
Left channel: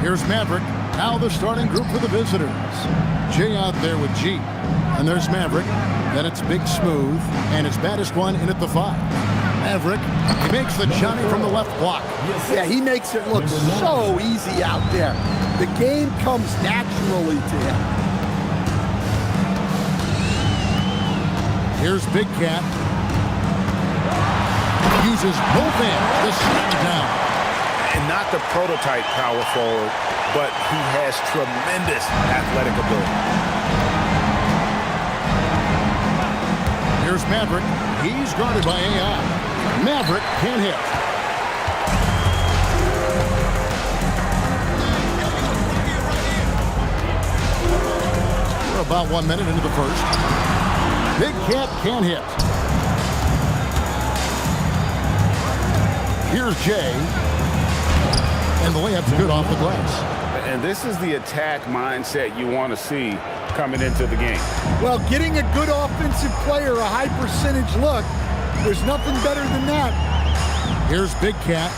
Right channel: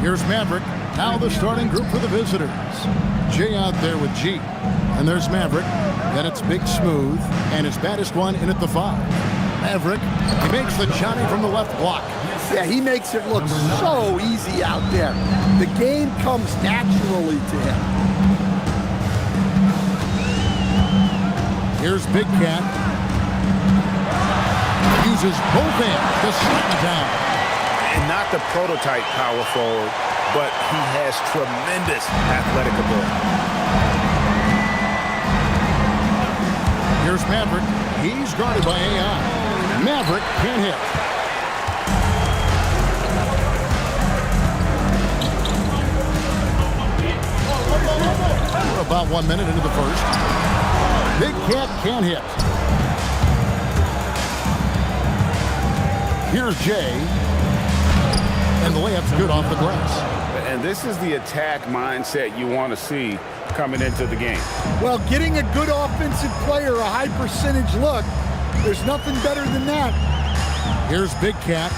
Here's Maverick. Now the starting group for the visitors. Jay out there with G. And there's Maverick. Then it's Big Smooth. And it's Baddest One in at the 5. Maverick, he makes the Johnny from the left block. Yeah, he makes it look so easy out there. The game comes naturally to him. Here's Big Cat. Uses both hands to slam it down. And not the prototype power forward, but he has tremendous athletic ability. Here's Maverick. He's guarded by AI. Maverick can't hit. We're about 1 minute into the first. Big Cat can't hit. Here's Jay. And the layup's good off the glass. And this is the attack mindset you want to see coming into the game. Well, getting a good offensive player a high percentage look, there's nothing better than that. Here's Big Cat.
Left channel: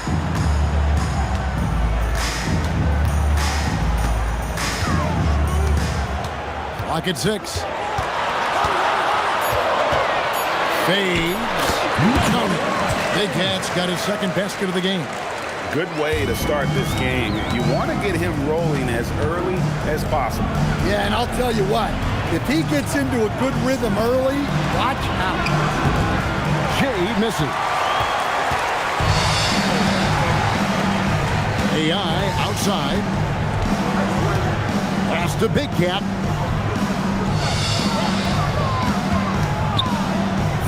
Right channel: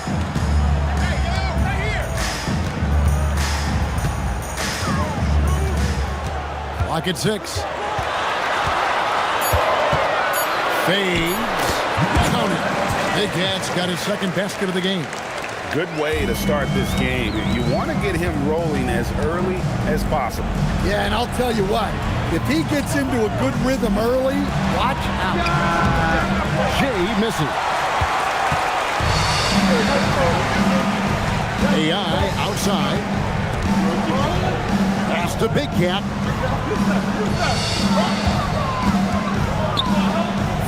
Clock at 6. Fades. Count it. Big Cat's got his second basket of the game. Good way to start this game. You want to get him rolling as early as possible. Yeah, and I'll tell you what, if he gets into a good rhythm early, watch out. Jay misses. AI outside. Pass to Big Cat.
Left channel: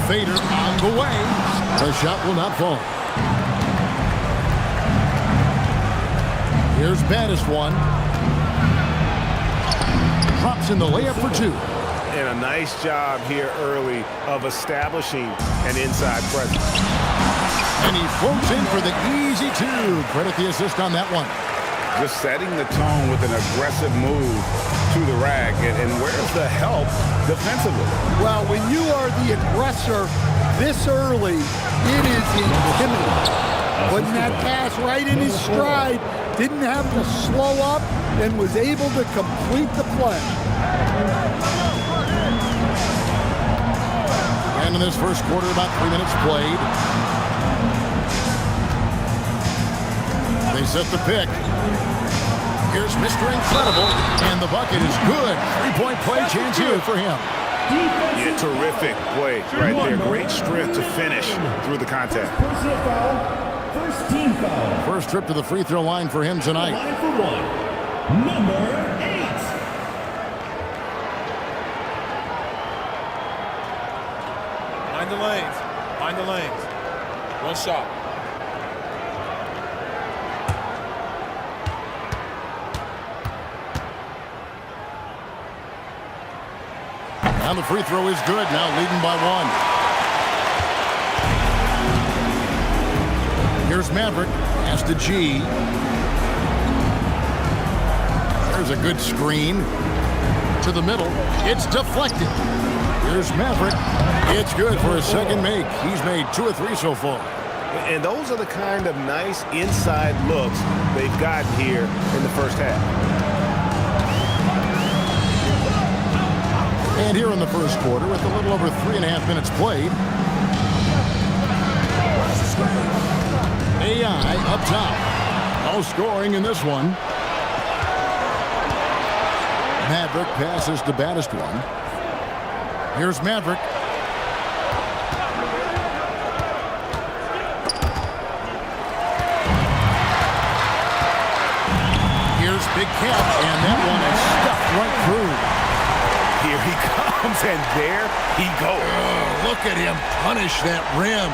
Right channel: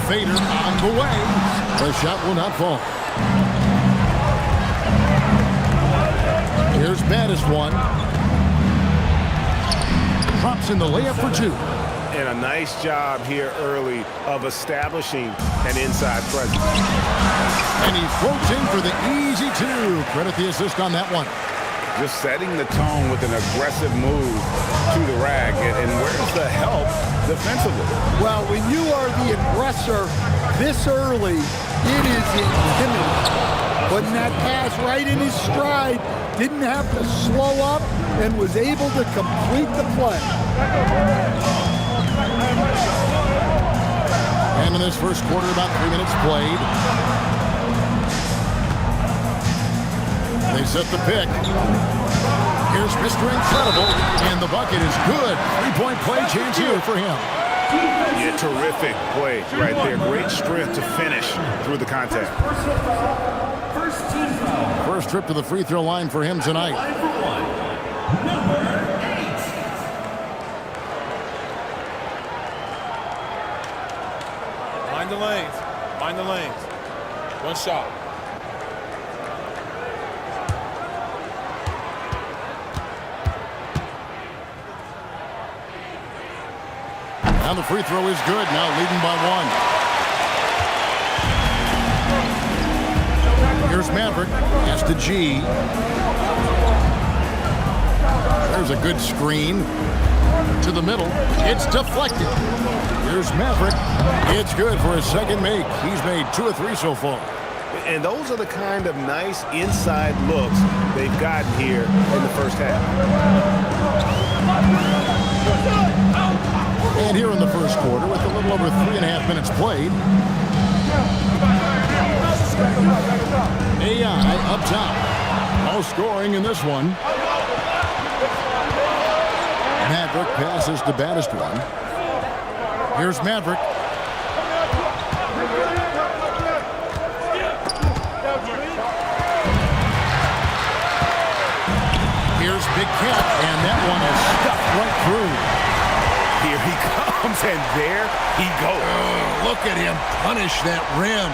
Fader on the way. The shot will not fall. Here's baddest one. Drops in the layup for 2. And a nice job here early of establishing an inside presence. And he floats in for the easy 2. Credit the assist on that one. Just setting the tone with an aggressive move to the rack. And where's the help defensively? Well, when you are the aggressor this early, it is intimidating. Putting that pass right in his stride, didn't have to slow up, and was able to complete the play. And in this first quarter, about 3 minutes played. They set the pick. Here's Mr. Incredible, and the bucket is good. 3-point play chance here for him. Yeah, terrific play right there. Great strength to finish through the contact. First team foul. First trip to the free throw line for him tonight. Line for 1. Number 8. Mind the lanes. Mind the lanes. One shot. And the free throw is good. Now leading by 1. Here's Maverick. Pass to G. There's a good screen. To the middle. It's deflected. Here's Maverick. It's good for his second make. He's made 2 or 3 so far. And those are the kind of nice inside looks they've gotten here in the first half. And here in the first quarter, with a little over 3.5 minutes played. AI up top. No scoring in this one. Maverick passes to baddest one. Here's Maverick. Here's Big Cat, and that one is stuffed right through. Here he comes, and there he goes. Look at him punish that rim.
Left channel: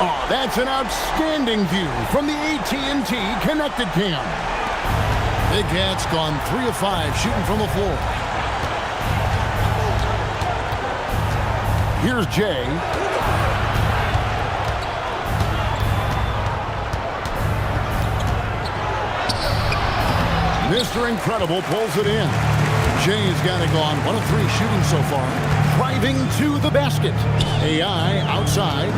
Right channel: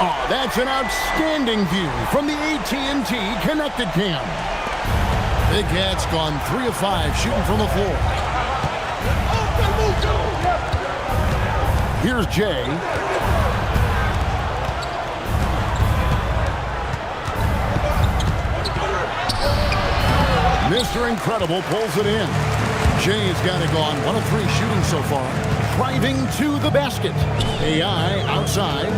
Oh, that's an outstanding view from the AT&T Connected Cam. Big Cat's gone 3 of 5 shooting from the floor. Here's Jay. Mr. Incredible pulls it in. Jay's got it gone 1 of 3 shooting so far. Driving to the basket. AI outside.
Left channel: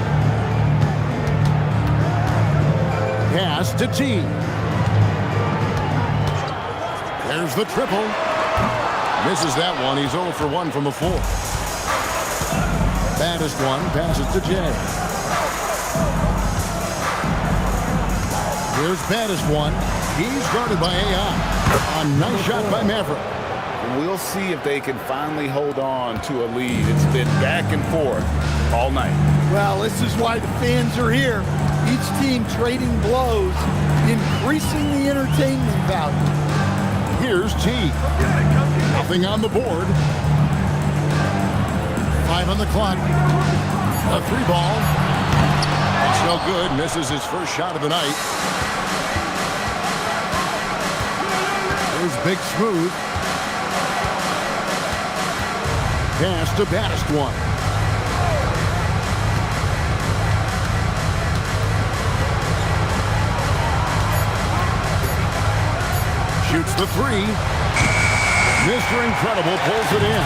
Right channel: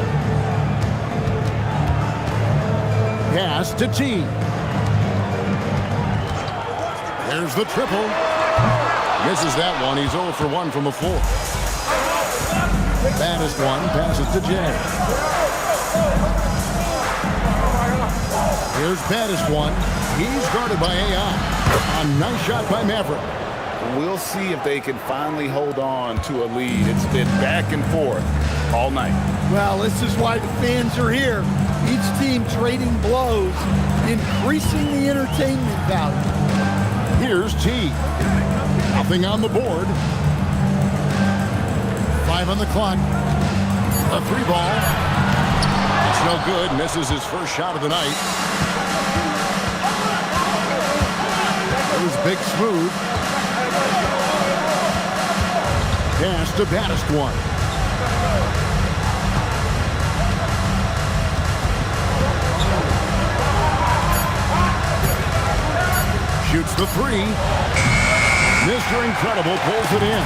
Pass to T. There's the triple. Misses that one. He's 0 for 1 from the floor. Baddest one passes to Jay. Here's baddest one. He's guarded by AI. A nice shot by Maverick. We'll see if they can finally hold on to a lead. It's been back and forth all night. Well, this is why the fans are here. Each team trading blows, increasing the entertainment value. Here's T. Nothing on the board. 5 on the clock. A 3 ball. It's no good. Misses his first shot of the night. Here's Big Smooth. Pass to baddest one. Shoots the 3. Mr. Incredible pulls it in.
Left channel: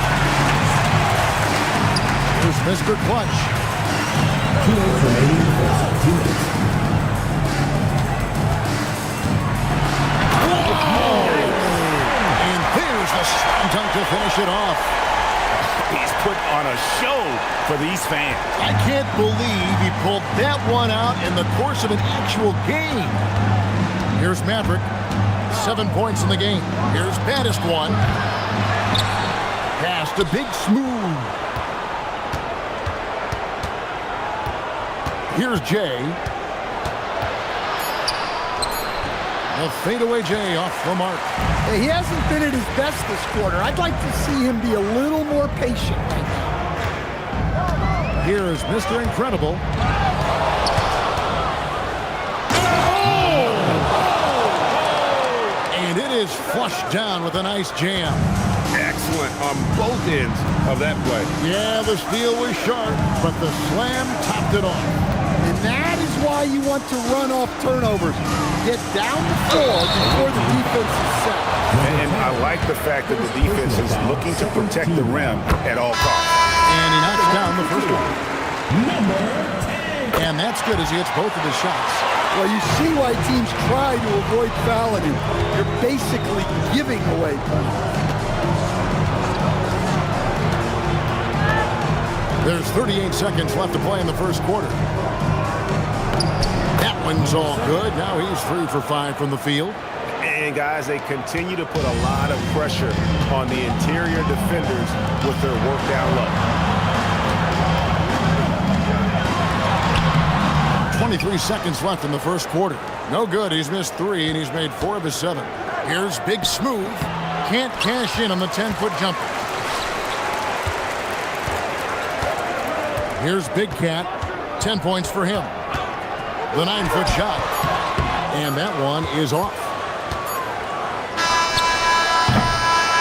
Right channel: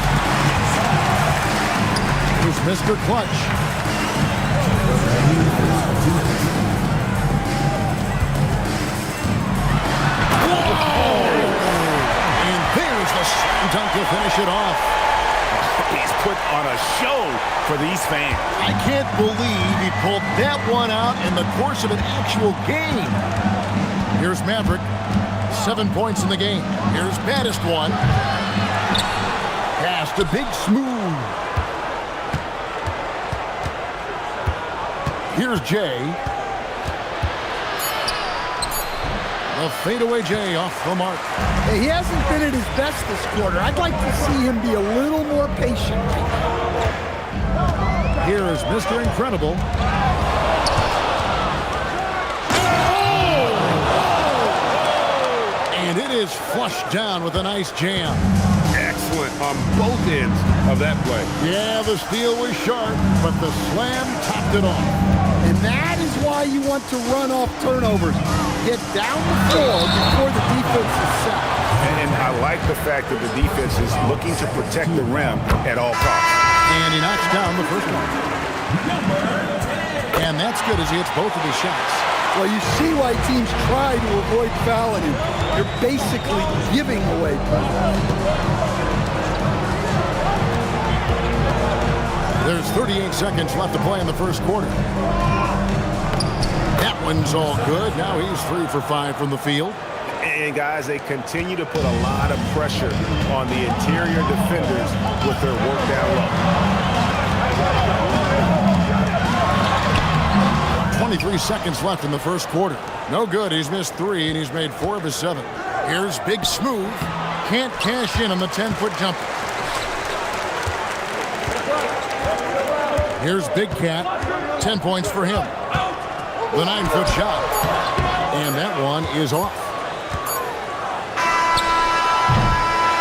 Here's Mr. Clutch. 2 minutes remaining in the 2 minutes. And there's the slam dunk to finish it off. He's put on a show for these fans. I can't believe he pulled that one out in the course of an actual game. Here's Maverick. 7 points in the game. Here's baddest one. Pass to Big Smooth. Here's Jay. The fadeaway Jay off the mark. Hey, he hasn't been at his best this quarter. I'd like to see him be a little more patient right now. Here is Mr. Incredible. And it is flushed down with a nice jam. Excellent on both ends of that play. Yeah, the steal was sharp, but the slam topped it off. And that is why you want to run off turnovers. Get down the floor before the defense is set. And I like the fact that the defense is looking to protect the rim at all costs. And he knocks down the first one. Number 10. And that's good as he hits both of his shots. Well, you see why teams try to avoid fouling him. You're basically giving away points. There's 38 seconds left to play in the first quarter. That one's all good. Now he's 3 for 5 from the field. And guys, they continue to put a lot of pressure on the interior defenders with their work down low. 23 seconds left in the first quarter. No good. He's missed 3 and he's made 4 of his 7. Here's Big Smooth. Can't cash in on the 10-foot jumper. Here's Big Cat. 10 points for him. The 9-foot shot. And that one is off.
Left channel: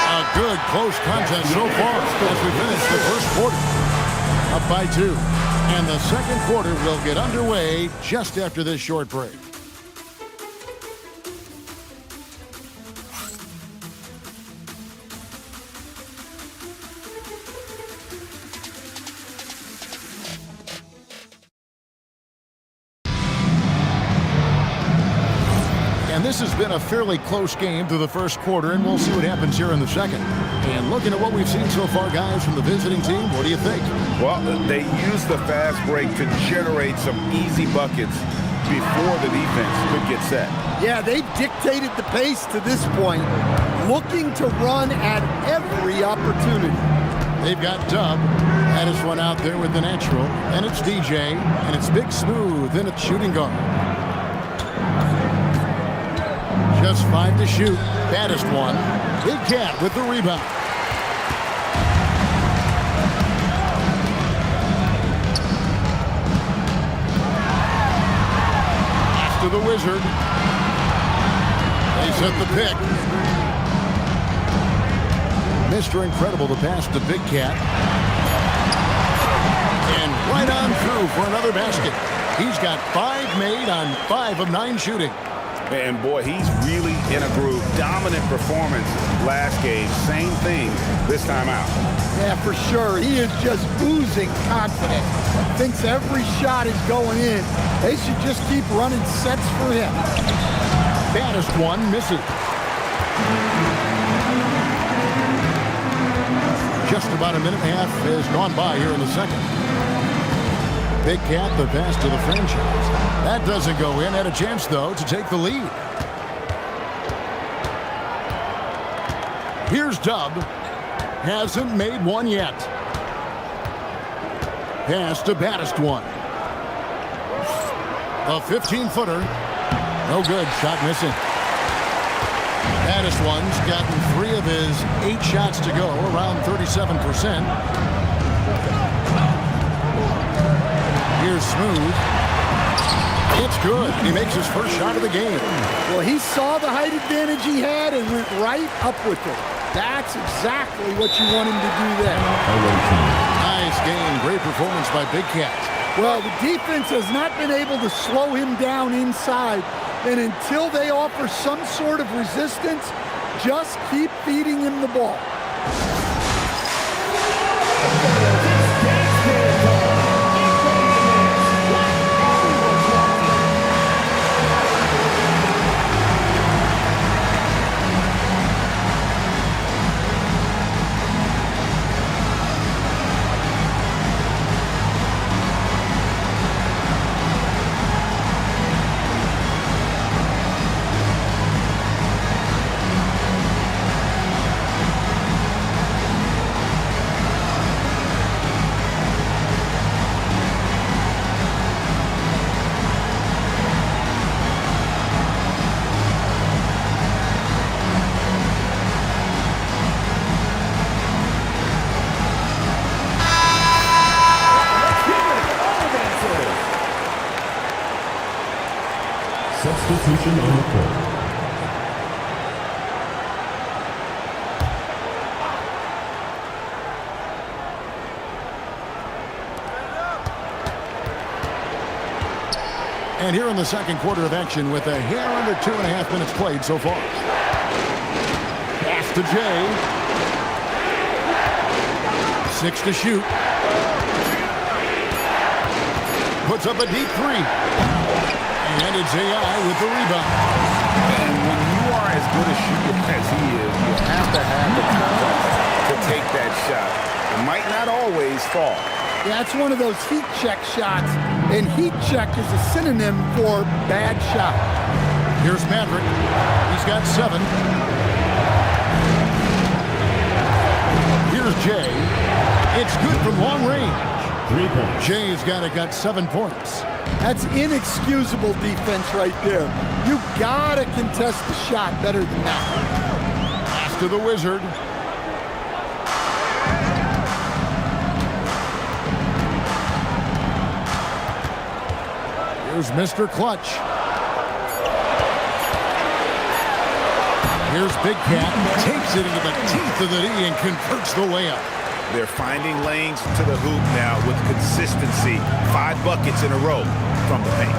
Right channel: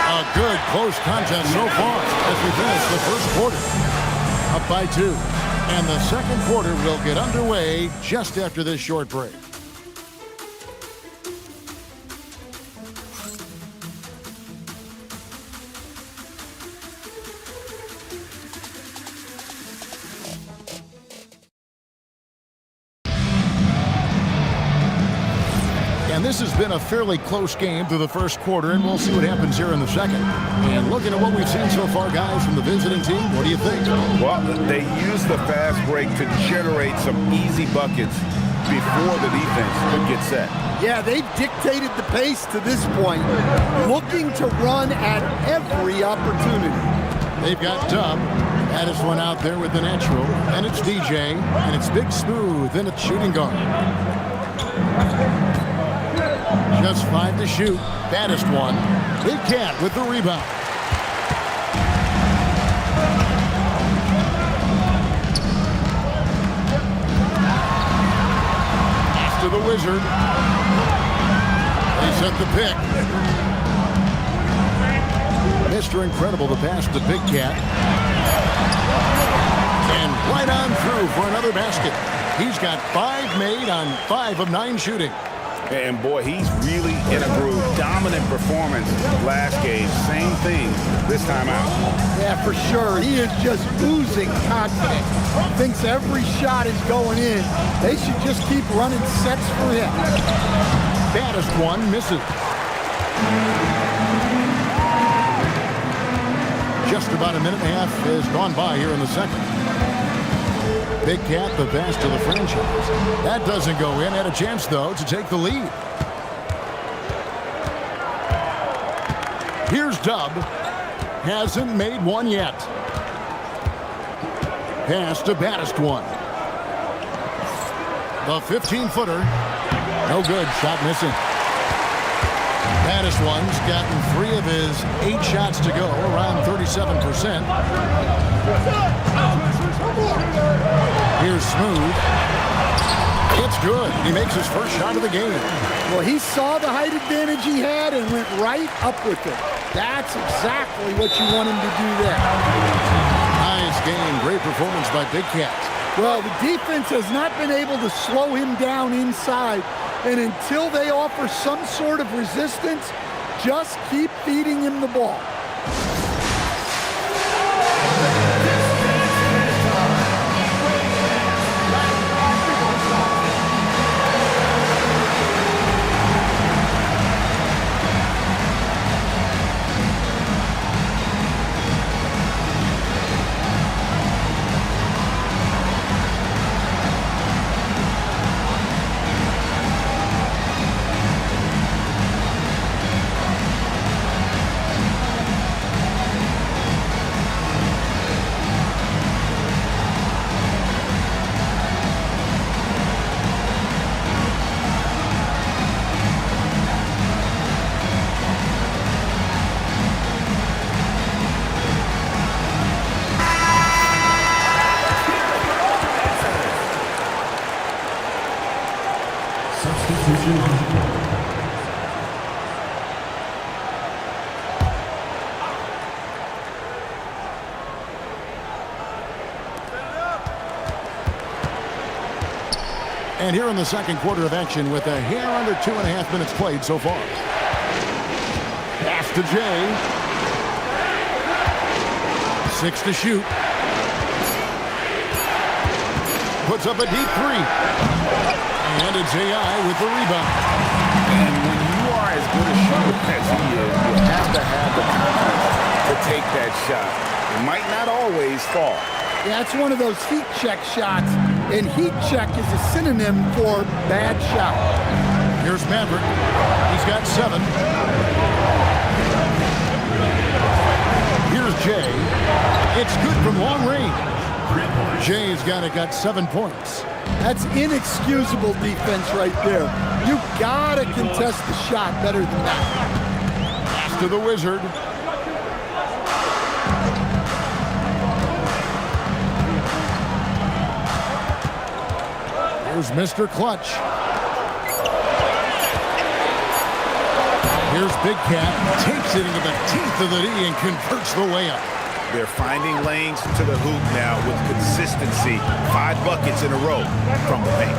A good close contest so far as we finish the first quarter. Up by 2. And the second quarter will get underway just after this short break. And this has been a fairly close game through the first quarter, and we'll see what happens here in the second. And looking at what we've seen so far, guys, from the visiting team, what do you think? Well, they use the fast break to generate some easy buckets before the defense could get set. Yeah, they've dictated the pace to this point, looking to run at every opportunity. They've got Dub. Baddest one out there with the natural. And it's DJ. And it's Big Smooth. And it's shooting guard. Just 5 to shoot. Baddest one. Big Cat with the rebound. Pass to the Wizard. They set the pick. Mr. Incredible the pass to Big Cat. And right on through for another basket. He's got 5 made on 5 of 9 shooting. And boy, he's really in a groove. Dominant performance last game. Same thing this time out. Yeah, for sure. He is just oozing confidence. Thinks every shot is going in. They should just keep running sets for him. Baddest one misses. Just about a minute and a half has gone by here in the second. Big Cat, the pass to the franchise. That doesn't go in. Had a chance, though, to take the lead. Here's Dub. Hasn't made one yet. Pass to Baddest one. The 15-footer. No good. Shot missing. Baddest one's gotten 3 of his 8 shots to go, around 37%. Here's Smooth. It's good. He makes his first shot of the game. Well, he saw the height advantage he had and went right up with it. That's exactly what you want him to do there. Nice game. Great performance by Big Cat. Well, the defense has not been able to slow him down inside. And until they offer some sort of resistance, just keep feeding him the ball. Substitution on the court. And here in the second quarter of action with a hair under 2.5 minutes played so far. Pass to Jay. 6 to shoot. Puts up a deep 3. And it's AI with the rebound. And when you are as good a shooter as he is, you have to have the confidence to take that shot. It might not always fall. Yeah, it's one of those heat check shots, and heat check is a synonym for bad shot. Here's Maverick. He's got 7. Here's Jay. It's good from long range. 3 points. Jay's got 7 points. That's inexcusable defense right there. You gotta contest the shot better than that. Pass to the Wizard. Here's Mr. Clutch. Here's Big Cat. Takes it into the teeth of the D and converts the layup. They're finding lanes to the hoop now with consistency. 5 buckets in a row from the paint.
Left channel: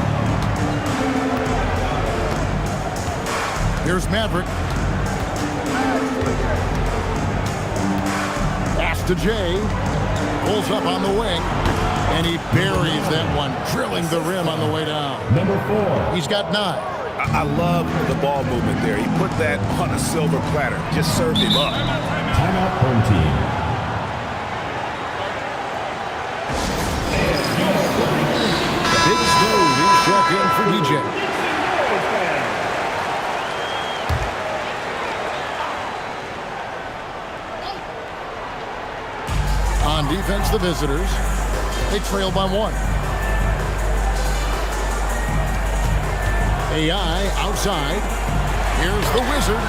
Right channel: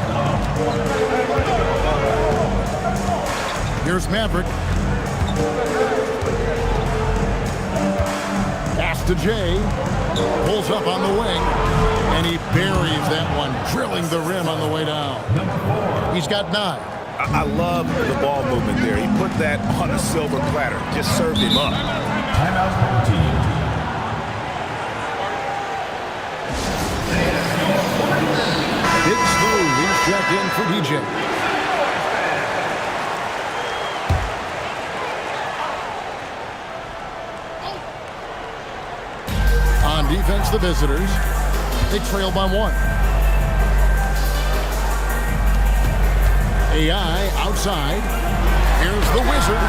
Here's Maverick. Pass to Jay. Pulls up on the wing. And he buries that one, drilling the rim on the way down. Number 4. He's got 9. I love the ball movement there. He put that on a silver platter. Just served him up. Timeout home team. Big Smooth, he's checked in for DJ. On defense, the visitors. They trail by 1. AI outside. Here's the Wizard.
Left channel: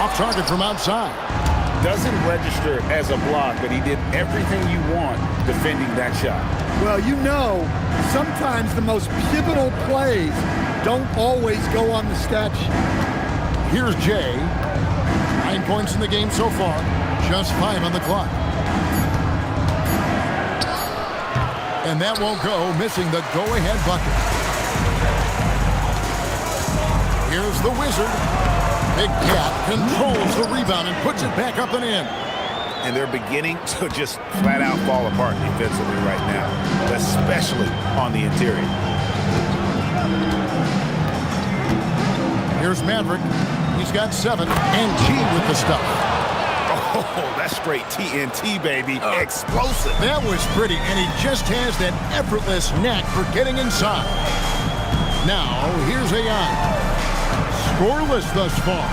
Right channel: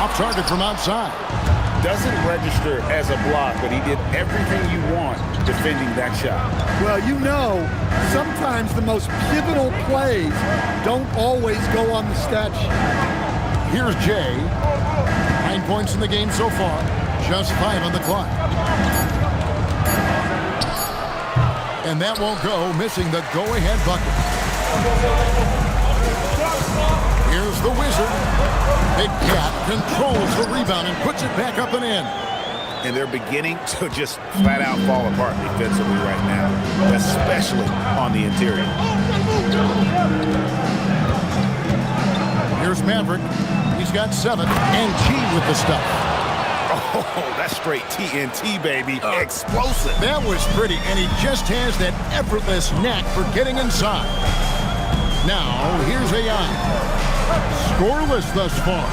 Off target from outside. Doesn't register as a block, but he did everything you want defending that shot. Well, you know, sometimes the most pivotal plays don't always go on the stat sheet. Here's Jay. 9 points in the game so far. Just 5 on the clock. And that won't go, missing the go-ahead bucket. Here's the Wizard. Big Cat controls the rebound and puts it back up and in. And they're beginning to just flat out fall apart defensively right now, especially on the interior. Here's Maverick. He's got 7, and G with the stuff. Oh, that's straight TNT, baby. Explosive. That was pretty, and he just has that effortless knack for getting inside. Now, here's AI. Scoreless thus far.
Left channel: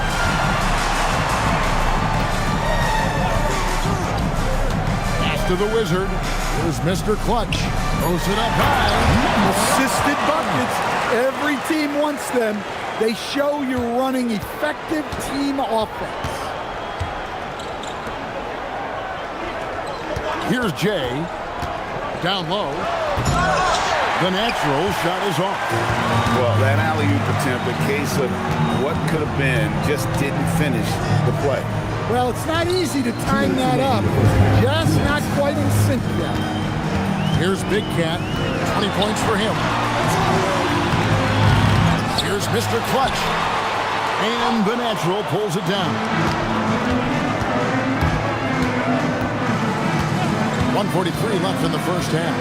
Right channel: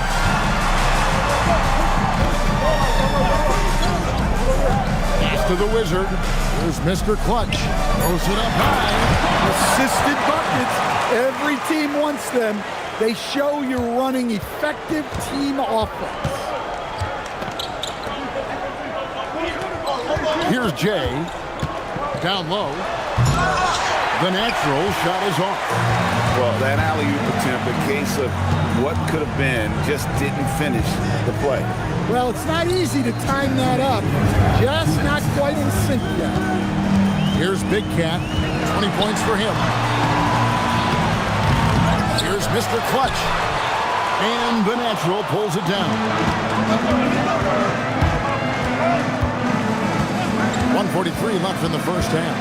Pass to the Wizard. Here's Mr. Clutch. Throws it up high. Assisted buckets. Every team wants them. They show you're running effective team offense. Here's Jay. Down low. The natural shot is off. Well, that alley-oop attempt, a case of what could have been, just didn't finish the play. Well, it's not easy to time that up. Just not quite in sync yet. Here's Big Cat. 20 points for him. Here's Mr. Clutch. And the natural pulls it down. 1:43 left in the first half.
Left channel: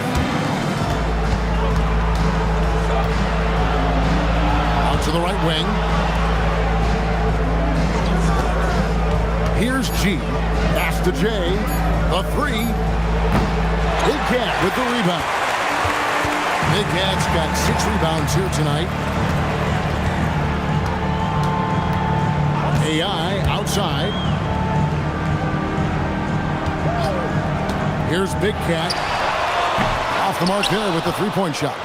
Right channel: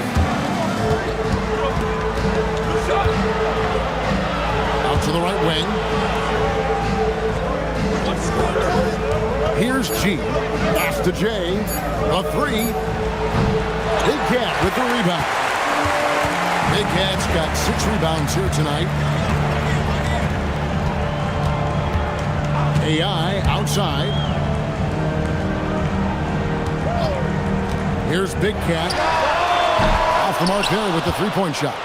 Out to the right wing. Here's G. Pass to J. A three. Big Cat with the rebound. Big Cat's got 6 rebounds here tonight. AI outside. Here's Big Cat. Off the mark there with the three-point shot.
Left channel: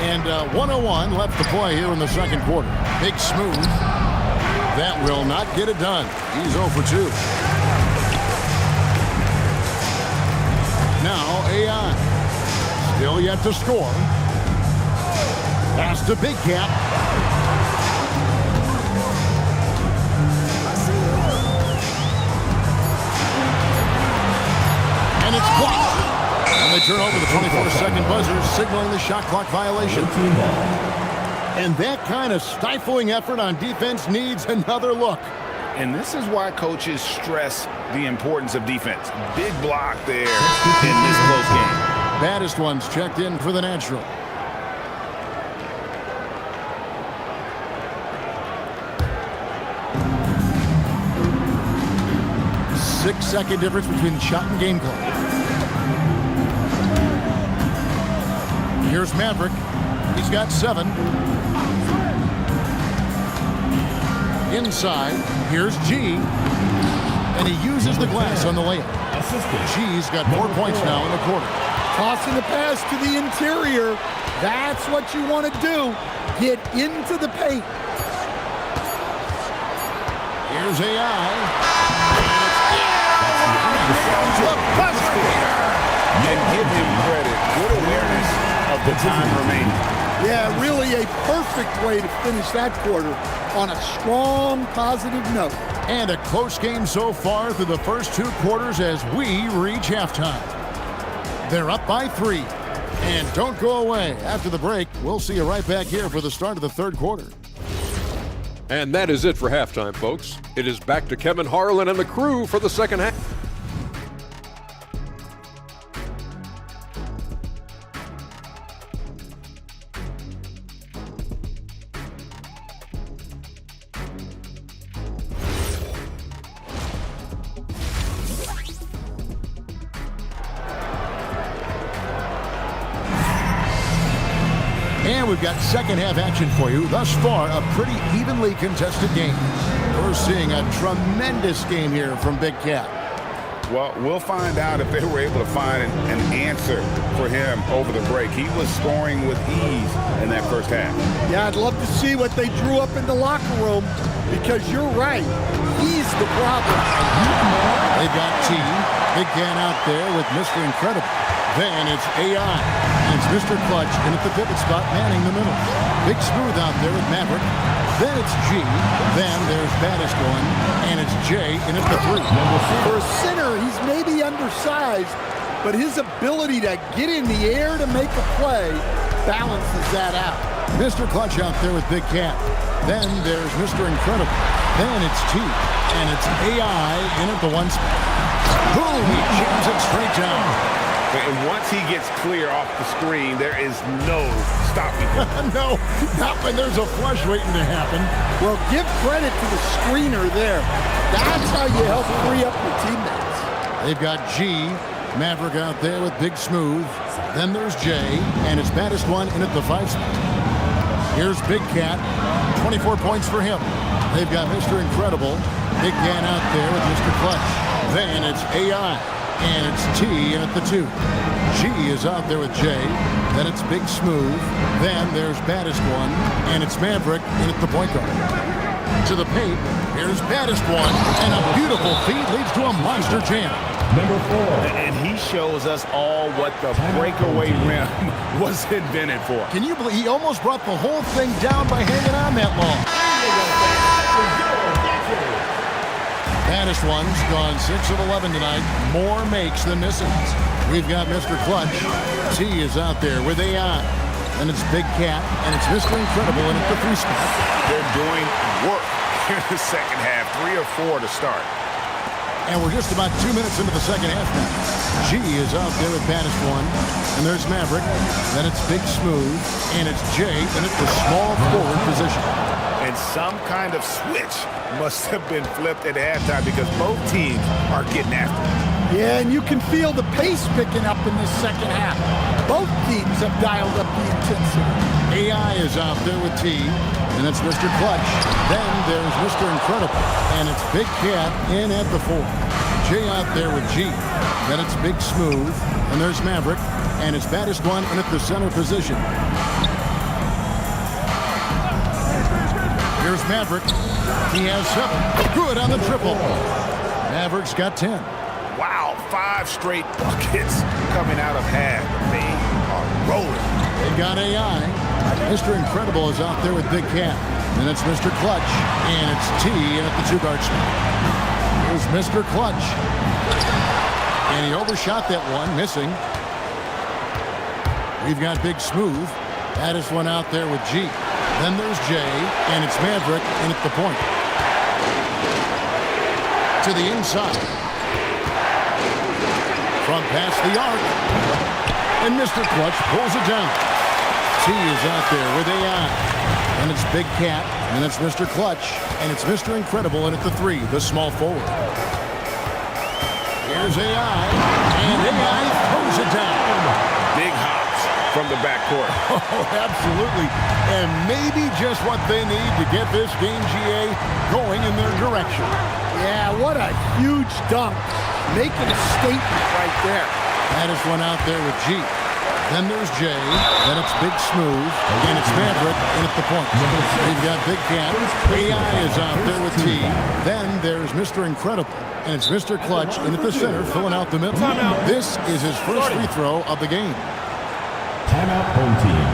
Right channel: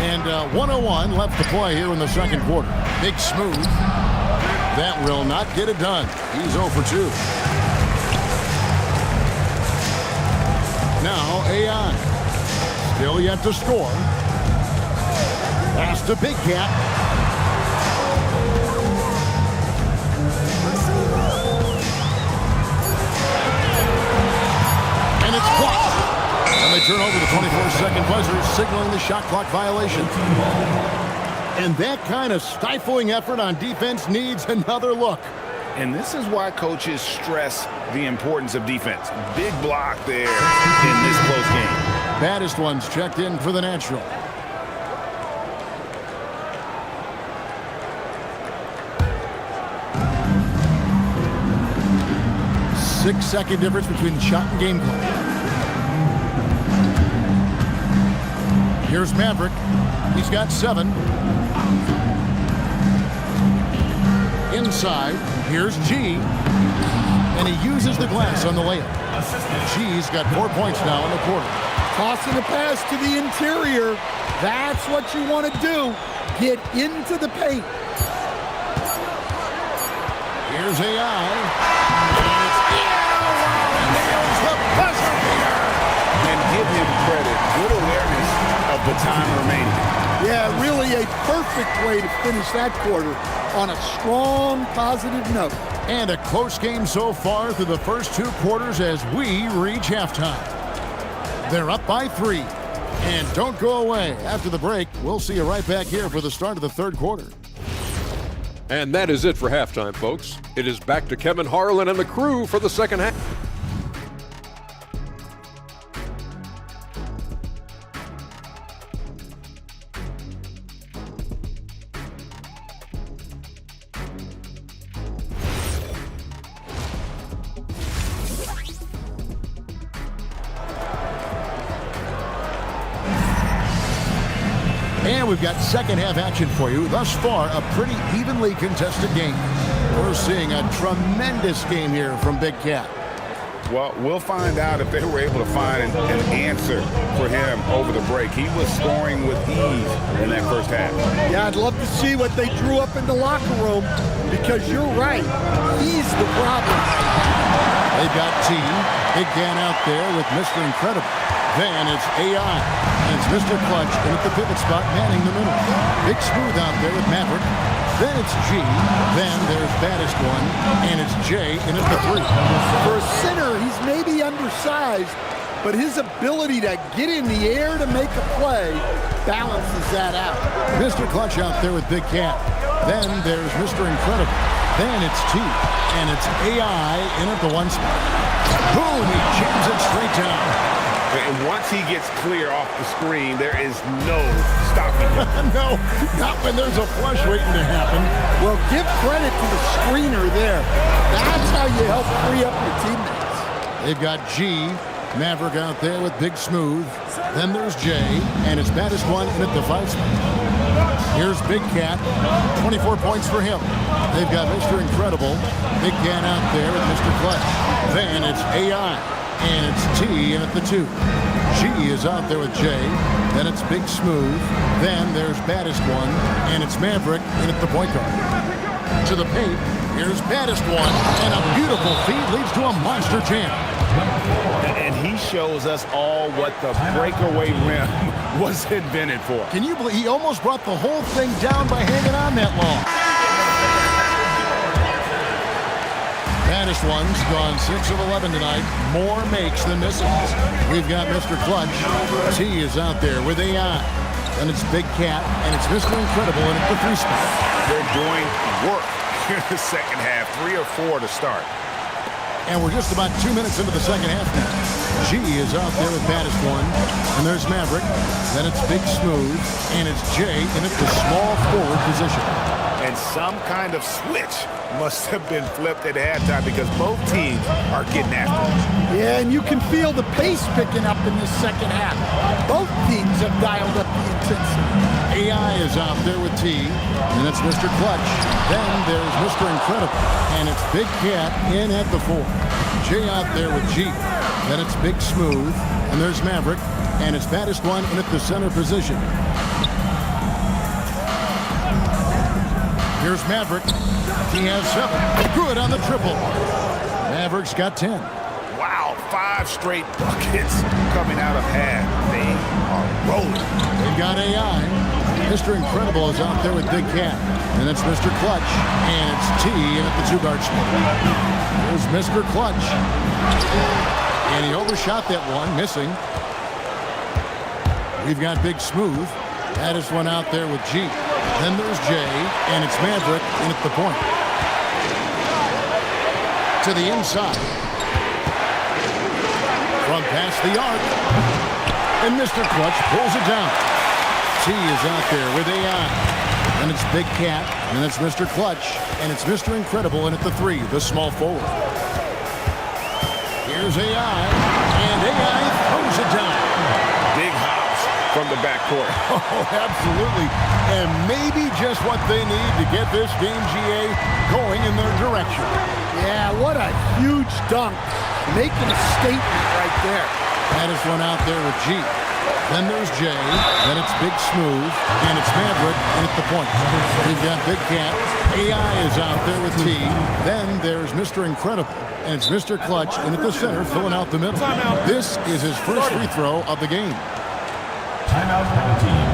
And 1:01 left to play here in the second quarter. Big Smooth. That will not get it done. He's 0 for 2. Now AI. Still yet to score. Pass to Big Cat. And it's blocked. And they turn over the 24-second buzzer, signaling the shot clock violation. And that kind of stifling effort on defense needs another look. And this is why coaches stress the importance of defense. Big block there in this close game. Baddest ones checked in for the natural. Six-second difference between shot and game clock. Here's Maverick. He's got 7. Inside, here's G. And he uses the glass on the layup. G's got 4 points now in the quarter. Tossing a pass to the interior. That's what you want to do. Get into the paint. Here's AI. And it's he nails the buzzer beater. And give him credit. Good awareness of the time remaining. Yeah, really a perfect way to finish that quarter on a strong, positive note. And a close game so far through the first 2 quarters as we reach halftime. They're up by 3. And don't go away. After the break, we'll see you right back here for the start of the third quarter. And that is it for halftime, folks. It is back to Kevin Harlan and the crew for the second half. And we've got second half action for you. Thus far, a pretty evenly contested game. We're seeing a tremendous game here from Big Cat. Well, we'll find out if they were able to find an answer for him over the break. He was scoring with ease in that first half. Yeah, I'd love to see what they drew up in the locker room because you're right. He's the problem right now. They've got T. Big Cat out there with Mr. Incredible. Then it's AI. And it's Mr. Clutch in at the pivot spot, manning the middle. Big Smooth out there with Maverick. Then it's G. Then there's Baddest One. And it's J in at the 3. For a center, he's maybe undersized, but his ability to get in the air to make a play balances that out. Mr. Clutch out there with Big Cat. Then there's Mr. Incredible. Then it's T. And it's AI in at the 1 spot. Boom! He jams it straight down. And once he gets clear off the screen, there is no stopping him. No, not when there's a flush waiting to happen. Well, give credit to the screener there. That's how you help free up your teammates. They've got G, Maverick out there with Big Smooth. Then there's J, and his baddest one in at the 5 spot. Here's Big Cat, 24 points for him. They've got Mr. Incredible, Big Cat out there with Mr. Clutch. Then it's AI, and it's T in at the 2. G is out there with J. Then it's Big Smooth. Then there's baddest one, and it's Maverick in at the point guard. To the paint, here's baddest one, and a beautiful feed leads to a monster jam. Number 4. And he shows us all what the breakaway rim was invented for. Can you believe he almost brought the whole thing down by hanging on that long? Baddest one's gone 6 of 11 tonight. More makes than misses. We've got Mr. Clutch. T is out there with AI. Then it's Big Cat, and it's Mr. Incredible in at the 3 spot. They're doing work here in the second half. 3 or 4 to start. And we're just about 2 minutes into the second half now. G is out there with baddest one. And there's Maverick. Then it's Big Smooth. And it's J in at the small forward position. And some kind of switch must have been flipped at halftime because both teams are getting after it. Yeah, and you can feel the pace picking up in this second half. Both teams have dialed up the intensity. AI is out there with T, and it's Mr. Clutch. Then there's Mr. Incredible, and it's Big Cat in at the 4. J out there with G. Then it's Big Smooth, and there's Maverick, and it's baddest one in at the center position. Here's Maverick. He has 7. Good on the triple. Maverick's got 10. Wow, 5 straight buckets coming out of half. They are rolling. They've got AI. Mr. Incredible is out there with Big Cat. Then it's Mr. Clutch, and it's T in at the 2-guard spot. Here's Mr. Clutch. And he overshot that one, missing. We've got Big Smooth. Baddest one out there with G. Then there's J, and it's Maverick in at the point. To the inside. From past the arc. And Mr. Clutch pulls it down. T is out there with AI. And it's Big Cat, and it's Mr. Clutch, and it's Mr. Incredible in at the 3, the small forward. Here's AI, and AI throws it down. Big hops from the backcourt. Oh, absolutely. And maybe just what they need to get this game, GA, going in their direction. Yeah, what a huge dunk. Making a statement right there. Baddest one out there with G. Then there's J. Then it's Big Smooth. And it's Maverick in at the point. We've got Big Cat. AI is out there with T. Then there's Mr. Incredible. And it's Mr. Clutch in at the center, filling out the middle. Timeout. This is his first free throw of the game. Timeout, home team.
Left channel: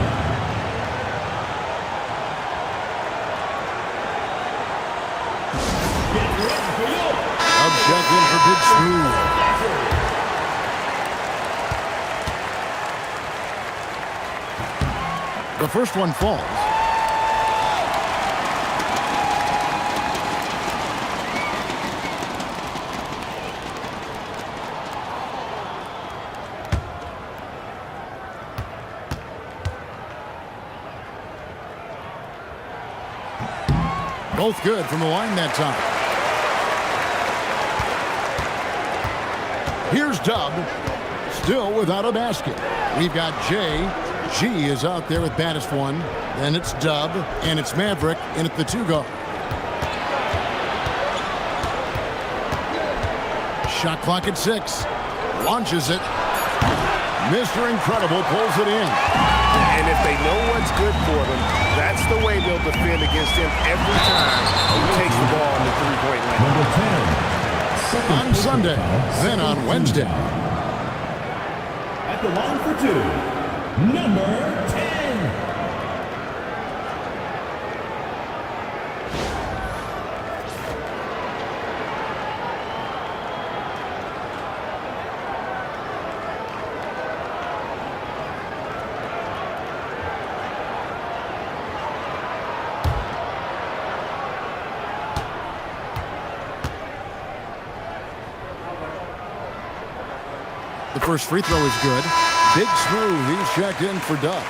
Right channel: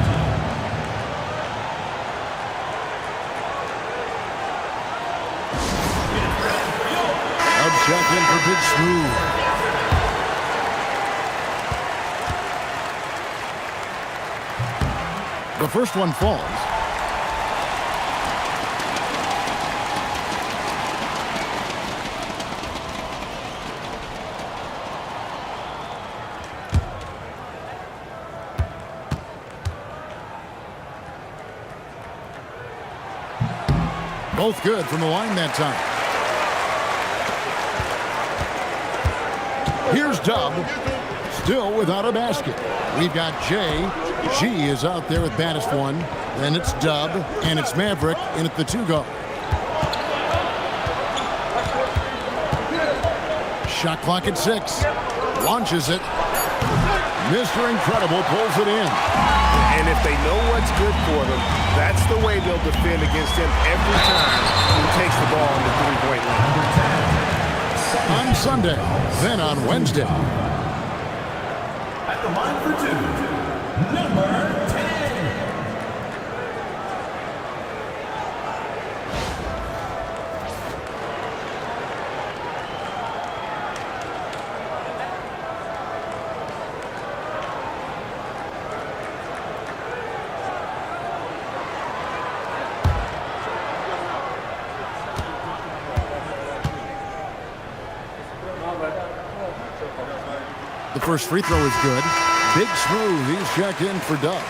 Up shot in for Big Smooth. The first one falls. Both good from the line that time. Here's Dub, still without a basket. We've got J. G is out there with baddest one. Then it's Dub, and it's Maverick in at the 2-guard. Shot clock at 6. Launches it. Mr. Incredible pulls it in. And if they know what's good for them, that's the way they'll defend against him every time he takes the ball in the 3-point lane. Number 10. On Sunday, then on Wednesday. At the line for 2, number 10. The first free throw is good. Big Smooth, he's checked in for Doug.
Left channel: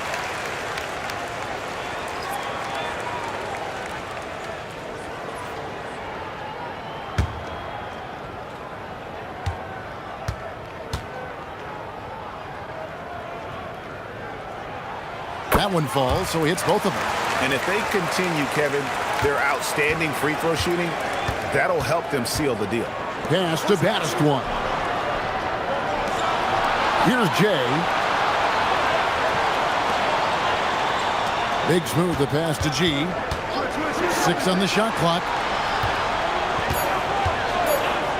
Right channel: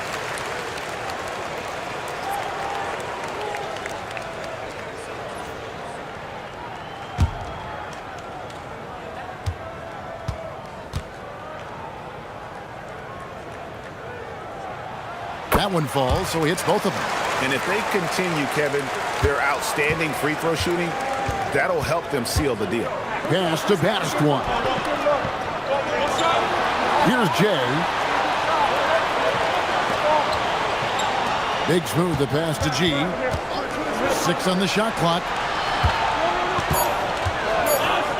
That one falls, so he hits both of them. And if they continue, Kevin, their outstanding free throw shooting, that'll help them seal the deal. Pass to baddest one. Here's Jay. Big Smooth, the pass to G. 6 on the shot clock.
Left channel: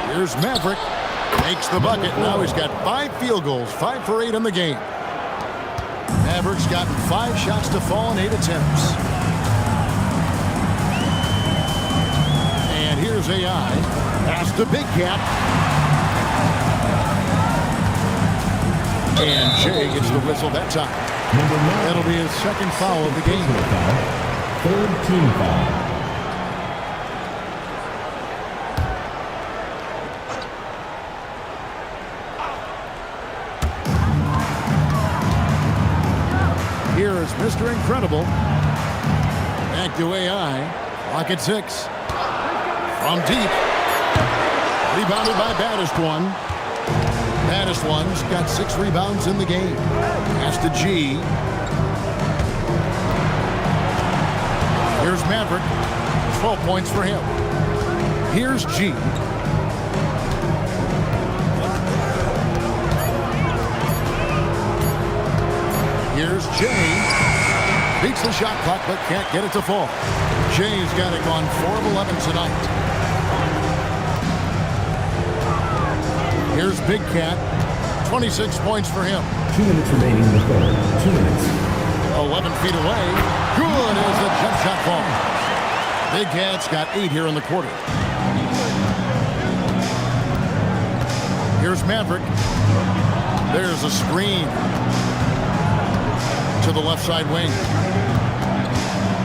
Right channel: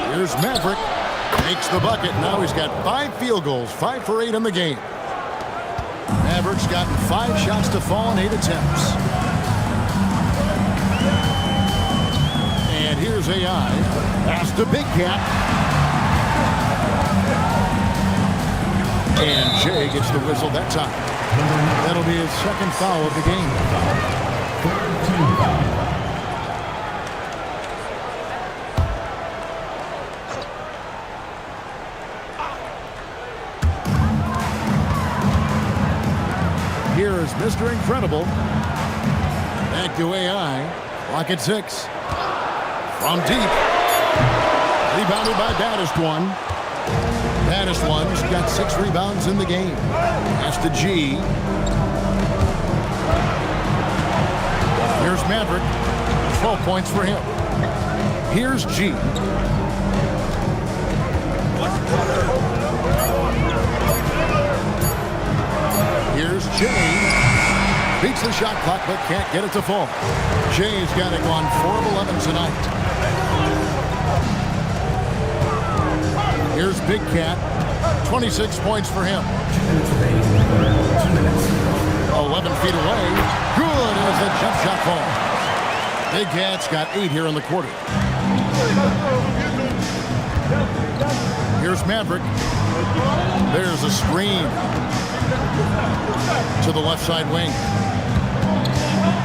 Here's Maverick. Makes the bucket. Now he's got 5 field goals, 5 for 8 in the game. Maverick's gotten 5 shots to fall in 8 attempts. And here's AI. Pass to Big Cat. And Jay gets the whistle that time. That'll be his second foul of the game. Third team foul. Here is Mr. Incredible. Back to AI. Clock at 6. From deep. Rebounded by baddest one. Baddest one's got 6 rebounds in the game. Pass to G. Here's Maverick. 12 points for him. Here's G. Here's Jay. Beats the shot clock but can't get it to fall. Jay's got it gone 4 of 11 tonight. Here's Big Cat. 26 points for him. 2 minutes remaining in the third. 2 minutes. 11 feet away. Good as the jump shot falls. Big Cat's got 8 here in the quarter. Here's Maverick. There's a screen to the left side wing.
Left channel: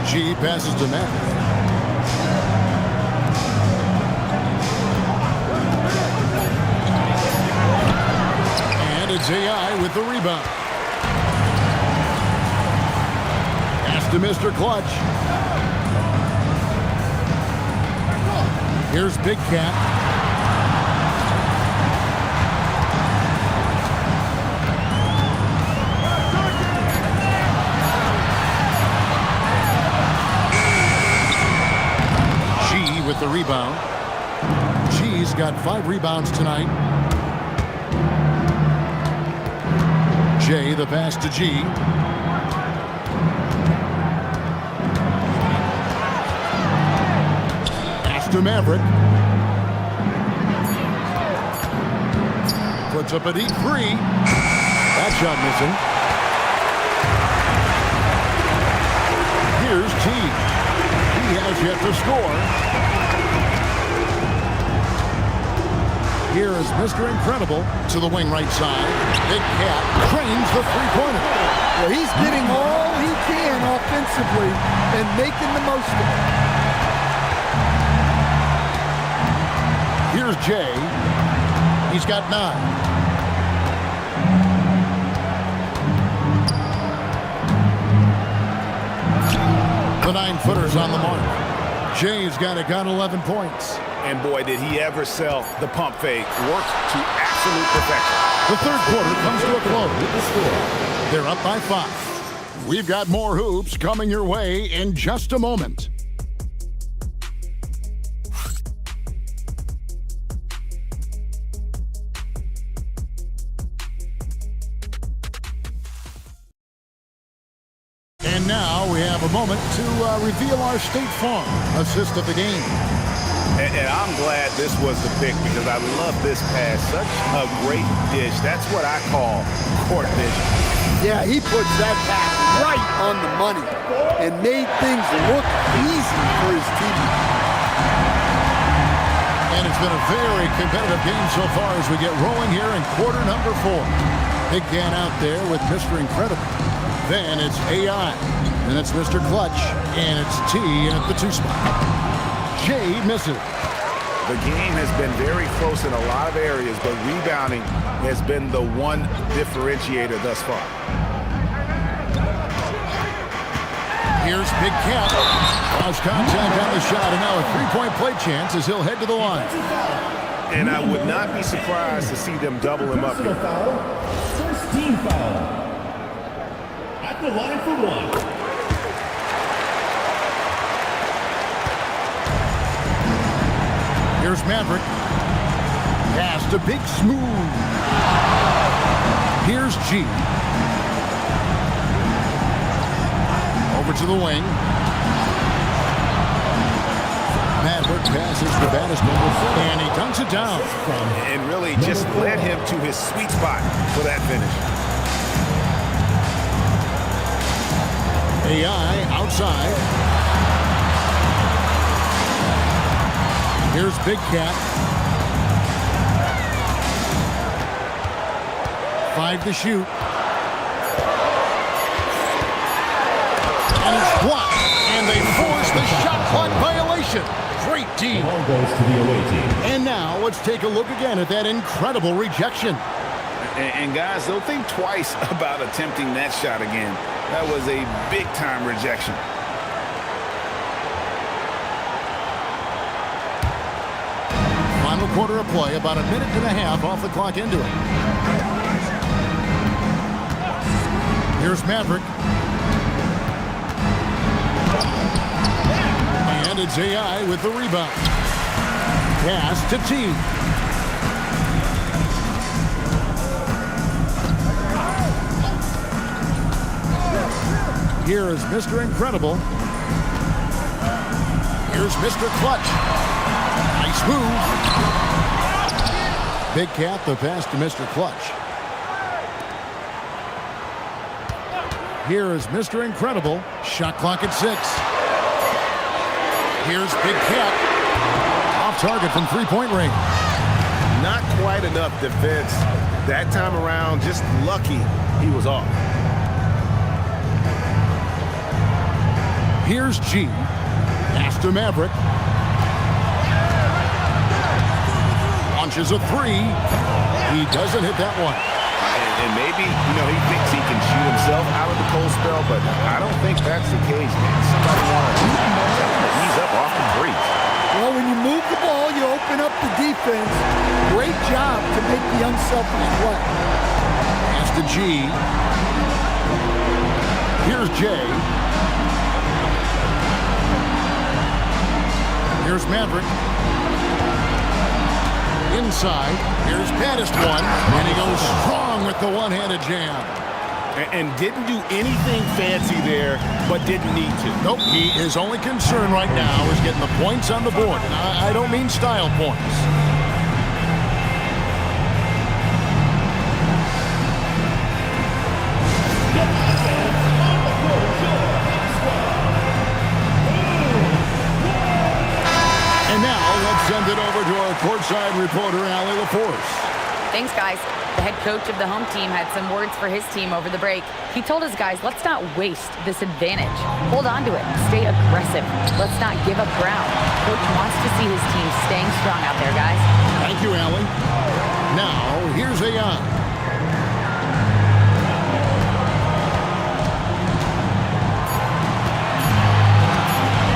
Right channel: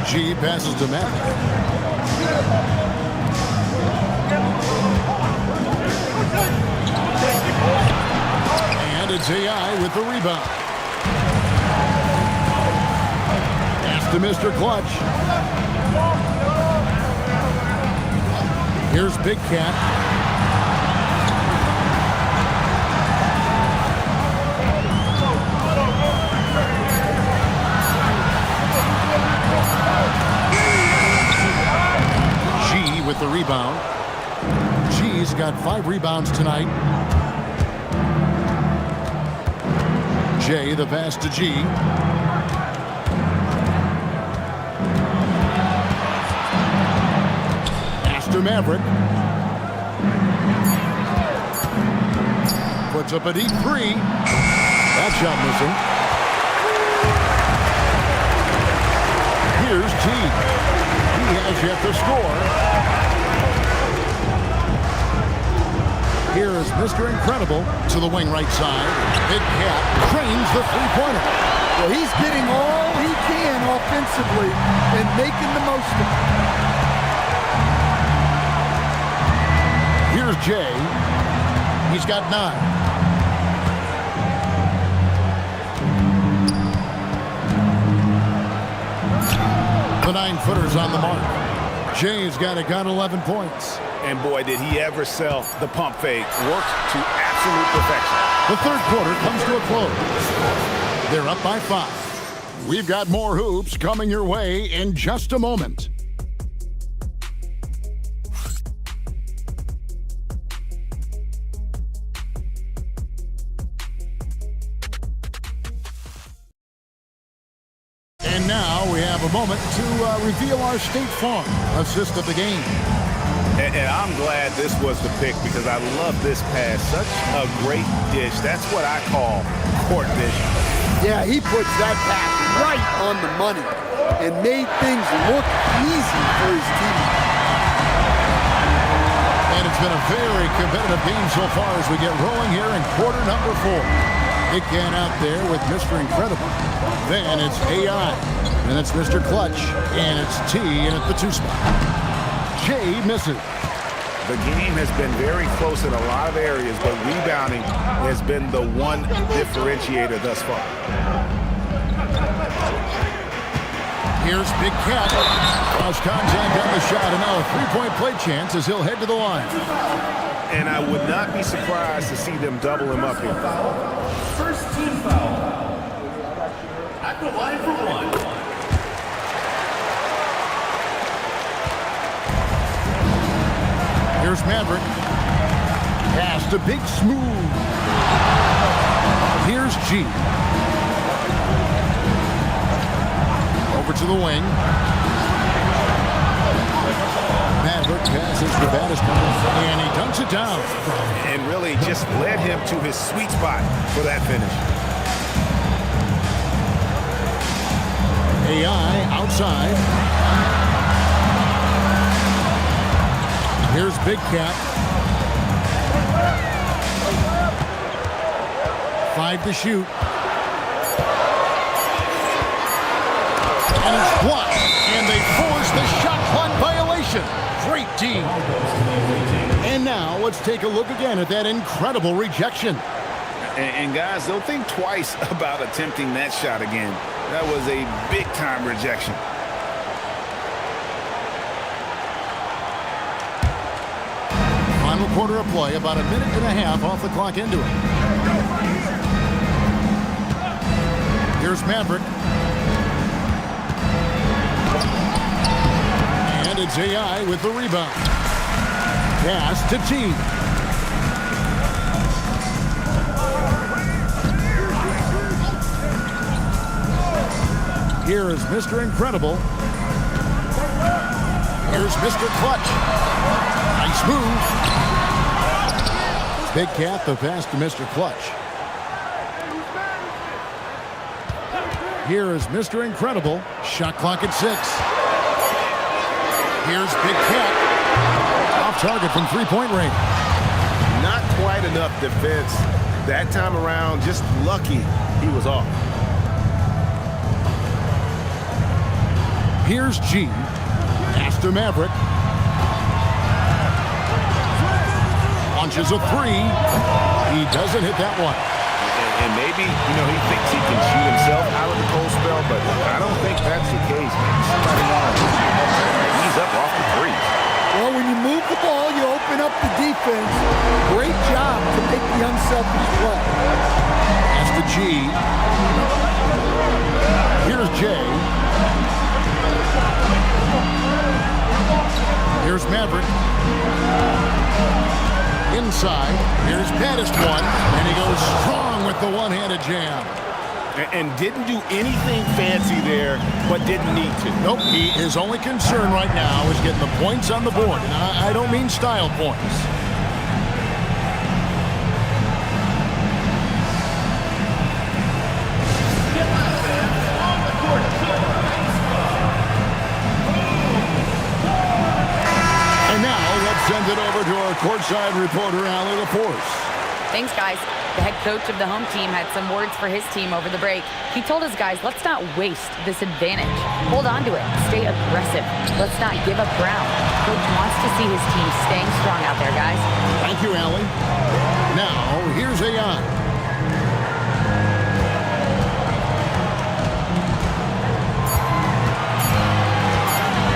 G passes to Maverick. And it's AI with the rebound. Pass to Mr. Clutch. Here's Big Cat. G with the rebound. G's got 5 rebounds tonight. Jay, the pass to G. Pass to Maverick. Puts up a deep 3. That shot missing. Here's T. He has yet to score. Here is Mr. Incredible to the wing right side. Big Cat trains the three-pointer. Well, he's getting all he can offensively and making the most of it. Here's Jay. He's got 9. The 9-footer's on the mark. Jay's got 11 points. And boy, did he ever sell the pump fake. Worked to absolute perfection. The third quarter comes to a close. They're up by 5. We've got more hoops coming your way in just a moment. And now we have a moment to reveal our State Farm assist of the game. And I'm glad this was the pick because I love this pass. Such a great dish. That's what I call court vision. Yeah, he puts that pass right on the money and made things look easy for his teammates. And it's been a very competitive game so far as we get rolling here in quarter number 4. Big Cat out there with Mr. Incredible. Then it's AI. Then it's Mr. Clutch. And it's T in at the 2 spot. Jay misses. The game has been very close in a lot of areas, but rebounding has been the one differentiator thus far. Here's Big Cat. Lost contact on the shot, and now a three-point play chance as he'll head to the line. And I would not be surprised to see them double him up here. First team foul. At the line for one. Here's Maverick. Pass to Big Smooth. Here's G. Over to the wing. Maverick passes to Battiston, and he dunks it down. And really just led him to his sweet spot for that finish. AI outside. Here's Big Cat. 5 to shoot. And it's blocked. And they force the shot clock violation. Great D. Ball goes to the away team. And now let's take a look again at that incredible rejection. And guys, they'll think twice about attempting that shot again. That was a big-time rejection. Final quarter of play, about a minute and a half off the clock into it. Here's Maverick. And it's AI with the rebound. Pass to T. Here is Mr. Incredible. Here's Mr. Clutch. Nice move. Big Cat, the pass to Mr. Clutch. Here is Mr. Incredible. Shot clock at 6. Here's Big Cat. Off target from three-point range. Not quite enough defense. That time around, just lucky he was off. Here's G. Pass to Maverick. Launches a 3. He doesn't hit that one. And maybe, he thinks he can shoot himself out of the cold spell, but I don't think that's the case. Maybe somebody wants to tell him to ease up off the threes. Well, when you move the ball, you open up the defense. Great job to make the unselfish play. Pass to G. Here's J. Here's Maverick. Inside. Here's Battiston, and he goes strong with the one-handed jam. And didn't do anything fancy there, but didn't need to. Nope. His only concern right now is getting the points on the board. And I don't mean style points. And now let's send it over to our courtside reporter, Allie LaForce. Thanks, guys. The head coach of the home team had some words for his team over the break. He told his guys, let's not waste this advantage. Hold on to it. Stay aggressive. Let's not give up ground. Coach wants to see his team staying strong out there, guys. Thank you, Allie. Now, here's AI.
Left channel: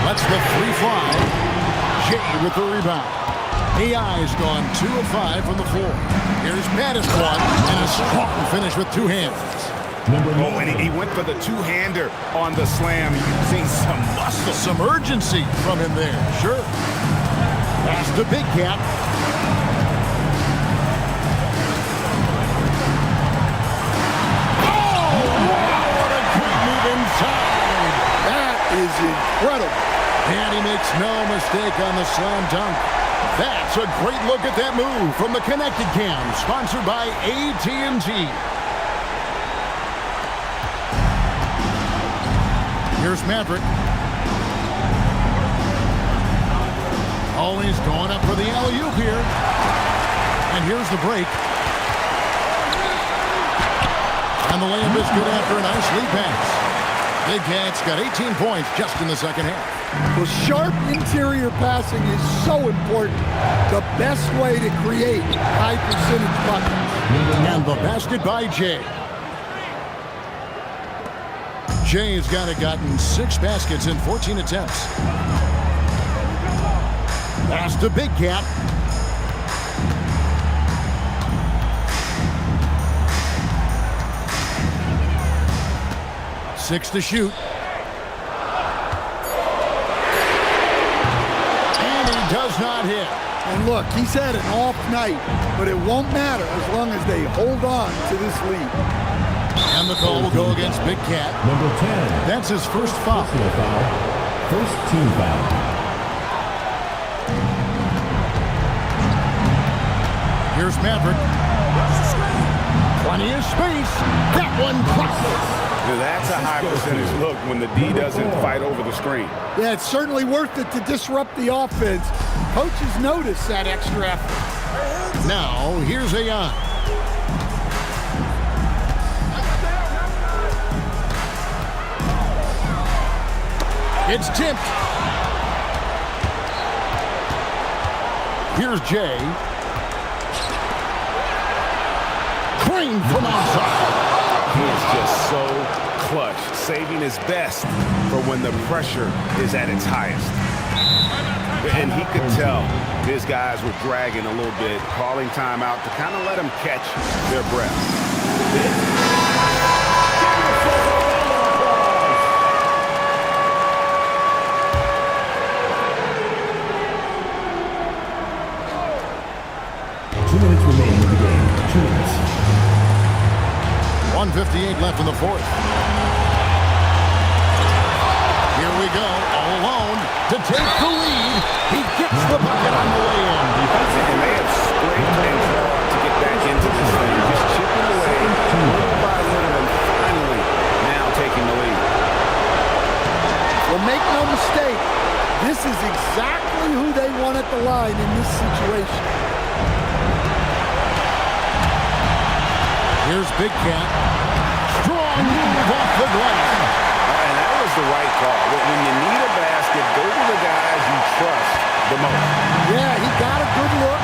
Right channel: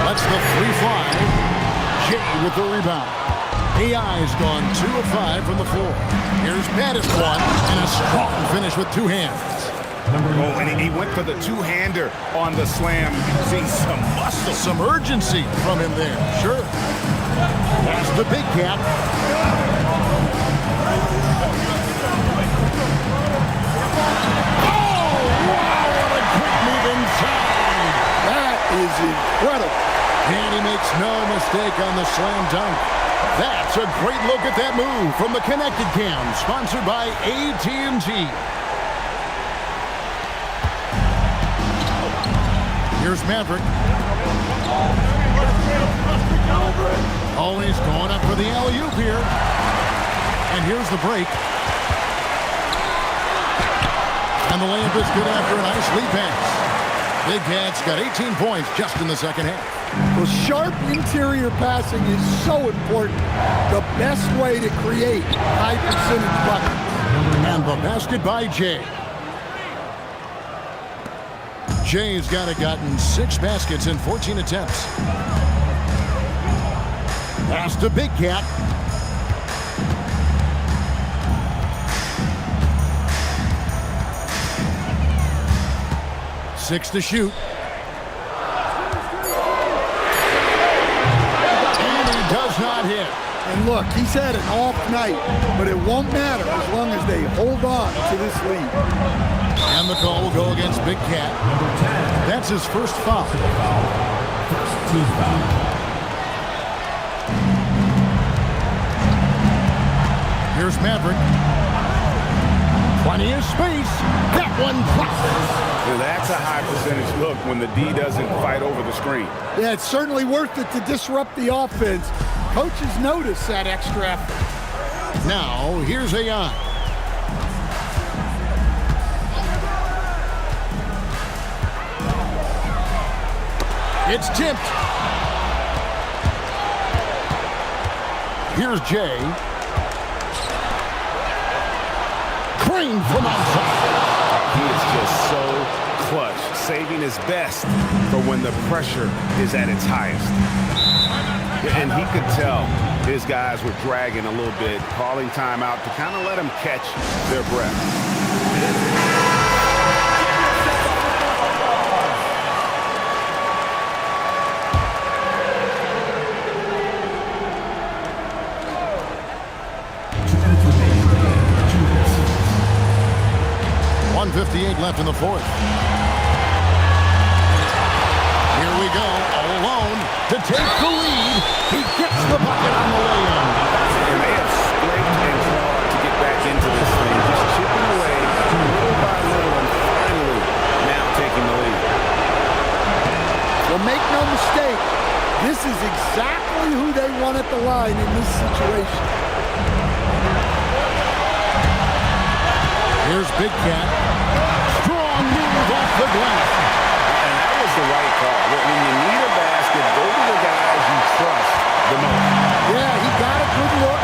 Lets the 3 fly. Jay with the rebound. AI's gone 2 of 5 from the floor. Here's Battiston, and a strong finish with 2 hands. And he went for the two-hander on the slam, using some muscle. Some urgency from him there, sure. Pass to Big Cat. Oh, wow, what a great move inside. That is incredible. And he makes no mistake on the slam dunk. That's a great look at that move from the Connected Cam, sponsored by AT&T. Here's Maverick. Oh, he's going up for the alley-oop here. And here's the break. And the layup is good after a nice lead pass. Big Cat's got 18 points just in the second half. Well, sharp interior passing is so important. The best way to create high percentage buckets. And the basket by Jay. Jay's gotten 6 baskets in 14 attempts. Pass to Big Cat. Six to shoot. And he does not hit. And look, he's had an off night, but it won't matter as long as they hold on to this lead. And the call will go against Big Cat. Number 10. That's his first foul. First team foul. Here's Maverick. Plenty of space. That one drops. Now that's a high percentage look when the D doesn't fight over the screen. Yeah, it's certainly worth it to disrupt the offense. Coaches notice that extra effort. Now, here's Ayan. It's tipped. Here's Jay. Crane from outside. He is just so clutch, saving his best for when the pressure is at its highest. And he could tell his guys were dragging a little bit, calling timeout to kind of let them catch their breath. 2 minutes remaining in the game. 2 minutes. 1:58 left in the fourth. Here we go, all alone to take the lead. He gets the bucket on the way-in. And they have scraped and clawed to get back into this thing, just chipping away little by little and finally now taking the lead. Well, make no mistake, this is exactly who they want at the line in this situation. Here's Big Cat. Strong move off the glass. And that was the right call. When you need a basket, go to the guys you trust the most. Yeah, he got a good look,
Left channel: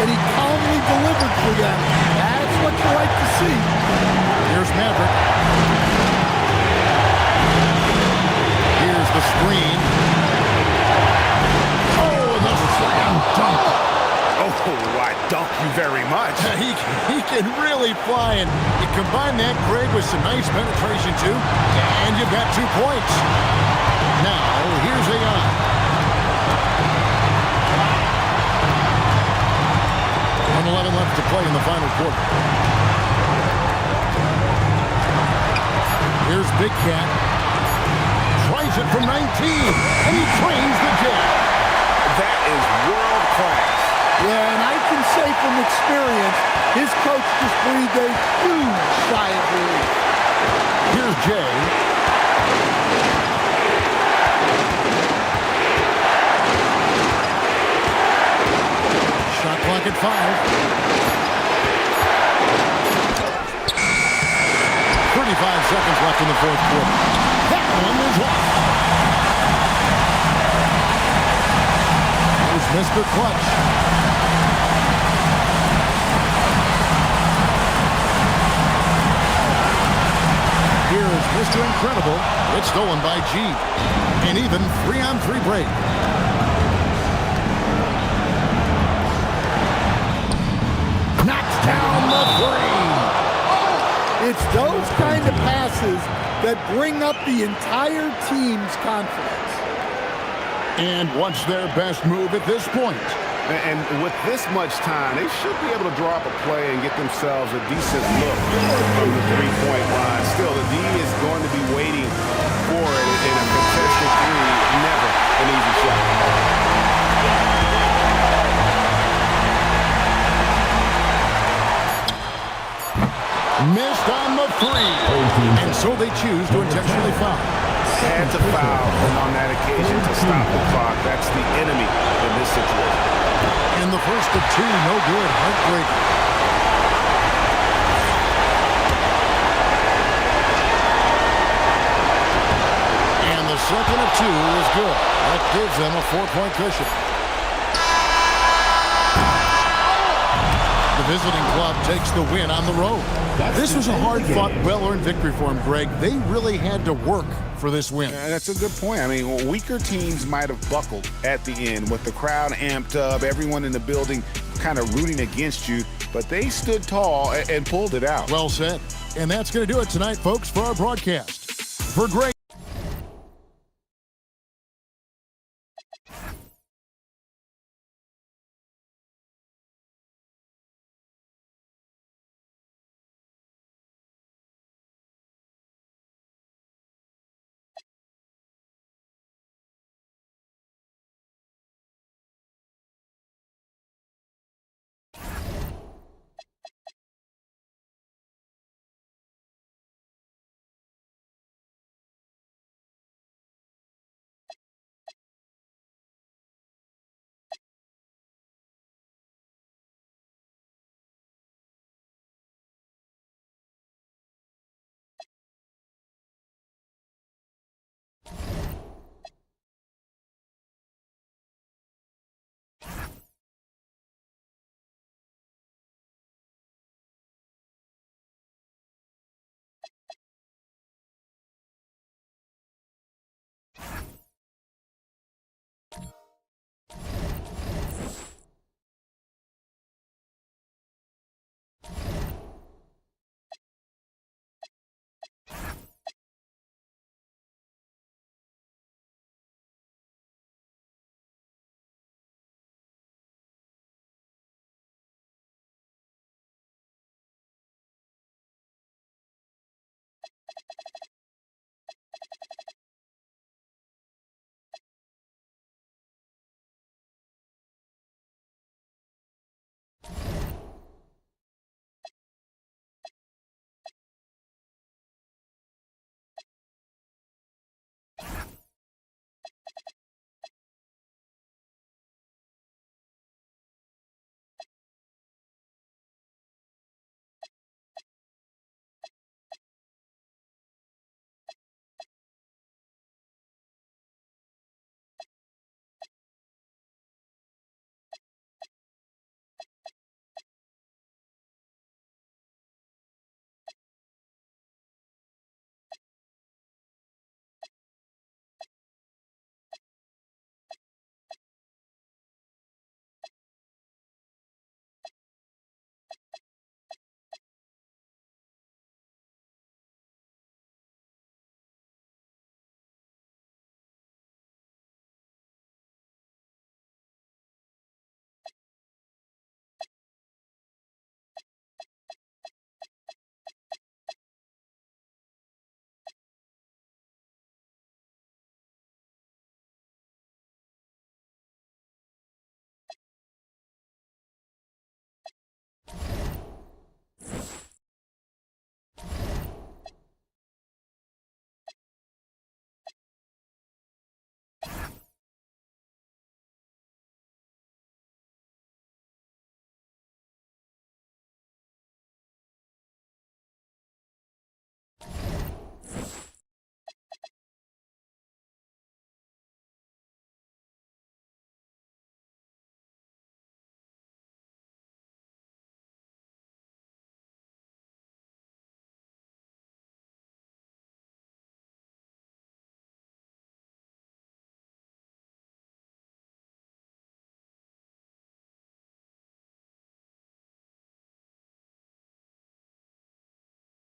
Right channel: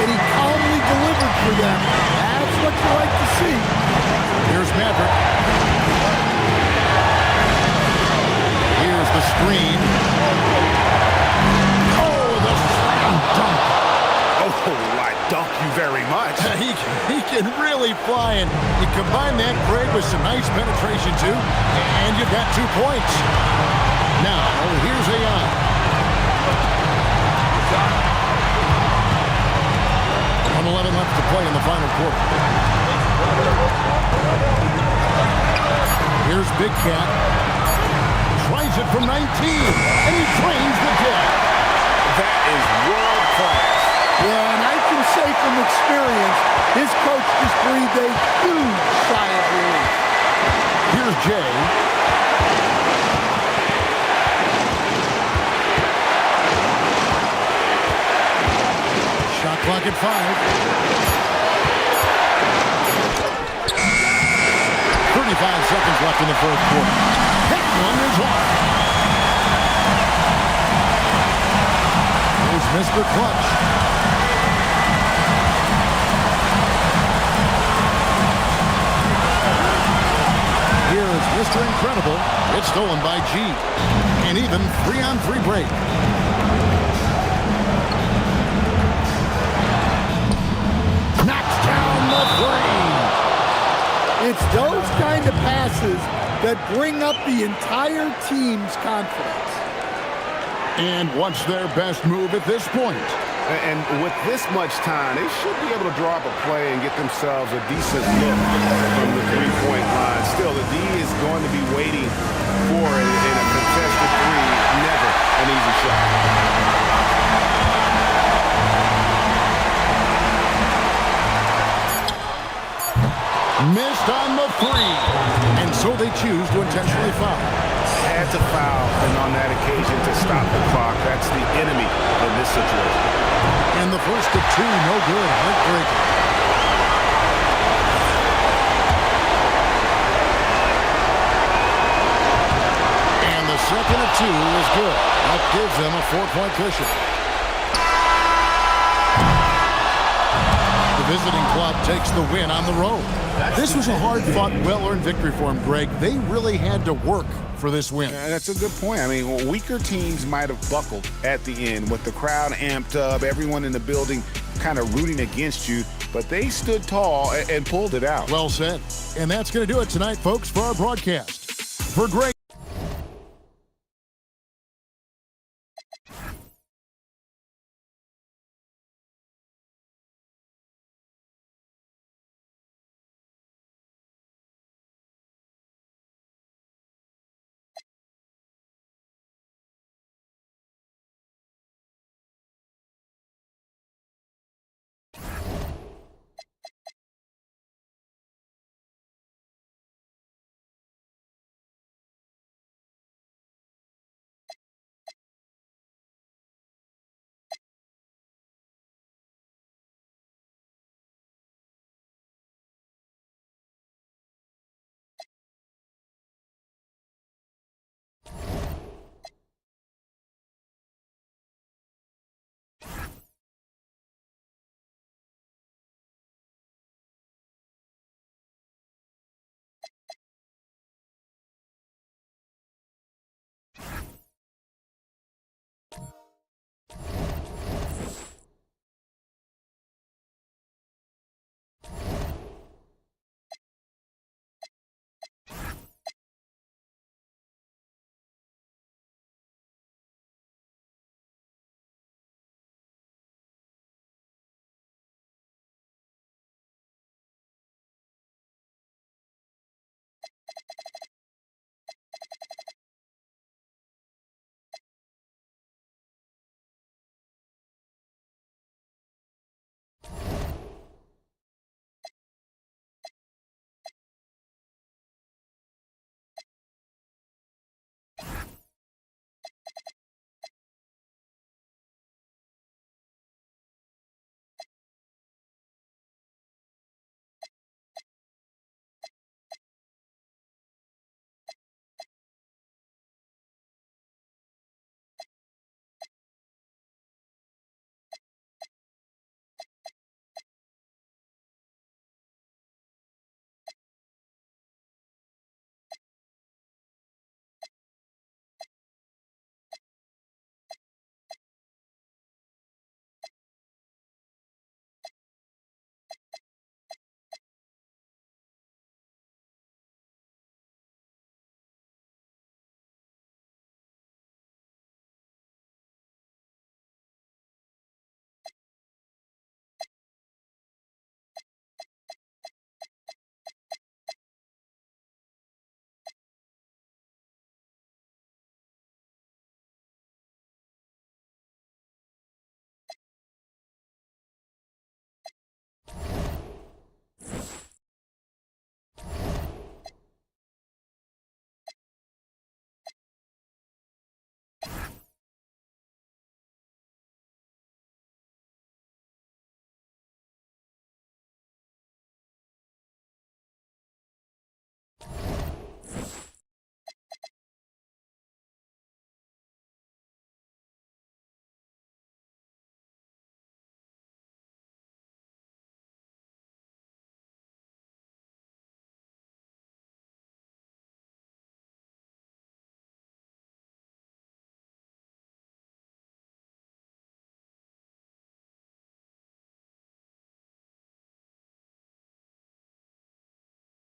and he calmly delivered for them. That's what you like to see. Here's Maverick. Here's the screen. Oh, the slam dunk. Oh, I dunk you very much. He can really fly, and you combine that, Greg, with some nice penetration, too, and you've got 2 points. Now, here's Ayan. 1:11 left to play in the final quarter. Here's Big Cat. Tries it from 19, and he trains the jab. That is world class. Yeah, and I can say from experience, his coach just breathed a huge sigh of relief. Here's Jay. Shot clock at 5. 35 seconds left in the fourth quarter. That one is off. Here's Mr. Clutch. Here is Mr. Incredible. It's stolen by G. An even 3-on-3 break. Knocks down the 3. It's those kind of passes that bring up the entire team's confidence. And what's their best move at this point? And with this much time, they should be able to draw up a play and get themselves a decent look from the three-point line. Still, the D is going to be waiting for it in a contested three. Never an easy shot. Missed on the 3. And so they choose to intentionally foul. Had to foul, and on that occasion to stop the clock. That's the enemy in this situation. And the first of 2, no good. Heartbreaking. And the second of 2 is good. That gives them a 4-point cushion. The visiting club takes the win on the road. This was a hard-fought, well-earned victory for them, Greg. They really had to work for this win. That's a good point. I mean, weaker teams might have buckled at the end with the crowd amped up, everyone in the building kind of rooting against you, but they stood tall and pulled it out. Well said. And that's going to do it tonight, folks, for our broadcast. For Greg